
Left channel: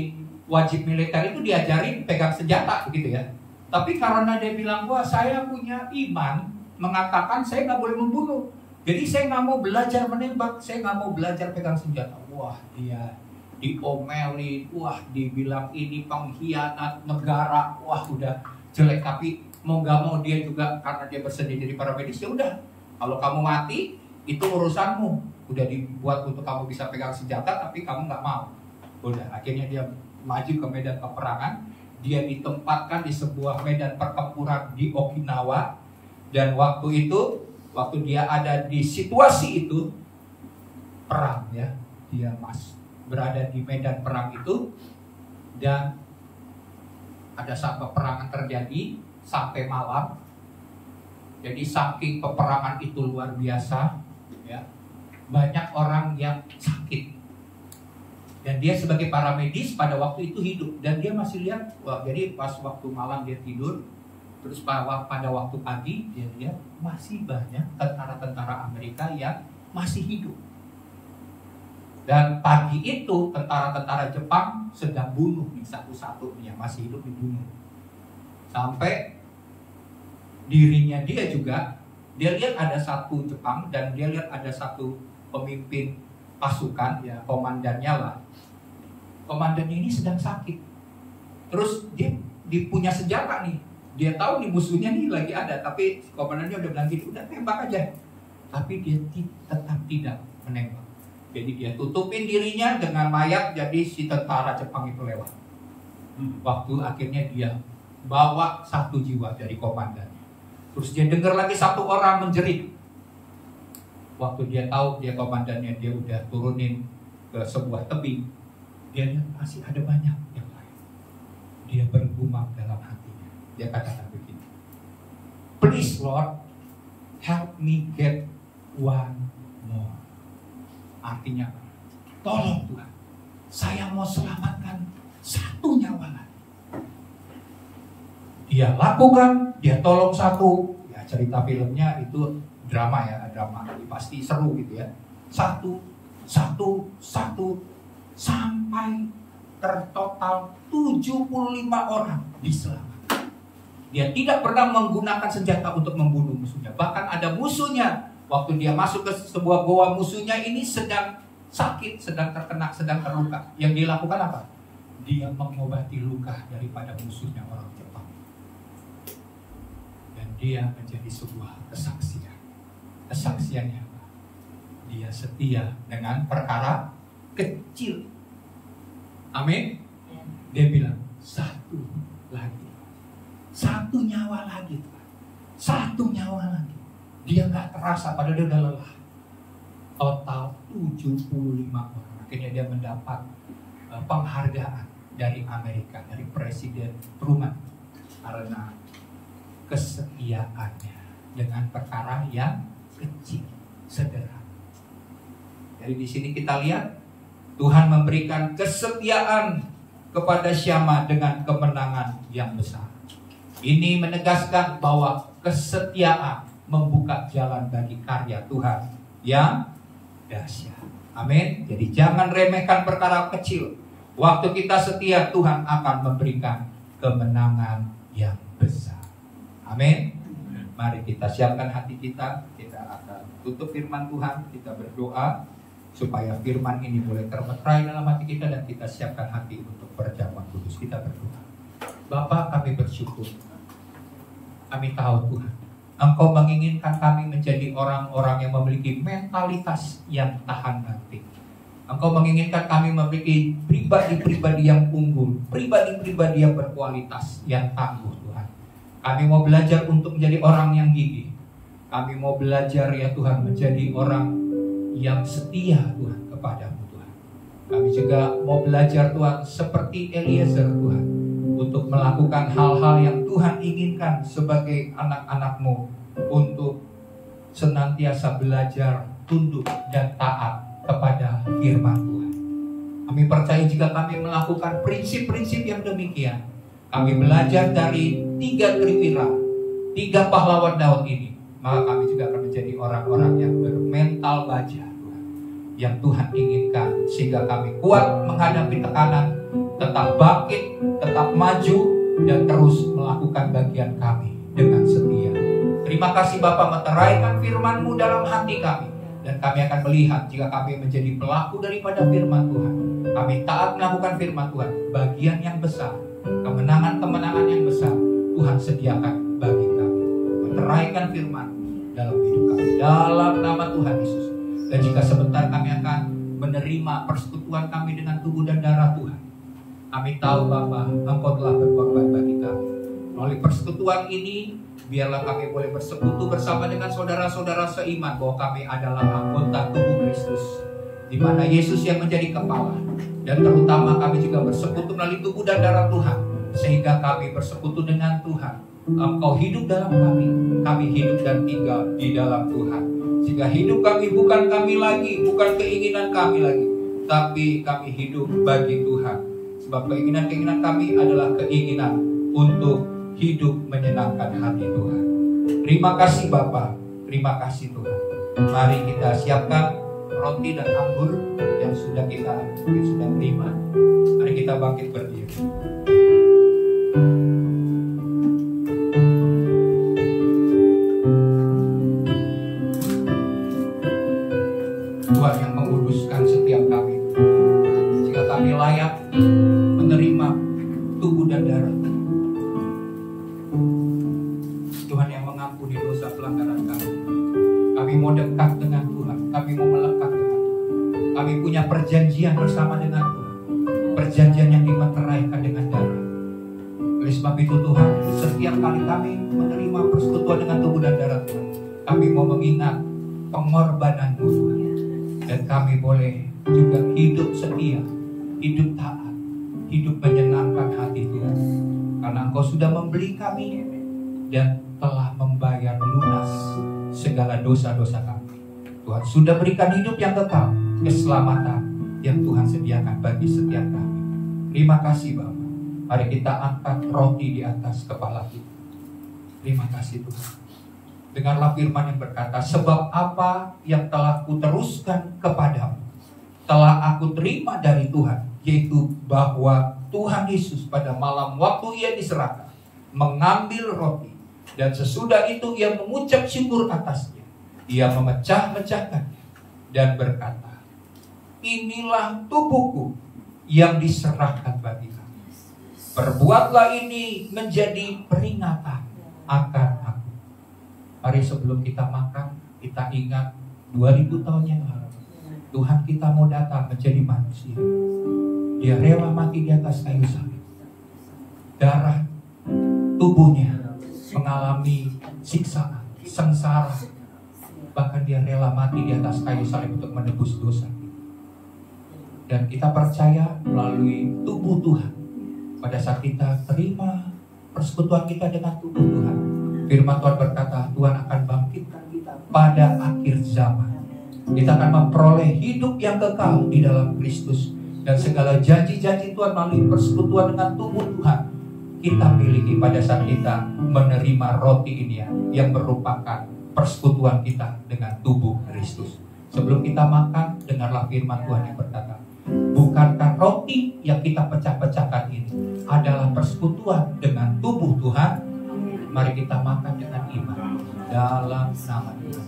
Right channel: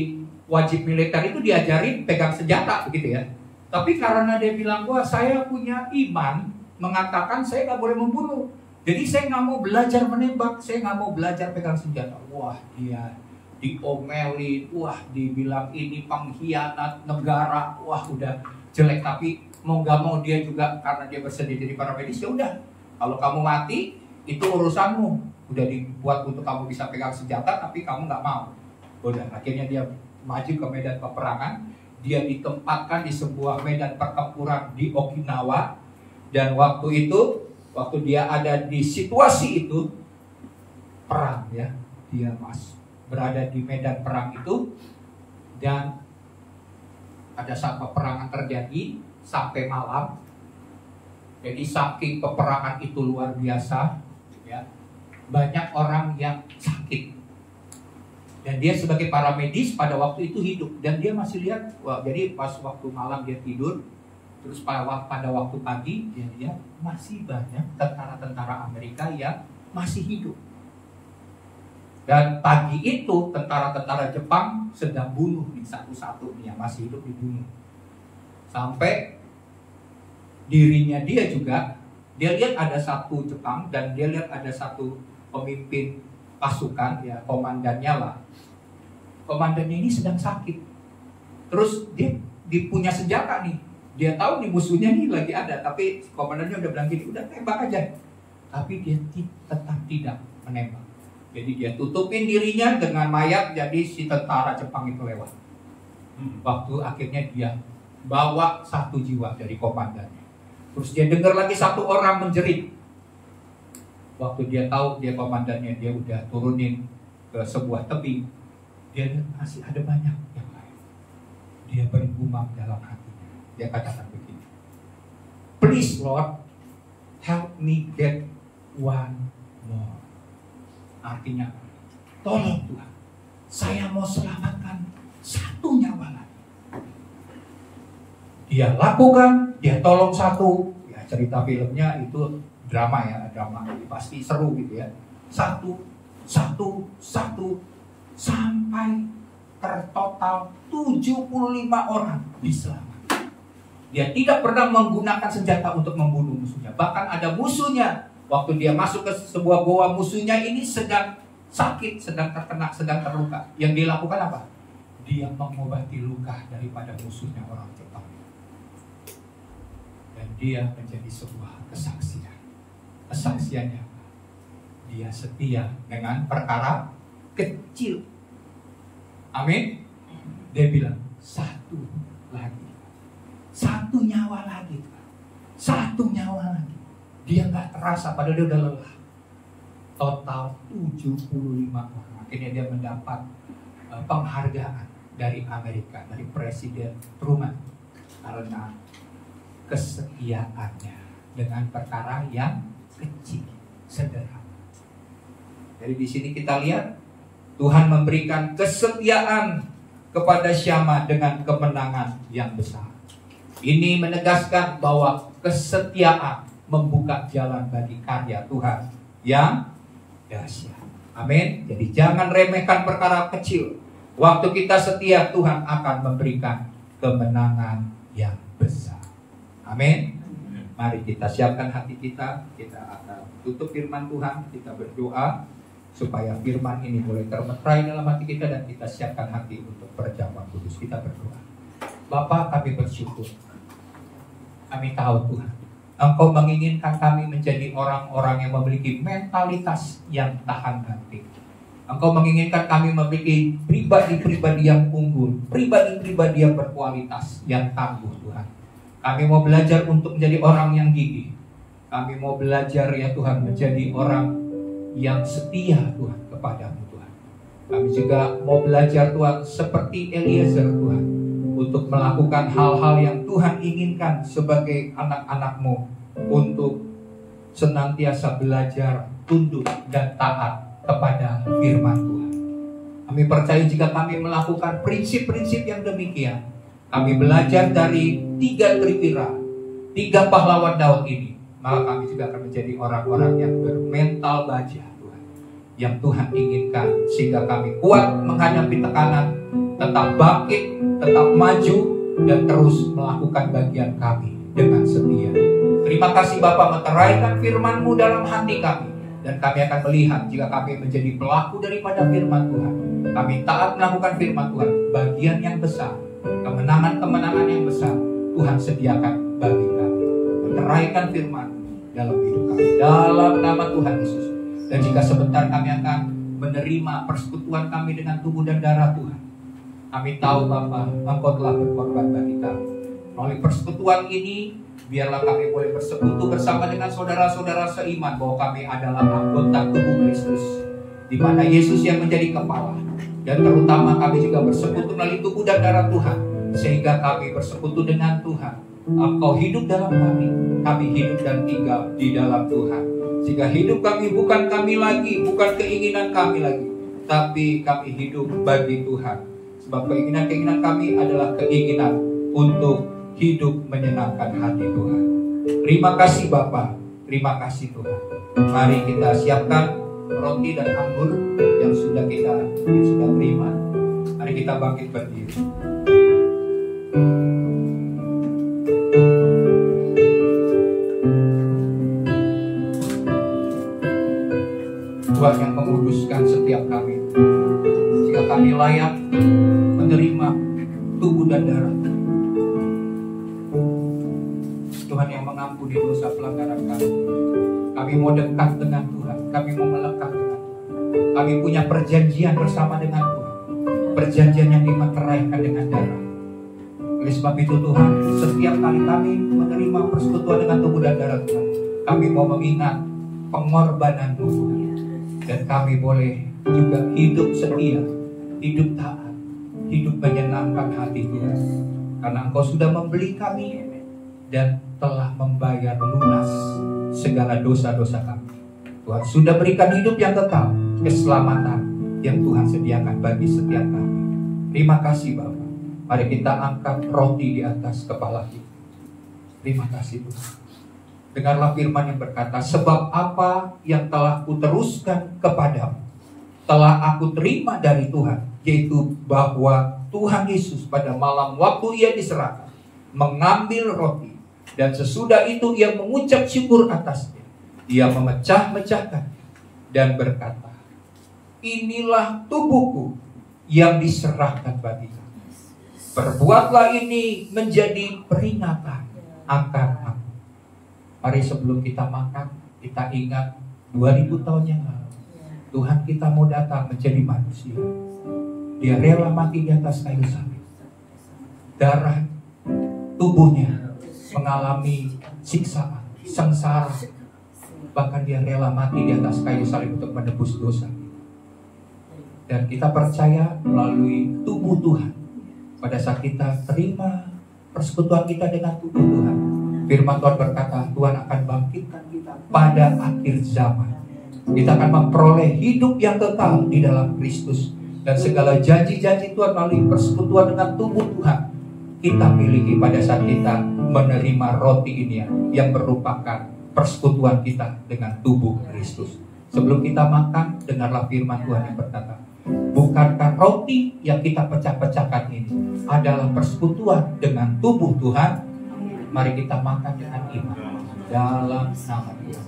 wajib militer itu diajarin pegang senjata begitu ya. Tapi karena dia bilang, wah saya punya iman mengatakan saya nggak boleh membunuh. Jadi saya nggak mau belajar menembak, saya nggak mau belajar pegang senjata. Wah dia diomelin, wah dibilang ini pengkhianat negara, wah udah jelek. Tapi mau nggak mau dia juga karena dia bersedia jadi para medis, ya udah. Kalau kamu mati itu urusanmu, udah dibuat untuk kamu bisa pegang senjata, tapi kamu nggak mau. Udah, akhirnya dia maju ke medan peperangan. Dia ditempatkan di sebuah medan pertempuran di Okinawa. Dan waktu itu, waktu dia ada di situasi itu, perang ya, dia berada di medan perang itu. Dan ada saat peperangan terjadi sampai malam. Jadi saking peperangan itu luar biasa ya, banyak orang yang sakit. Dan dia sebagai para medis pada waktu itu hidup. Dan dia masih lihat, wah, jadi pas waktu malam dia tidur, terus pada waktu pagi dia lihat masih banyak tentara-tentara Amerika yang masih hidup. Dan pagi itu tentara-tentara Jepang sedang bunuh nih satu-satu nih yang masih hidup dibunuh. Sampai dirinya dia juga, dia lihat ada satu Jepang dan dia lihat ada satu pemimpin pasukan ya, komandannya lah. Komandannya ini sedang sakit. Terus dia punya senjata nih. Dia tahu nih musuhnya nih lagi ada, tapi komandannya udah bilang gini, udah tembak aja. Tapi dia tetap tidak menembak. Jadi dia tutupin dirinya dengan mayat, jadi si tentara Jepang itu lewat. Waktu akhirnya dia bawa satu jiwa dari komandannya. Terus dia dengar lagi satu orang menjerit. Waktu dia tahu dia komandannya, dia udah turunin ke sebuah tebing. Dia masih ada banyak yang lain. Dia bergumam dalam hatinya. Dia katakan begini, please Lord, help me get one more. Artinya apa? Tolong Tuhan, saya mau selamatkan satu nyawa lagi. Dia lakukan, dia tolong satu. Ya cerita filmnya itu drama ya, drama jadi pasti seru gitu ya. Satu sampai tertotal 75 orang diselamatkan. Dia tidak pernah menggunakan senjata untuk membunuh musuhnya. Bahkan ada musuhnya, waktu dia masuk ke sebuah goa, musuhnya ini sedang sakit, sedang terkena, sedang terluka. Yang dilakukan apa? Dia mengobati luka daripada musuhnya orang Jepang. Dan dia menjadi sebuah kesaksian. Kesaksiannya apa? Dia setia dengan perkara kecil. Amin. Dia bilang satu lagi, satu nyawa lagi, satu nyawa lagi. Dia nggak terasa, padahal dia udah lelah. Total 75 orang. Akhirnya dia mendapat penghargaan dari Amerika, dari Presiden Truman, kesetiaannya dengan perkara yang kecil, sederhana. Jadi di sini kita lihat Tuhan memberikan kesetiaan kepada Syama dengan kemenangan yang besar. Ini menegaskan bahwa kesetiaan membuka jalan bagi karya Tuhan yang dahsyat. Amin. Jadi jangan remehkan perkara kecil. Waktu kita setia, Tuhan akan memberikan kemenangan yang besar. Amin. Mari kita siapkan hati kita. Kita akan tutup firman Tuhan. Kita berdoa supaya firman ini boleh termeterai dalam hati kita, dan kita siapkan hati untuk perjamuan kudus. Kita berdoa. Bapa, kami bersyukur. Kami tahu Tuhan, Engkau menginginkan kami menjadi orang-orang yang memiliki mentalitas yang tahan banting. Engkau menginginkan kami memiliki pribadi-pribadi yang unggul, pribadi-pribadi yang berkualitas, yang tangguh Tuhan. Kami mau belajar untuk menjadi orang yang gigih. Kami mau belajar ya Tuhan menjadi orang yang setia Tuhan kepadamu Tuhan. Kami juga mau belajar Tuhan seperti Eliezer Tuhan, untuk melakukan hal-hal yang Tuhan inginkan sebagai anak-anak-Mu, untuk senantiasa belajar, tunduk dan taat kepada firman Tuhan. Kami percaya jika kami melakukan prinsip-prinsip yang demikian, kami belajar dari 3 triwira, 3 pahlawan Daud ini, maka kami juga akan menjadi orang-orang yang bermental baja Tuhan, yang Tuhan inginkan, sehingga kami kuat menghadapi tekanan, tetap bangkit, tetap maju, dan terus melakukan bagian kami dengan setia. Terima kasih Bapa, meteraikan firman-Mu dalam hati kami, dan kami akan melihat jika kami menjadi pelaku daripada firman Tuhan. Kami taat melakukan firman Tuhan, bagian yang besar, kemenangan-kemenangan yang besar Tuhan sediakan bagi kami. Meteraikan firman dalam hidup kami, dalam nama Tuhan Yesus. Dan jika sebentar kami akan menerima persekutuan kami dengan tubuh dan darah Tuhan, kami tahu Bapa, Engkau telah berkorban bagi kami. Melalui persekutuan ini, biarlah kami boleh bersekutu bersama dengan saudara-saudara seiman bahwa kami adalah anggota tubuh Kristus, di mana Yesus yang menjadi kepala. Dan terutama kami juga bersekutu melalui tubuh dan darah Tuhan, sehingga kami bersekutu dengan Tuhan. Engkau hidup dalam kami hidup dan tinggal di dalam Tuhan. Sehingga hidup kami bukan kami lagi, bukan keinginan kami lagi, tapi kami hidup bagi Tuhan. Sebab keinginan-keinginan kami adalah keinginan untuk hidup menyenangkan hati Tuhan. Terima kasih Bapa, terima kasih Tuhan. Mari kita siapkan roti dan anggur yang sudah kita terima. Mari kita bangkit berdiri. Tuhan yang menguduskan setiap kami, jika kami layak menerima tubuh dan darah Tuhan yang mengampuni dosa pelanggaran kami. Kami mau dekat dengan Tuhan, kami mau melekat dengan Tuhan. Kami punya perjanjian bersama dengan Tuhan, perjanjian yang dimeteraikan dengan darah. Oleh sebab itu Tuhan, setiap kali kami menerima persekutuan dengan tubuh dan darah Tuhan, kami mau mengingat pengorbanan-Mu Tuhan. Dan kami boleh juga hidup setia, hidup taat, hidup menyenangkan hati Tuhan. Karena Engkau sudah membeli kami dan telah membayar lunas segala dosa-dosa kami. Tuhan sudah berikan hidup yang kekal, keselamatan yang Tuhan sediakan bagi setiap kami. Terima kasih Bapa. Mari kita angkat roti di atas kepala kita. Terima kasih Tuhan. Dengarlah firman yang berkata, sebab apa yang telah kuteruskan kepadamu telah aku terima dari Tuhan, yaitu bahwa Tuhan Yesus pada malam waktu Ia diserahkan mengambil roti, dan sesudah itu Ia mengucap syukur atasnya. Ia memecah-mecahkan dan berkata, inilah tubuhku yang diserahkan bagi kamu. Perbuatlah ini menjadi peringatan akan aku. Mari sebelum kita makan, kita ingat 2000 tahun yang lalu Tuhan kita mau datang menjadi manusia. Dia rela mati di atas kayu salib. Darah tubuhnya mengalami siksaan, sengsara. Bahkan dia rela mati di atas kayu salib untuk menebus dosa kita. Dan kita percaya melalui tubuh Tuhan, pada saat kita terima persekutuan kita dengan tubuh Tuhan, Firman Tuhan berkata, Tuhan akan bangkitkan kita pada akhir zaman. Kita akan memperoleh hidup yang kekal di dalam Kristus. Dan segala janji-janji Tuhan melalui persekutuan dengan tubuh Tuhan kita miliki pada saat kita menerima roti ini, yang merupakan persekutuan kita dengan tubuh Kristus. Sebelum kita makan, dengarlah firman Tuhan yang berkata, bukankah roti yang kita pecah-pecahkan ini adalah persekutuan dengan tubuh Tuhan? Mari kita makan dengan iman dalam nama Tuhan.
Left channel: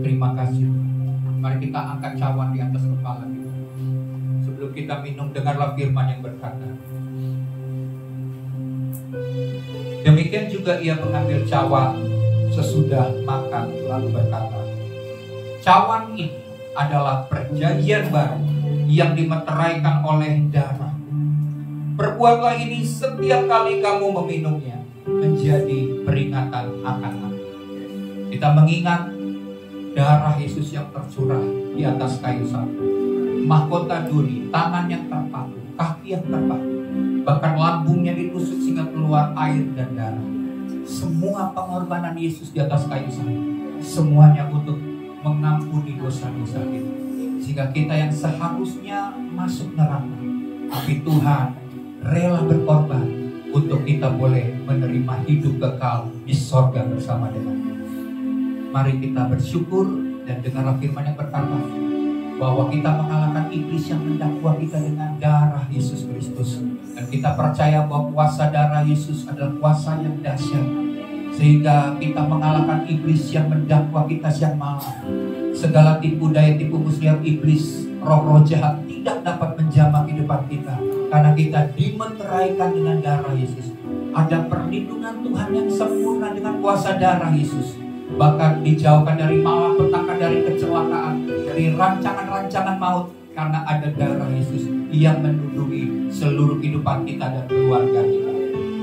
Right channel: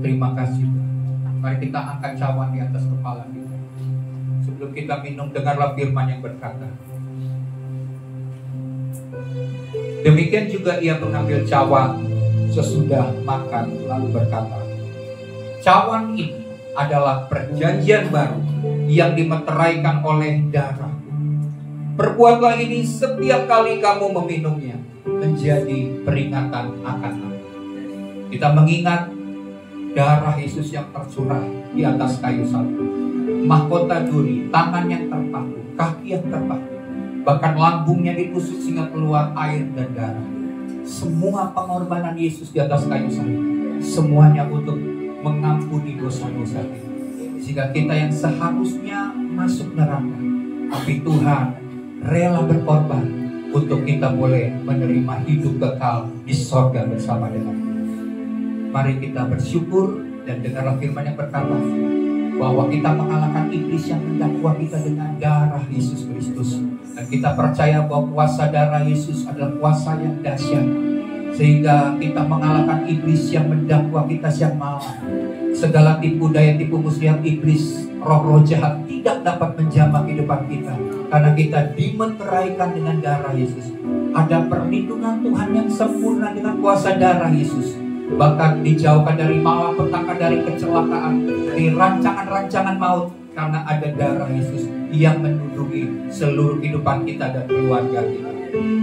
Terima kasih Tuhan. Mari kita angkat cawan di atas kepala kita. Sebelum kita minum, dengarlah firman yang berkata, demikian juga ia mengambil cawan sesudah makan, lalu berkata, cawan ini adalah perjanjian baru yang dimeteraikan oleh darah. Perbuatlah ini setiap kali kamu meminumnya, menjadi peringatan akan aku. Kita mengingat darah Yesus yang tercurah di atas kayu salib, mahkota duri, tangan yang terpaku, kaki yang terpaku, bahkan lambungnya ditusuk sehingga keluar air dan darah. Semua pengorbanan Yesus di atas kayu salib, semuanya untuk mengampuni dosa-dosa kita, sehingga kita yang seharusnya masuk neraka, tapi Tuhan rela berkorban untuk kita boleh menerima hidup kekal di sorga bersama dengan Tuhan. Mari kita bersyukur dan dengarlah firman yang berkata bahwa kita mengalahkan iblis yang mendakwa kita dengan darah Yesus Kristus. Dan kita percaya bahwa kuasa darah Yesus adalah kuasa yang dahsyat, sehingga kita mengalahkan iblis yang mendakwa kita siang malam. Segala tipu daya, tipu muslihat iblis, roh-roh jahat tidak dapat menjamah kehidupan kita, karena kita dimeteraikan dengan darah Yesus. Ada perlindungan Tuhan yang sempurna dengan kuasa darah Yesus. Bahkan dijauhkan dari malapetaka, dari kecelakaan, dari rancangan-rancangan maut, karena ada darah Yesus yang melindungi seluruh kehidupan kita dan keluarga kita.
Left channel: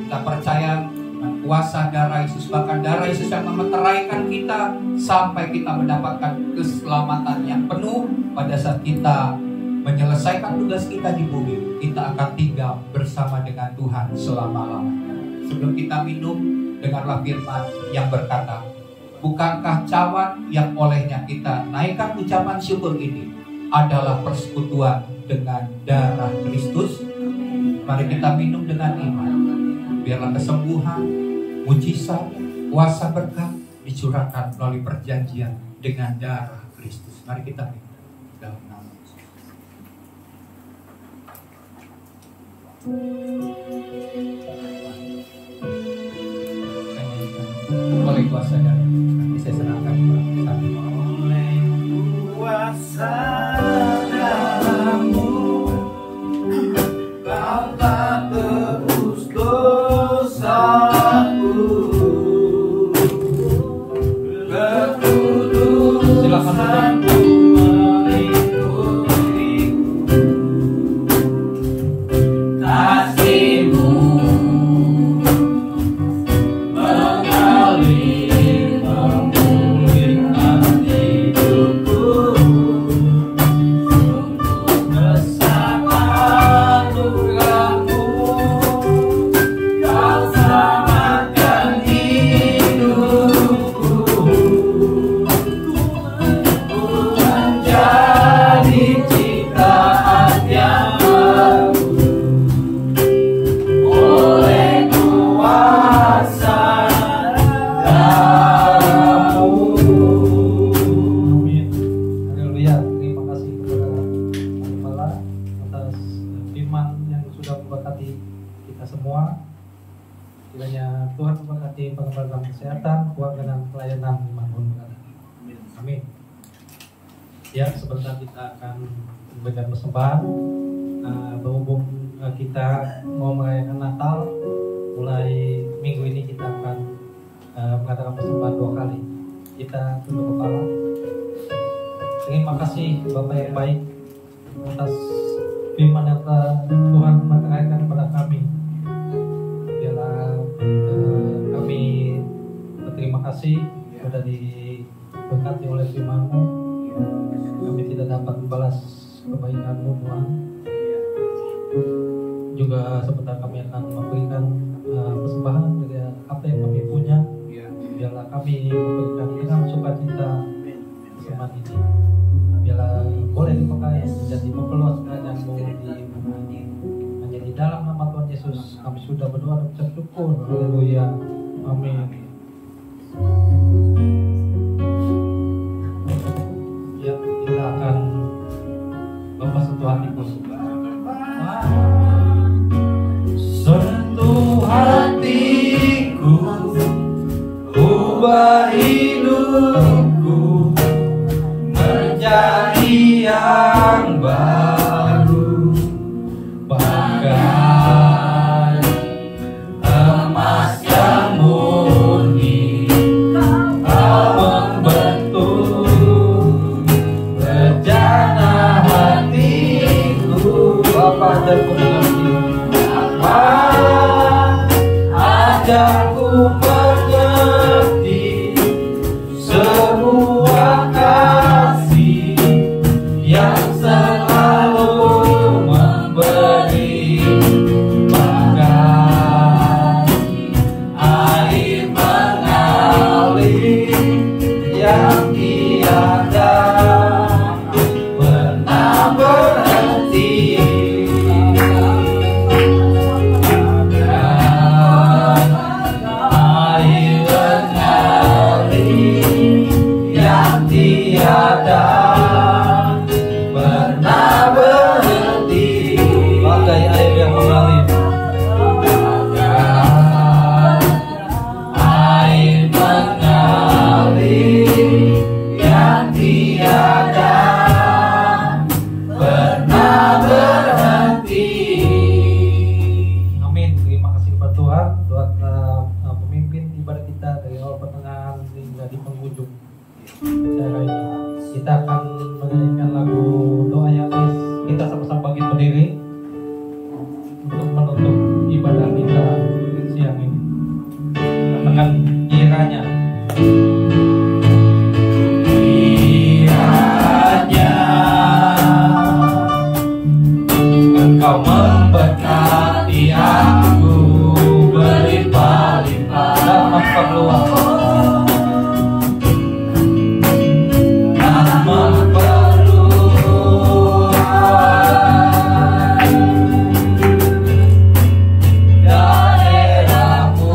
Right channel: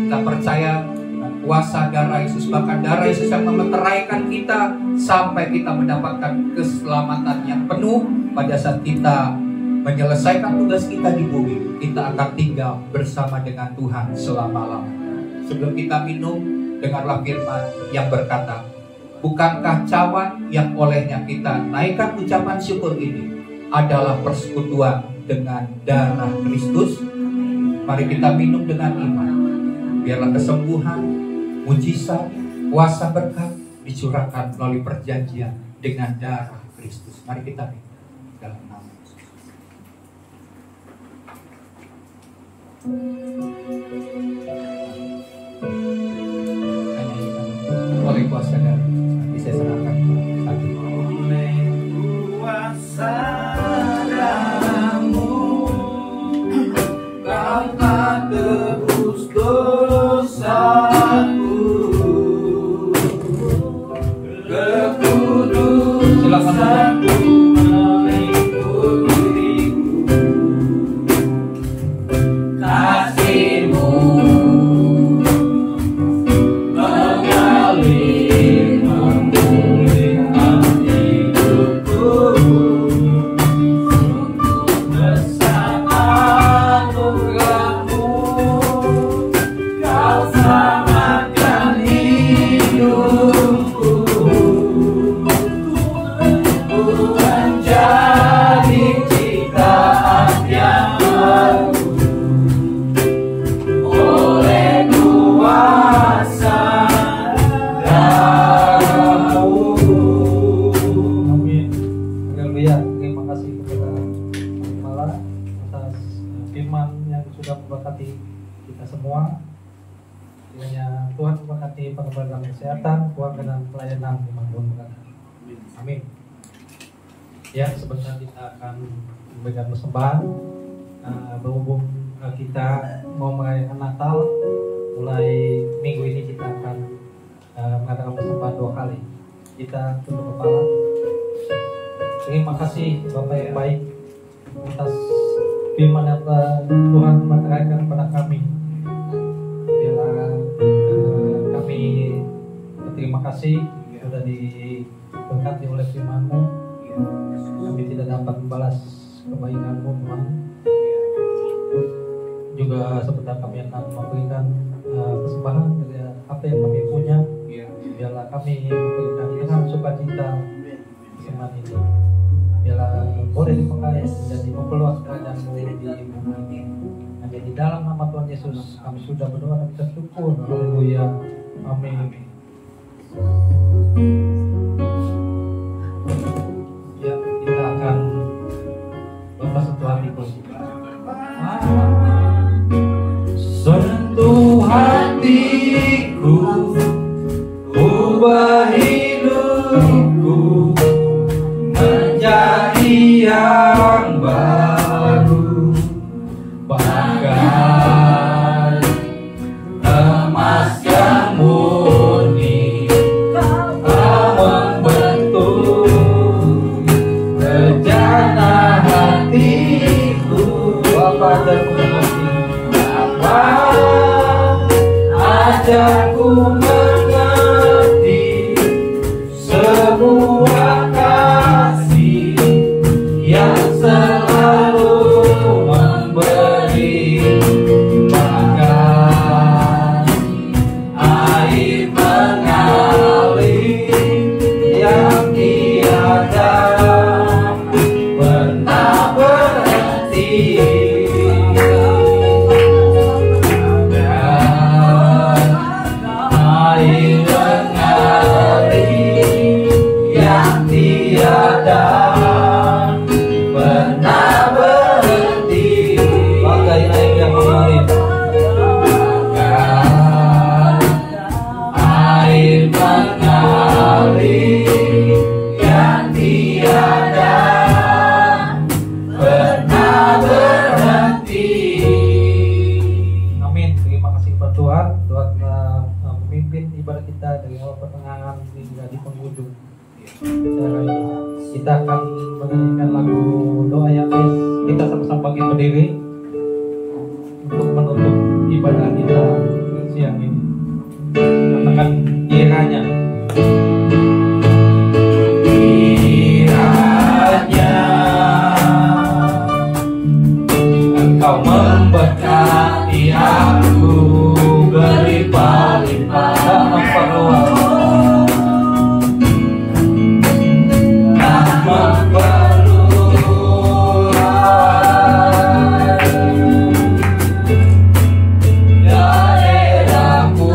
Kita percaya dengan kuasa darah Yesus, bahkan darah Yesus yang memeteraikan kita sampai kita mendapatkan keselamatan yang penuh. Pada saat kita menyelesaikan tugas kita di bumi, kita akan tinggal bersama dengan Tuhan selama-lamanya. Sebelum kita minum, dengarlah firman yang berkata, bukankah cawan yang olehnya kita naikkan ucapan syukur ini adalah persekutuan dengan darah Kristus? Mari kita minum dengan iman. Biarlah kesembuhan, mujizat, kuasa berkat dicurahkan melalui perjanjian dengan darah Kristus. Mari kita minum dalam nama Yesus. Oleh kuasa darah bisa serahkan saat ini. Oleh kuasa darah-Mu, Kau telah tebus dosaku. Kekudusanmu melingkupiku, kasih-Mu mengalir memulihkan hidupku. Bersamamu Kau selamatkan hidupku. Menjadi ciptaan yang baru oleh kuasa darah-Mu. Haleluya. Terima kasih kepada Kepala atas firman yang sudah memberkati kita semua. Kiranya Tuhan memberkati pengembangan kesehatan, keuangan dan pelayanan dimanapun berada. Amin. Ya, sebentar kita akan memberikan persembahan. Berhubung kita mau merayakan Natal, mulai minggu ini kita akan mengadakan persembahan 2 kali. Kita tunduk kepala. Terima kasih Bapak yang baik atas firman yang kami. Biarlah kami berterima kasih sudah diberkati oleh firman-Mu. Kami tidak dapat membalas kebaikan-Mu, Tuhan. Juga sebentar kami akan memberikan persembahan dari apa yang kami punya. Biarlah kami memberikan dengan sukacita firman ini. Biarlah boleh dipakai menjadi memperluas kerajaan-Mu di bumi. Hanya di dalam nama Tuhan Yesus kami sudah berdoa dan bersyukur. Haleluya. Amin. Ya, kita akan mempersentuh hatiku. Sentuh hatiku, ubah hidupku menjadi yang baru, bahkan emas yang murni kau membentuk rencana hatiku. Apa yang kau mengerti? Ajarku mengerti sebuah kasih yang selalu memberi, bahkan air mengalir yang tiada pernah berhenti. Air mengalir yang tiada pernah berhenti, Bagai air yang mengalir. air mengalir yang tiada pernah berhenti. Amin. Terima kasih kepada Tuhan. Tuhan memimpin ibadah kita dari awal pertengahan hingga di penghujung acara ini. Kita akan menyanyikan lagu doa yang kita sama-sama bagi berdiri untuk menutup ibadah kita siang ini. Katakan kiranya. Kiranya Engkau memberkati aku berlimpah-limpah Dan memperluas dan memperluas daerahmu.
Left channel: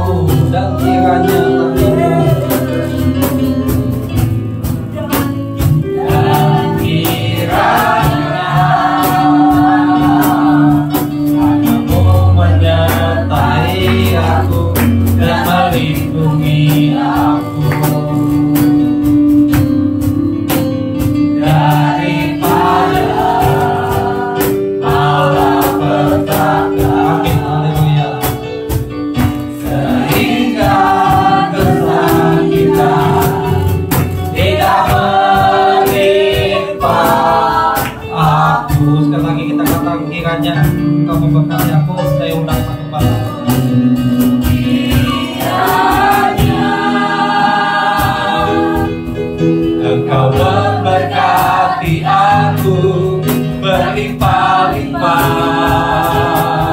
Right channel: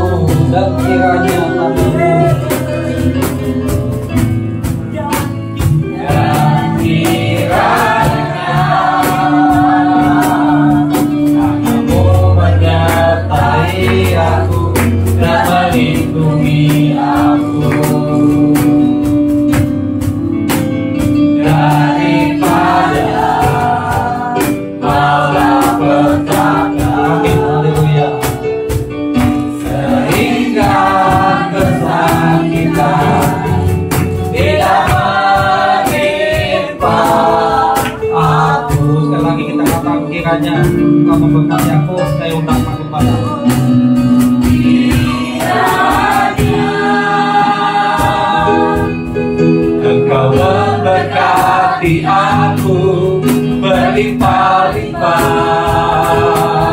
dan kiranya Dan kiranya Kamu menyertai aku dan melindungi aku daripada malapetaka, Amin. Haleluya. sehingga kesakitan tidak menimpa aku. Sekali lagi kita katakan kiranya Engkau memberkati aku, saya undang aku pada. Engkau memberkati aku berlimpah-limpah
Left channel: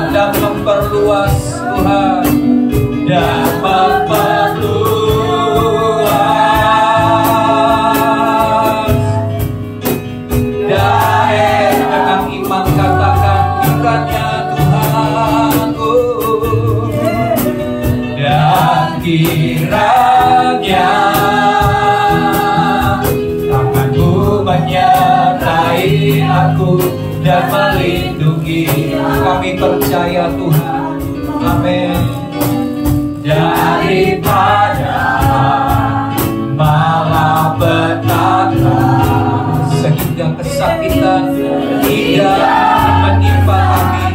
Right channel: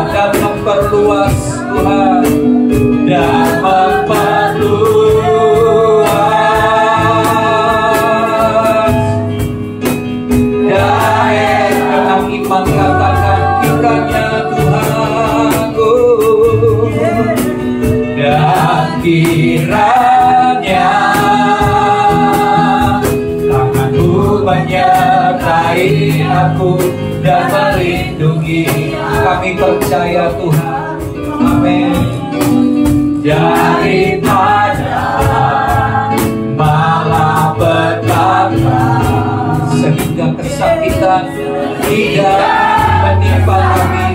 Dan memperluas Tuhan. dan memperluas Dengan iman katakan kiranya Tuhanku. dan kiranya Tanganmu menyertai aku dan melindungi. Kami percaya Tuhan. Amin. Daripada malapetaka, Sehingga kesakitan tidak menimpa kami.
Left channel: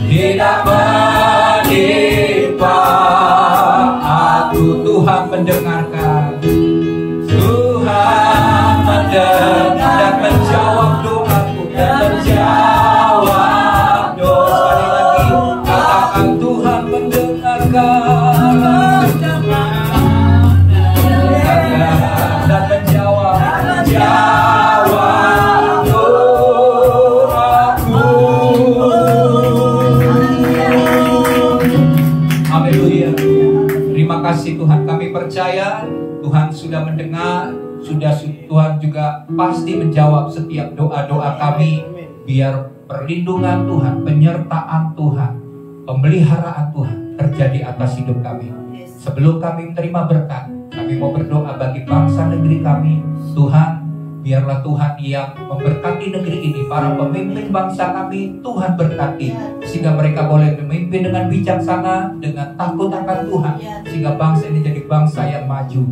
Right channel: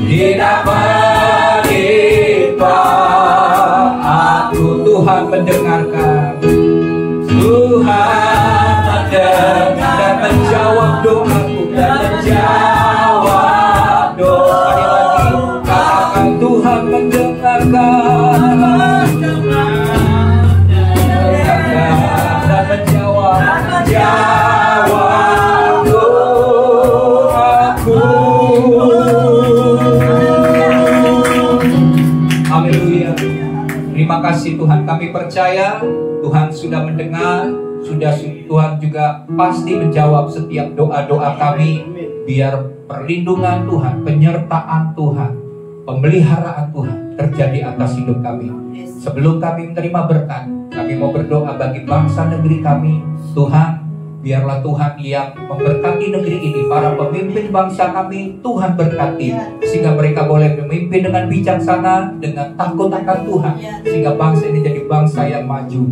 tidak menimpa kami percaya Tuhan sudah mendengar, Tuhan juga pasti menjawab setiap doa-doa kami. Biar perlindungan Tuhan, penyertaan Tuhan, pemeliharaan Tuhan terjadi atas hidup kami. Sebelum kami menerima berkat, kami mau berdoa bagi bangsa negeri kami. Tuhan, biarlah Tuhan yang memberkati negeri ini, para pemimpin bangsa kami, Tuhan berkati, sehingga mereka boleh memimpin dengan bijaksana, dengan takut akan Tuhan, sehingga bangsa ini jadi bangsa yang maju.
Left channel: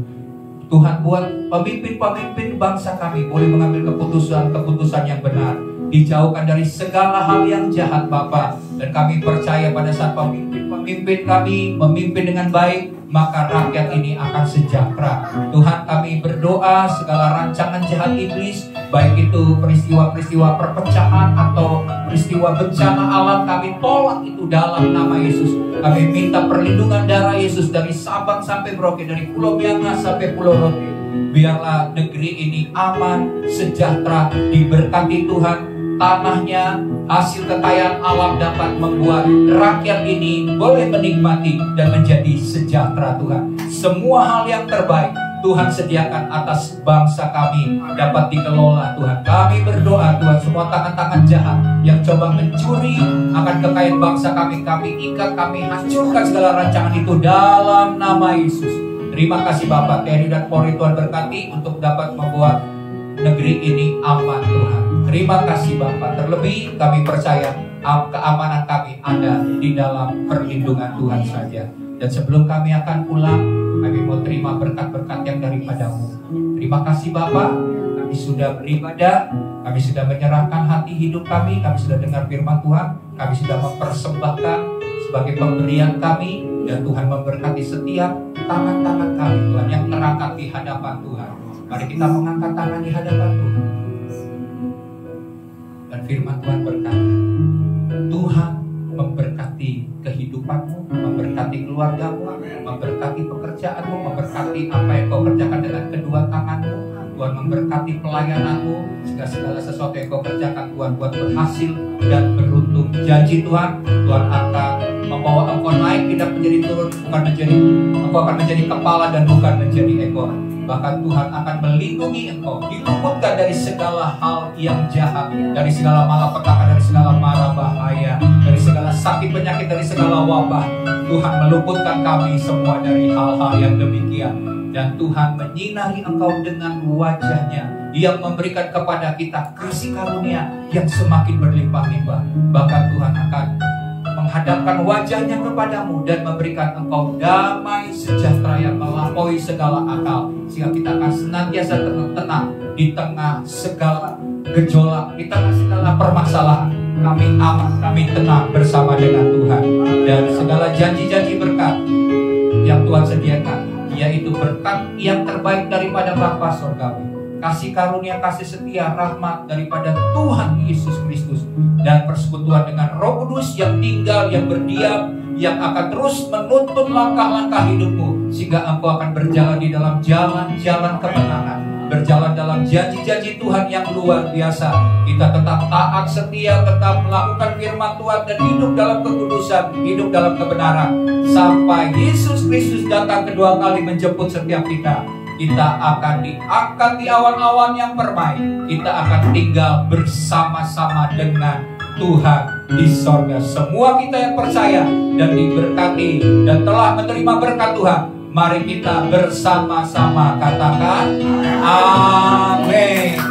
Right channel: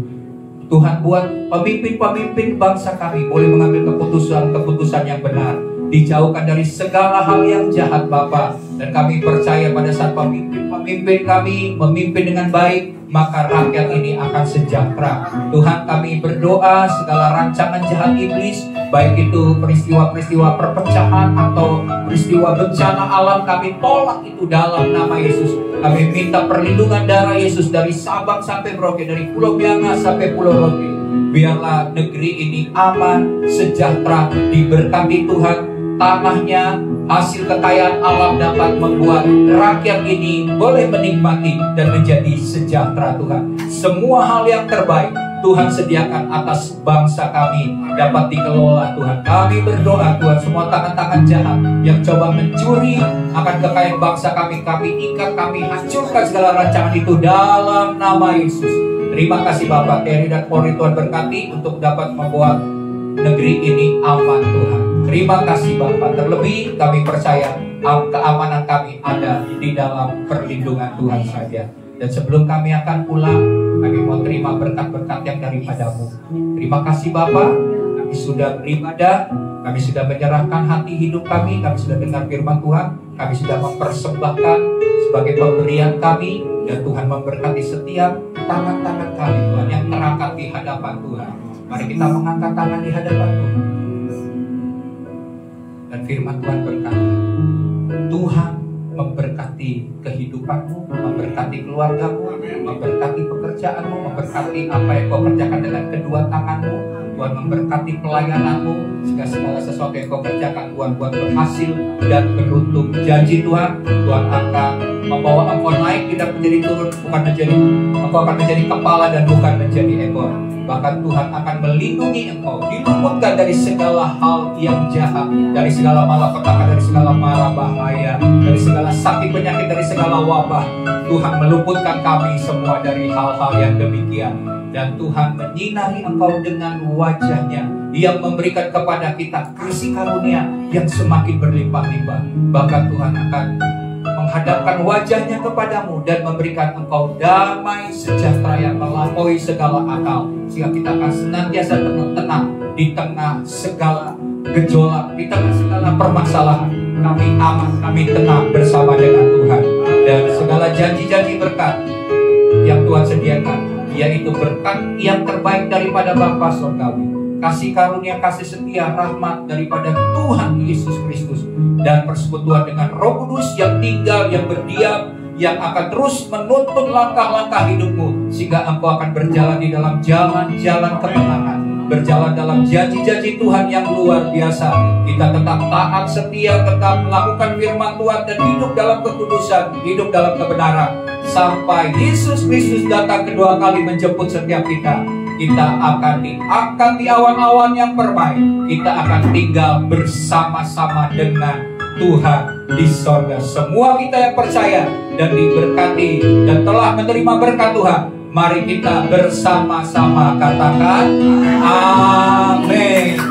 Tuhan, buat pemimpin-pemimpin bangsa kami boleh mengambil keputusan-keputusan yang benar, dijauhkan dari segala hal yang jahat Bapa. Dan kami percaya pada saat pemimpin kami memimpin dengan baik, maka rakyat ini akan sejahtera. Tuhan, kami berdoa segala rancangan jahat iblis, baik itu peristiwa-peristiwa perpecahan atau peristiwa bencana alam, kami tolak itu dalam nama Yesus. Kami minta perlindungan darah Yesus dari Sabang sampai Merauke, dari Pulau Bianga sampai Pulau Rote. Biarlah negeri ini aman, sejahtera, diberkati Tuhan. Tanahnya, hasil kekayaan alam dapat membuat rakyat ini boleh menikmati dan menjadi sejahtera Tuhan. Semua hal yang terbaik Tuhan sediakan atas bangsa kami dapat dikelola Tuhan. Kami berdoa Tuhan, semua tangan-tangan jahat yang coba mencuri akan kekayaan bangsa kami ikat, kami hancurkan segala rancangan itu dalam nama Yesus. Terima kasih Bapak, TNI dan Polri Tuhan berkati untuk dapat membuat negeri ini aman Tuhan. Terima kasih Bapak. Terlebih kami percaya keamanan kami ada di dalam perlindungan Tuhan saja. Dan sebelum kami akan pulang, kami mau terima berkat-berkat yang daripada-Mu. Terima kasih Bapak. Kami sudah beribadah, kami sudah menyerahkan hati hidup kami sudah dengar firman Tuhan, kami sudah mempersembahkan sebagai pemberian kami, dan Tuhan memberkati setiap tangan-tangan kami Tuhan yang terangkat di hadapan Tuhan. Mari kita mengangkat tangan di hadapan Tuhan. Dan firman Tuhan berkata, Tuhan memberkati kehidupanmu, memberkati keluargamu, memberkati pekerjaanmu, memberkati apa yang kau kerjakan dengan kedua tanganmu. Tuhan memberkati pelayananmu, sehingga segala sesuatu yang kau kerjakan Tuhan buat berhasil dan beruntung. Janji Tuhan, Tuhan akan membawa engkau naik, tidak menjadi turun, engkau akan menjadi kepala dan bukan menjadi ekor. Bahkan Tuhan akan melindungi engkau, diluputkan dari segala hal yang jahat, dari segala malapetaka, dari segala mara bahaya, dari segala sakit penyakit, dari segala wabah. Tuhan meluputkan kami semua dari hal-hal yang demikian. Dan Tuhan menyinari engkau dengan wajah-Nya, yang memberikan kepada kita kasih karunia yang semakin berlimpah-limpah. Bahkan Tuhan akan menghadapkan wajah-Nya kepadamu dan memberikan engkau damai sejahtera yang melampaui segala akal, sehingga kita akan senantiasa tenang di tengah segala gejolak, di tengah segala permasalahan. Kami aman, kami tenang bersama dengan Tuhan. Dan segala janji-janji berkat yang Tuhan sediakan, yaitu berkat yang terbaik daripada Bapa Surgawi, kasih karunia, kasih setia, rahmat daripada Tuhan Yesus Kristus, dan persekutuan dengan Roh Kudus yang tinggal, yang berdiam, yang akan terus menuntun langkah-langkah hidupmu, sehingga engkau akan berjalan di dalam jalan-jalan kemenangan, berjalan dalam janji-janji Tuhan yang luar biasa. Kita tetap taat, setia, tetap melakukan firman Tuhan, dan hidup dalam kekudusan, hidup dalam kebenaran, sampai Yesus Kristus datang kedua kali menjemput setiap kita. Kita akan diangkat di awan-awan yang permai. Kita akan tinggal bersama-sama dengan Tuhan di sorga. Semua kita yang percaya dan diberkati dan telah menerima berkat Tuhan, mari kita bersama-sama katakan amin.